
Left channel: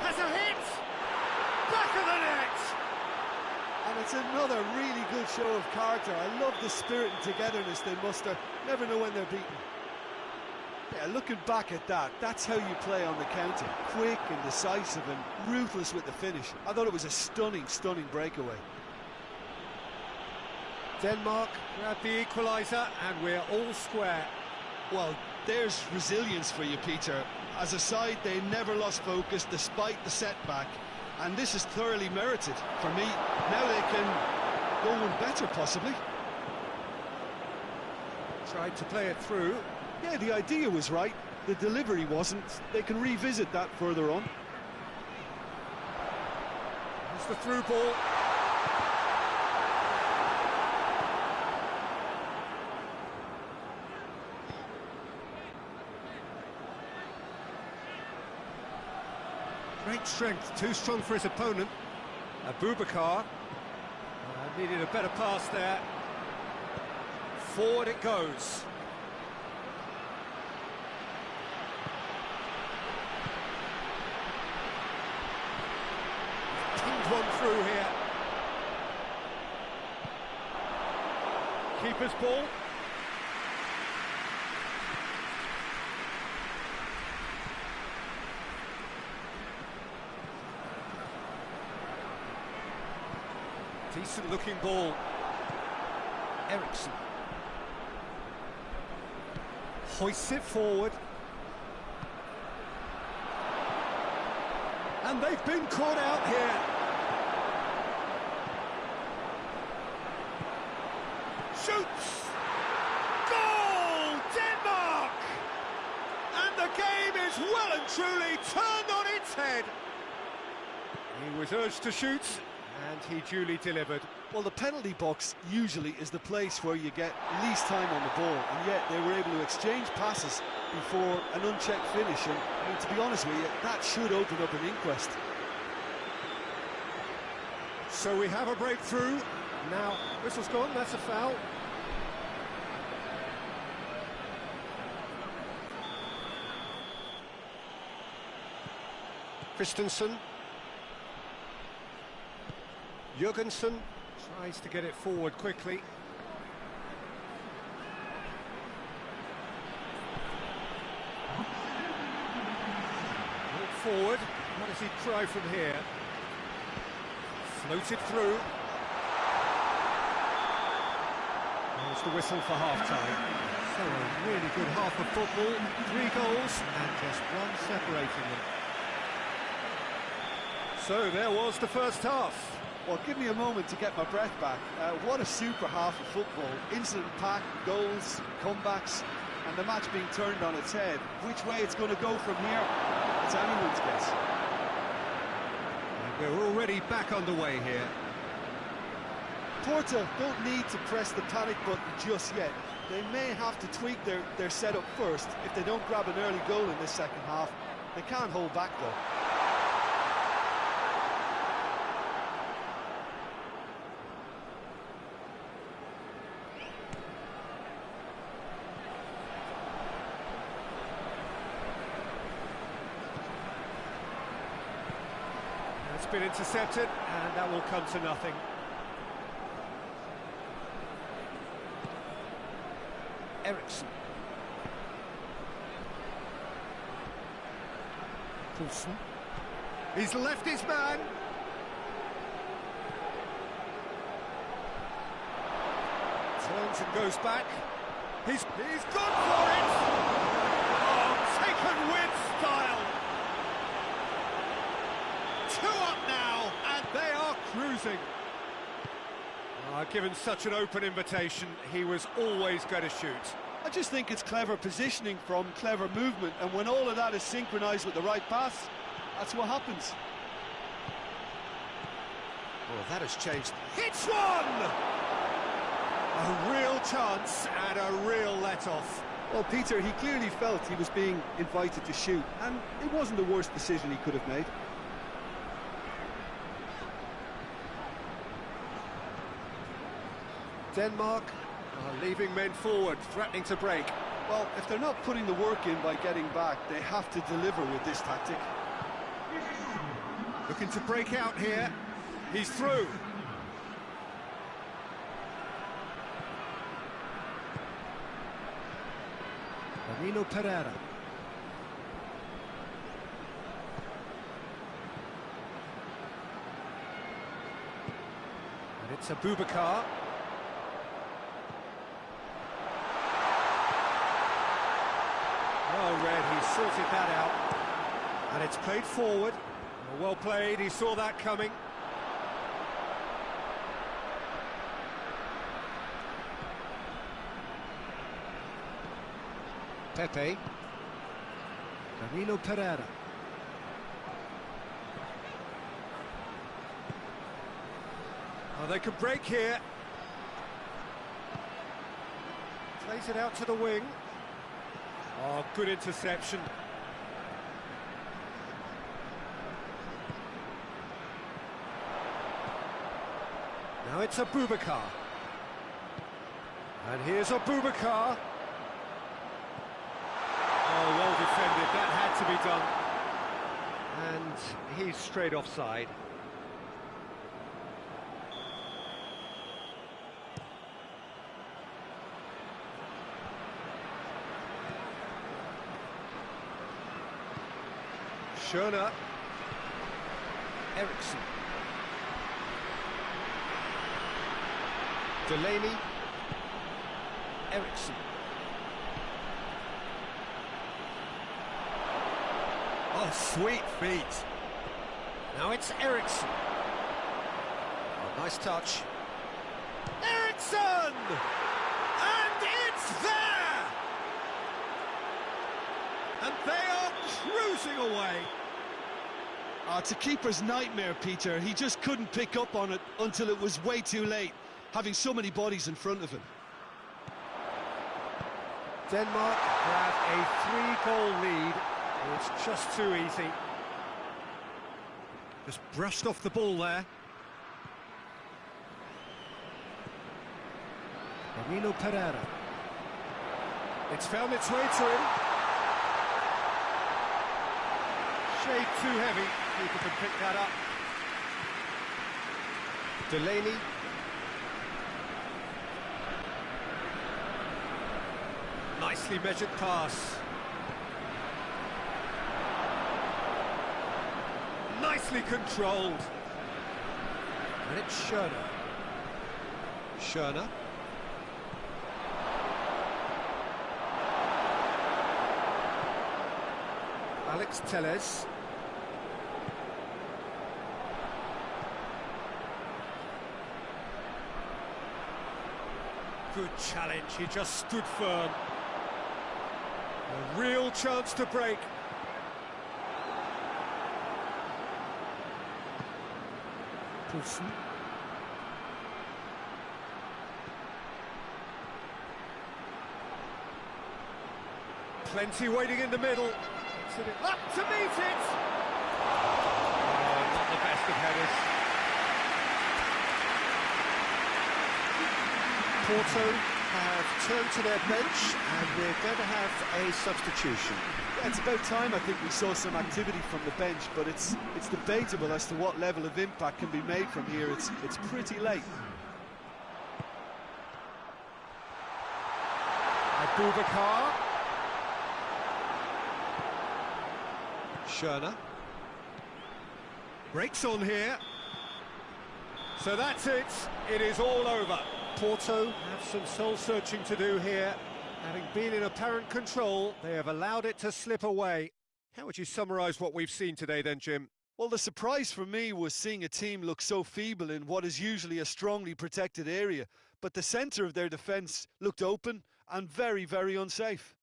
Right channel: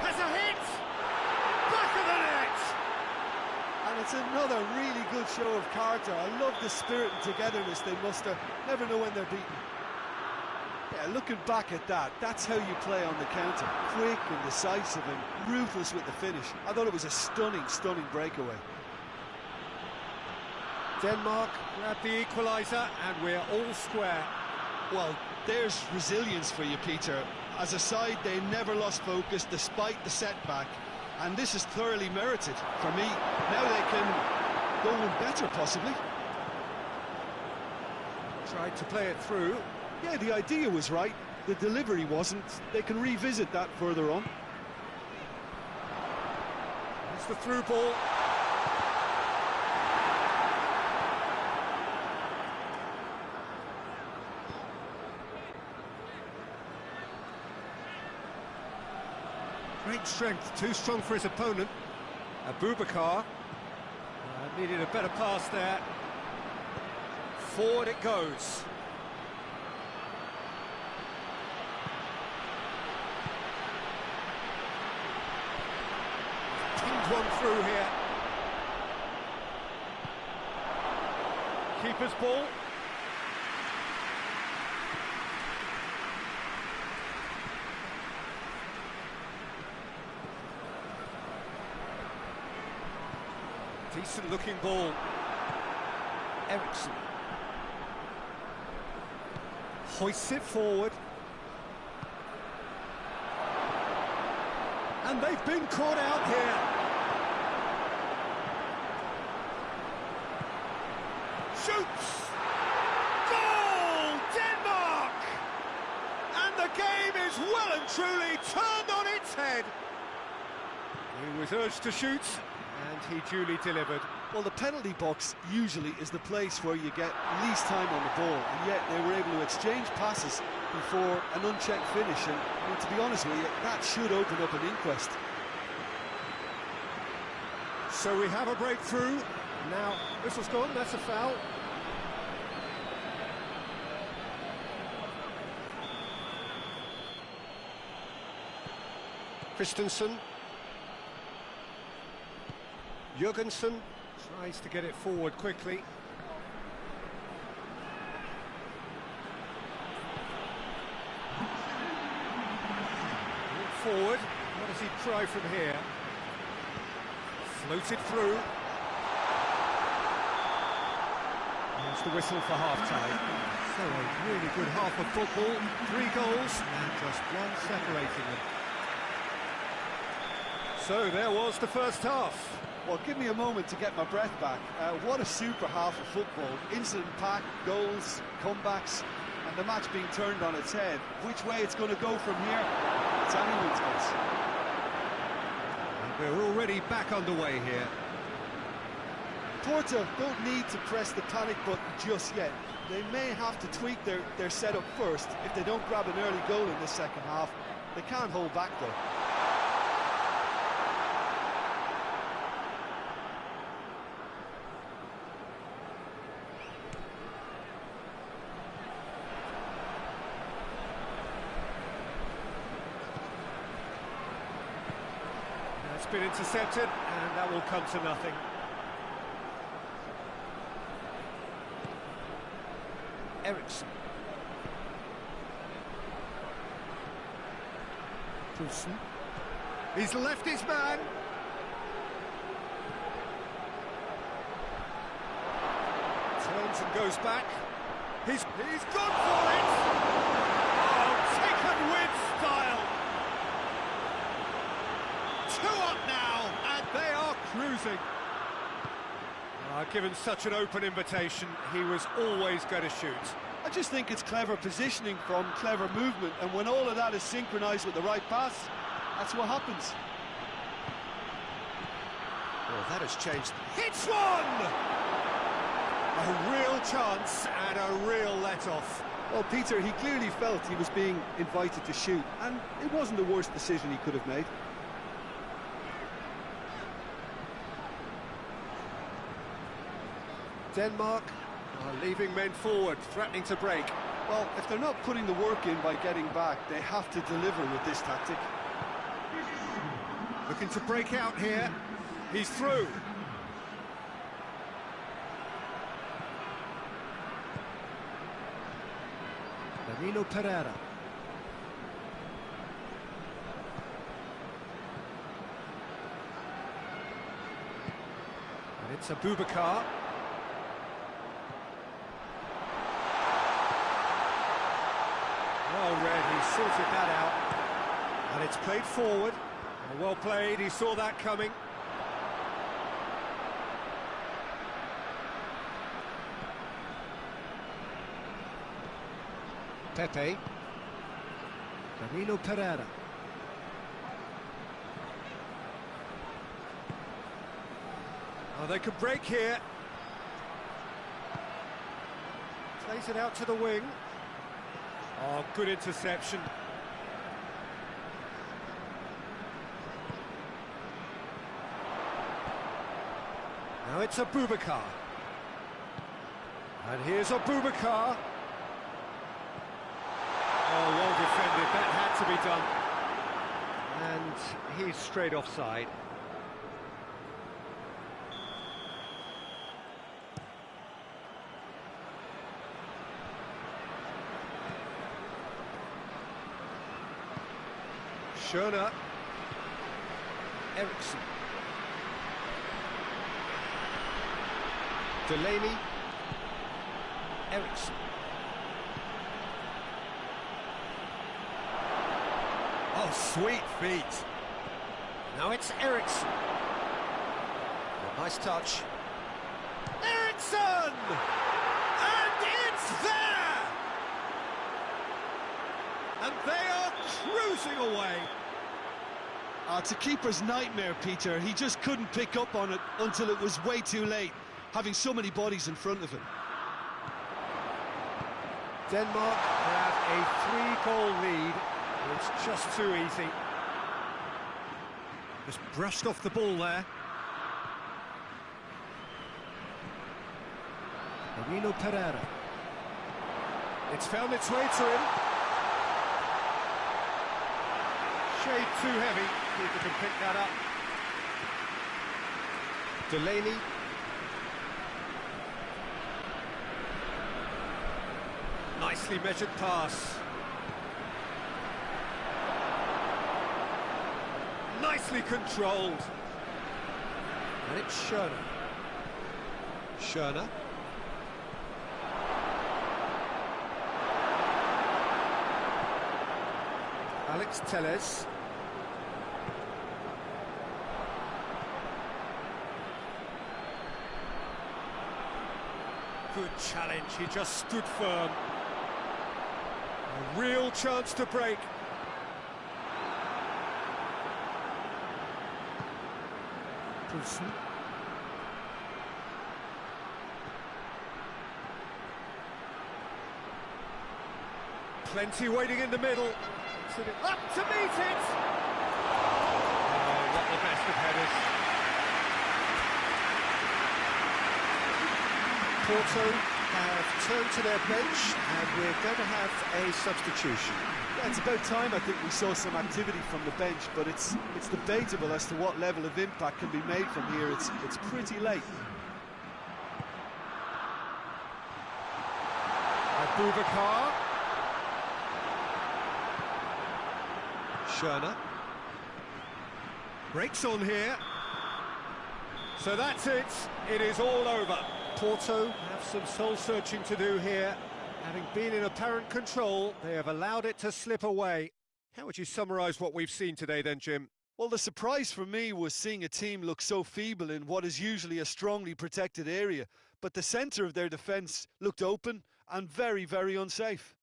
Has a hit! Back of the net! And it's another really good show of character. I love the spirit and togetherness they muster. Never know when they're beaten. Yeah, looking back at that, that's how you play on the counter. Quick and decisive and ruthless with the finish. I thought it was a stunning, stunning breakaway. Denmark grab the equaliser, and we're all square. Well, there's resilience for you, Peter. As a side, they never lost focus despite the setback, and this is thoroughly merited for me. Now they can go one better, possibly. Tried to play it through. Yeah, the idea was right. The delivery wasn't. They can revisit that further on. It's the through ball. Great strength, too strong for his opponent. Abubakar needed a better pass there. Forward it goes. Pinged one through here. Keeper's ball. Decent looking ball. Eriksson hoists it forward. And they've been caught out here. Shoots! Goal! Denmark! And the game is well and truly turned on its head. He was urged to shoot, and he duly delivered. Well, the penalty box usually is the place where you get least time on the ball, and yet they were able to exchange passes before an unchecked finish, and I mean, to be honest with you, that should open up an inquest. So we have a breakthrough. Now, whistle's gone, that's a foul. Christensen. Jurgensen tries to get it forward quickly. Walk forward. What does he try from here? Floated through. There's the whistle for half-time. So a really good half of football. 3 goals and just one separating them. So there was the first half. Well, give me a moment to get my breath back. What a super half of football. Incident-packed, goals, comebacks, and the match being turned on its head. Which way it's going to go from here, it's anyone's guess. And we're already back underway here. Porto don't need to press the panic button just yet. They may have to tweak their setup first if they don't grab an early goal in this second half. They can't hold back, though. It's been intercepted, and that will come to nothing. Eriksson. Poulsen. He's left his man. Turns and goes back. He's gone for it! Oh, taken with style! 2 up now, and they are cruising. Given such an open invitation, he was always going to shoot. I just think it's clever positioning from clever movement, and when all of that is synchronised with the right pass, that's what happens. Well, that has changed. Hits one! A real chance and a real let-off. Well, Peter, he clearly felt he was being invited to shoot, and it wasn't the worst decision he could have made. Denmark are leaving men forward, threatening to break. Well, if they're not putting the work in by getting back, they have to deliver with this tactic. Looking to break out here. He's through. Danilo Pereira. And it's Abubakar. Well read, he sorted that out. And it's played forward. Well played, he saw that coming. Pepe. Danilo Pereira. Oh, they could break here. Plays it out to the wing. Oh, good interception. Now it's Abubakar. And here's Abubakar. Oh, well defended, that had to be done. And he's straight offside. Schöner. Eriksson. Delaney. Eriksson. Oh, sweet feet. Now it's Eriksson. Oh, nice touch. Eriksson! And it's there! And they are cruising away. It's a keeper's nightmare, Peter. He just couldn't pick up on it until it was way too late, having so many bodies in front of him. Denmark have a 3-goal lead. It's just too easy. Just brushed off the ball there. Emilio Pereira. It's found its way to him. Shade too heavy. Keeper can pick that up. Delaney. Nicely measured pass. Nicely controlled. And it's Schöne. Schöne. Alex Telles. Good challenge, he just stood firm. A real chance to break. Poulsen. Plenty waiting in the middle. Up to meet it! Oh, not the best of headers. Porto have turned to their bench, and we're going to have a substitution. Yeah, it's about time I think we saw some activity from the bench, but it's debatable as to what level of impact can be made from here. It's pretty late. Abubakar. Schöne. Breaks on here. So that's it. It is all over. Porto have some soul-searching to do here. Having been in apparent control, they have allowed it to slip away. How would you summarise what we've seen today then, Jim? Well, the surprise for me was seeing a team look so feeble in what is usually a strongly protected area. But the centre of their defence looked open and very, very unsafe.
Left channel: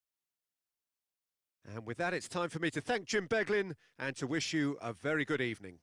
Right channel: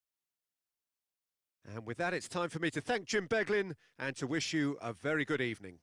And with that, it's time for me to thank Jim Beglin and to wish you a very good evening.